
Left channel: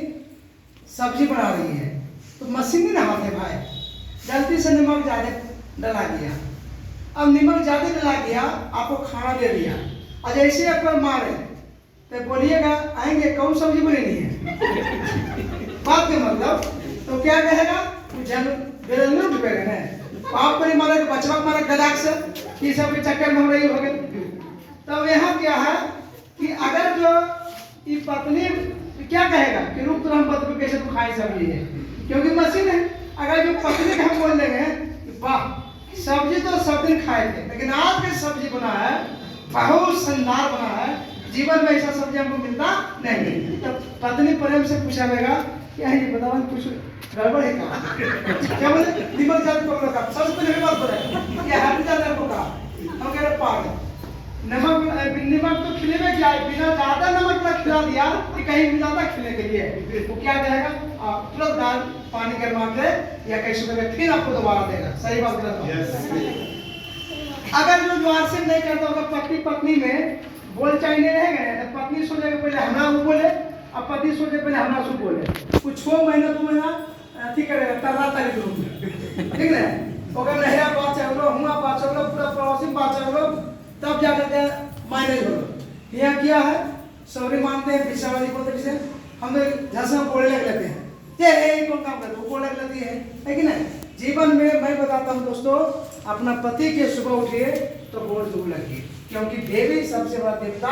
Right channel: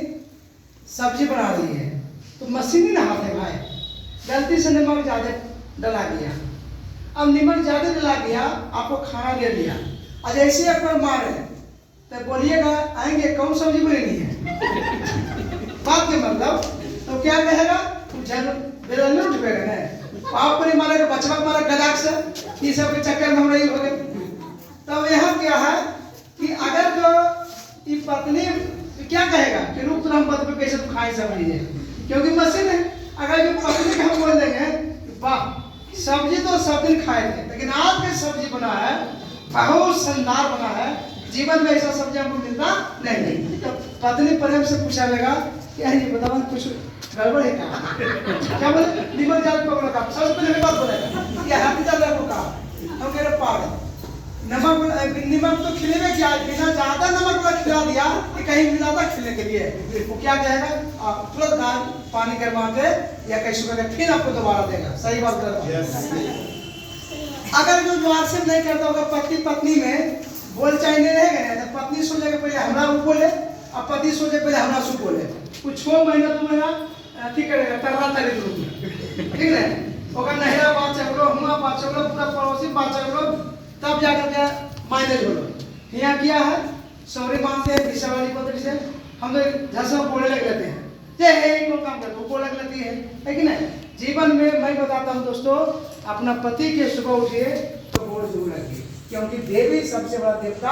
सब्जी बना रही है तो मशीन ना हाथ है भाई, गलती से नमक ज़्यादा डला गया, अब नमक ज़्यादा डला गया, आपको खाना दे दिया, और जैसे एक बार मारे तो बोलिएगा आएंगे कौन सब्जी बनी है बात के मतलब, तो क्या कहेगा बेरल में उठ गए ना, आप पर मारे बचवा मारा गदाक से, ये सब के चक्कर में हम रही हो गए। तब यहाँ क्या है कि अगर जो ये पत्नी क्या कहेगा कि रुक तो हम पत्नी कैसे तुम खाए सब्जी है, क्योंकि मशीन है। अगर जो पत्नी का हम बोल देंगे वाह सब्जी तो सब दिन खाए थे, लेकिन आज का सब्जी बना है बहुत शानदार बना है, जीवन में ऐसा सब्जी हमको मिलता नहीं, तो पत्नी प्रेम से पूछाएगा क्या है ये बताओ कुछ गड़बड़ है क्या बोले निमक ज्यादा पकड़ो का सबसे पहले बात बोलेगा क्या हाथ ज्यादा पकड़ा, हम कह रहे पागल नमक तो खिलेगा क्या, बिना ज्यादा नमक का खिला दिया कि कहीं ज्यादा खिलने के लिए, वो क्या कहेगा तुरंत दाल पानी गर्मा के या कैसे करके फिर आपको दोबारा देगा। सही बात कर अगर जो ज्वार से नहीं करता होगा पति पत्नी में बोल चाहे नहीं रहेगा ना, तो पत्नी सोचेगा पहले हमरा वो बोले और पति सोचे पहले हमरा सु बोले, कुछ 6 महीना 2 महीना ठीक करेगा तरला तरी के रूप में, ठीक है ओकर नहरा बात चलो हुआ बात चलो पूरा पड़ोसी बात चलो, तब जाकर के मैनेज हो। यहाँ क्या है सौरी मानते हैं विषय बोलते से हम झलसा बोलने लग लेते हैं, ये कौन काम करते वो बोलने लगती है कि नहीं। जीवन में मैं बताता हूँ दोस्तों, अपना पति के सुबह उठिए तो बोल दूर लगिए, क्योंकक्योंकि सबसे बड़ा देवता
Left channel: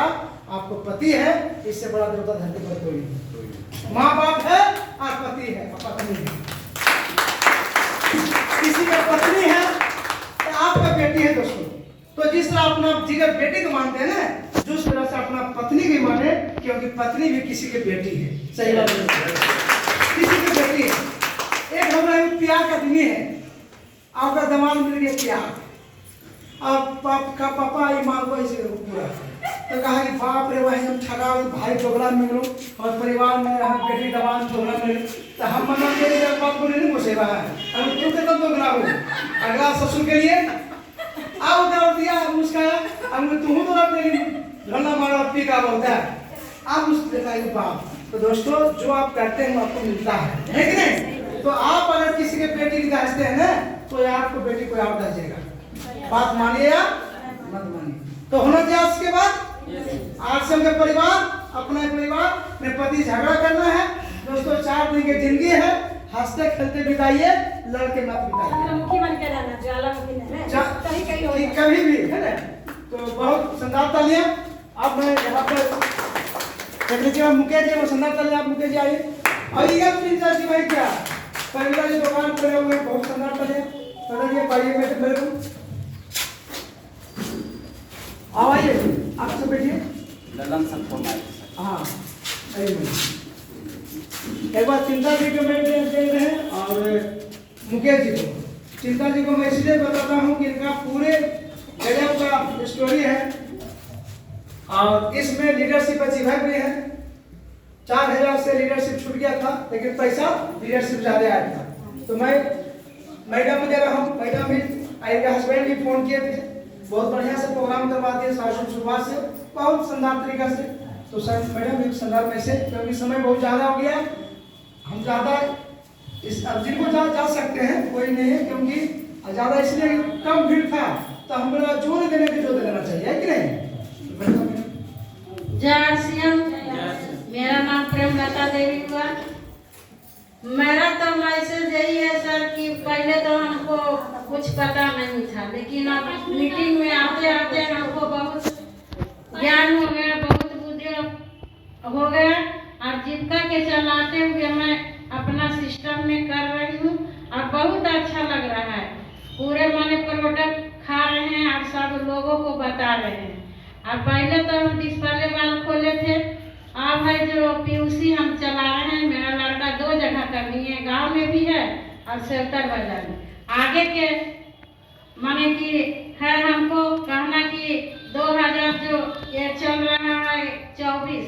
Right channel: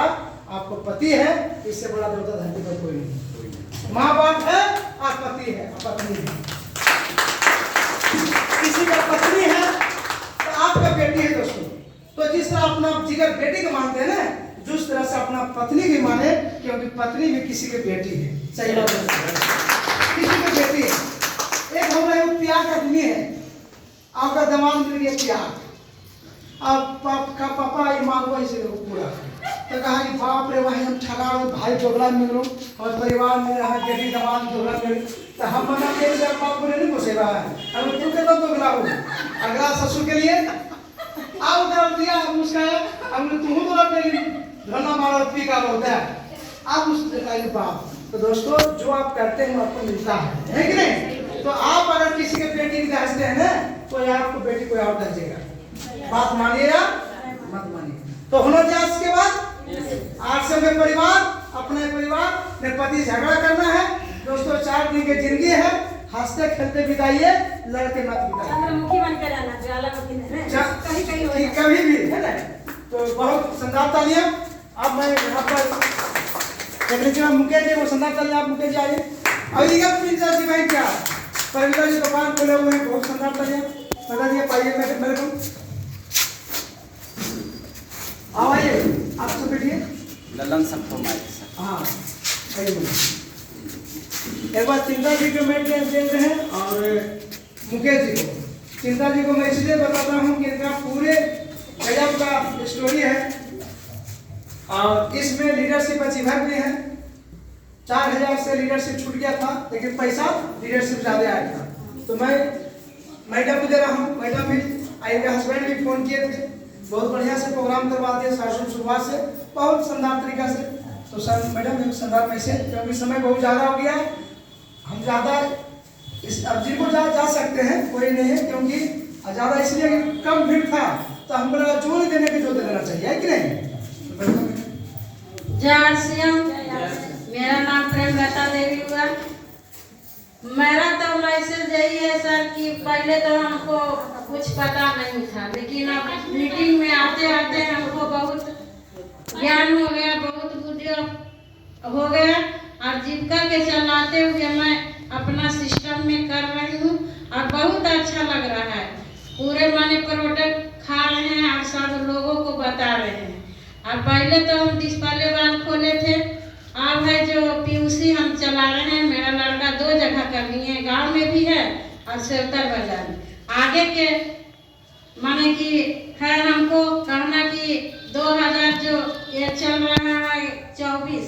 आपको पति है, इससे बड़ा देवता धरती पर कोई नहीं। माँ बाप है और पति है और पत्नी है, किसी का पत्नी है तो आपका बेटी है दोस्तों। तो जिस तरह अपना जिगर बेटी को मानते हैं ना, जिस तरह से अपना पत्नी की माने, क्योंकि पत्नी भी किसी की बेटी है। सही बात है, किसी की बेटी है। एक हमारा प्यार का दुनिया है, आपका दमाद मिल गया प्यार, अब पापा ईमान को ऐसे पूरा तो कहा कि बाप रे भाई हम ठगा भाई झगड़ा में गलो और परिवार में यहाँ बेटी दमाद झगड़ा में, तो हम मम्मा के लिए बाप को नहीं घुसेगा है, अब तू के तो झगड़ा हो अगला ससुर के लिए आओ डाल दिया मुस्काया, अब तू तो अपने धरना मारा पी का बोलता है आप उस बताइए बाप। तो दोस्तों जो आप करते हैं आपको मिलता है कि नहीं। तो आप अगर किसी के बेटी की दहते हैं ना, तो यार आपको बेटी कोई और दहेगा, बात मानिए या मत मानिए। तो होना चाहिए इसके बाद आज से उनके परिवार अपने परिवार में पति झगड़ा करना है दोस्तों, 4 दिन की जिंदगी है, हंसते खेलते बिताइए, लड़के मत बिताइए कभी भी, है ना। तो बहुत शानदार तालियां। अब मैं यहाँ पर सेक्रेटरी मुकेश जी, वो शानदार तालियां आप मुकेश जी आइए। और प्रिंस जी भाई क्या परिवार की दुकान खोले हुए हैं, बहुत शानदार तालियां पाइए मेरे को। आवाज़ आप सब बैठिए। हाँ एक बार चिंता जी को मैं दे रहे हैं और मुकेश जी को। चिंता जी को मैं इसलिए बताता हूँ कि इनका पूरे गजब का स्टोरी है और इसमें लीडरशिप अचीवर भी है। 4000 से लीडरशिप छूट गया था, लेकिन पैसा लीडरशिप ज़्यादा आया था। तो मैं मैडम को दे रहा हूँ, मैडम भी इनके हस्बैंड भी फ़ोन किए थे, बहुत बढ़िया से प्रोग्राम करवा दिया शुरुआत से, बहुत शानदार तरीका से। तो सर मैडम एक शानदार मैसेज, क्योंकि समय बहुत ज़्यादा हो गया, हम ज़्यादा इस अब जिनको जा सकते हैं कोई नहीं है, क्योंकि ज़्यादा इसलिए कम भीड़ था, तो हमको जो नहीं देने की जो देना चाहिए, है कि नहीं। जय श्याम, मेरा नाम प्रेमलता देवी हुआ। मेरा तो मैसेज यही है सर कि पहले तो हमको कुछ पता नहीं था, लेकिन अब मीटिंग में आते आते हमको बहुत ज्ञान हो गया, बहुत बुद्धि हो गया और जीविका के चलाते हुए मैं अपना सिस्टम में कर रही हूँ और बहुत अच्छा लग रहा है। पूरे माने प्रोडक्ट खा रहे हैं और सब लोगों को बता रहे हैं। और पहले तो हम डिस्प्ले वाल खोले थे, अब है जो पीयूसी हम चला रहे हैं। मेरा लड़का 2 जगह कर लिए, गांव में भी है और सेवतर बाजार में। आगे के माने कि है हमको कहना कि 2000 जो ये चल रहा है 24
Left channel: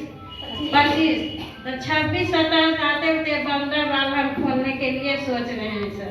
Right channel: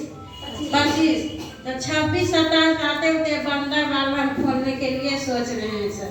25 तो 26 27 आते होते बंदर बाल हम खोलने के लिए सोच रहे हैं सर।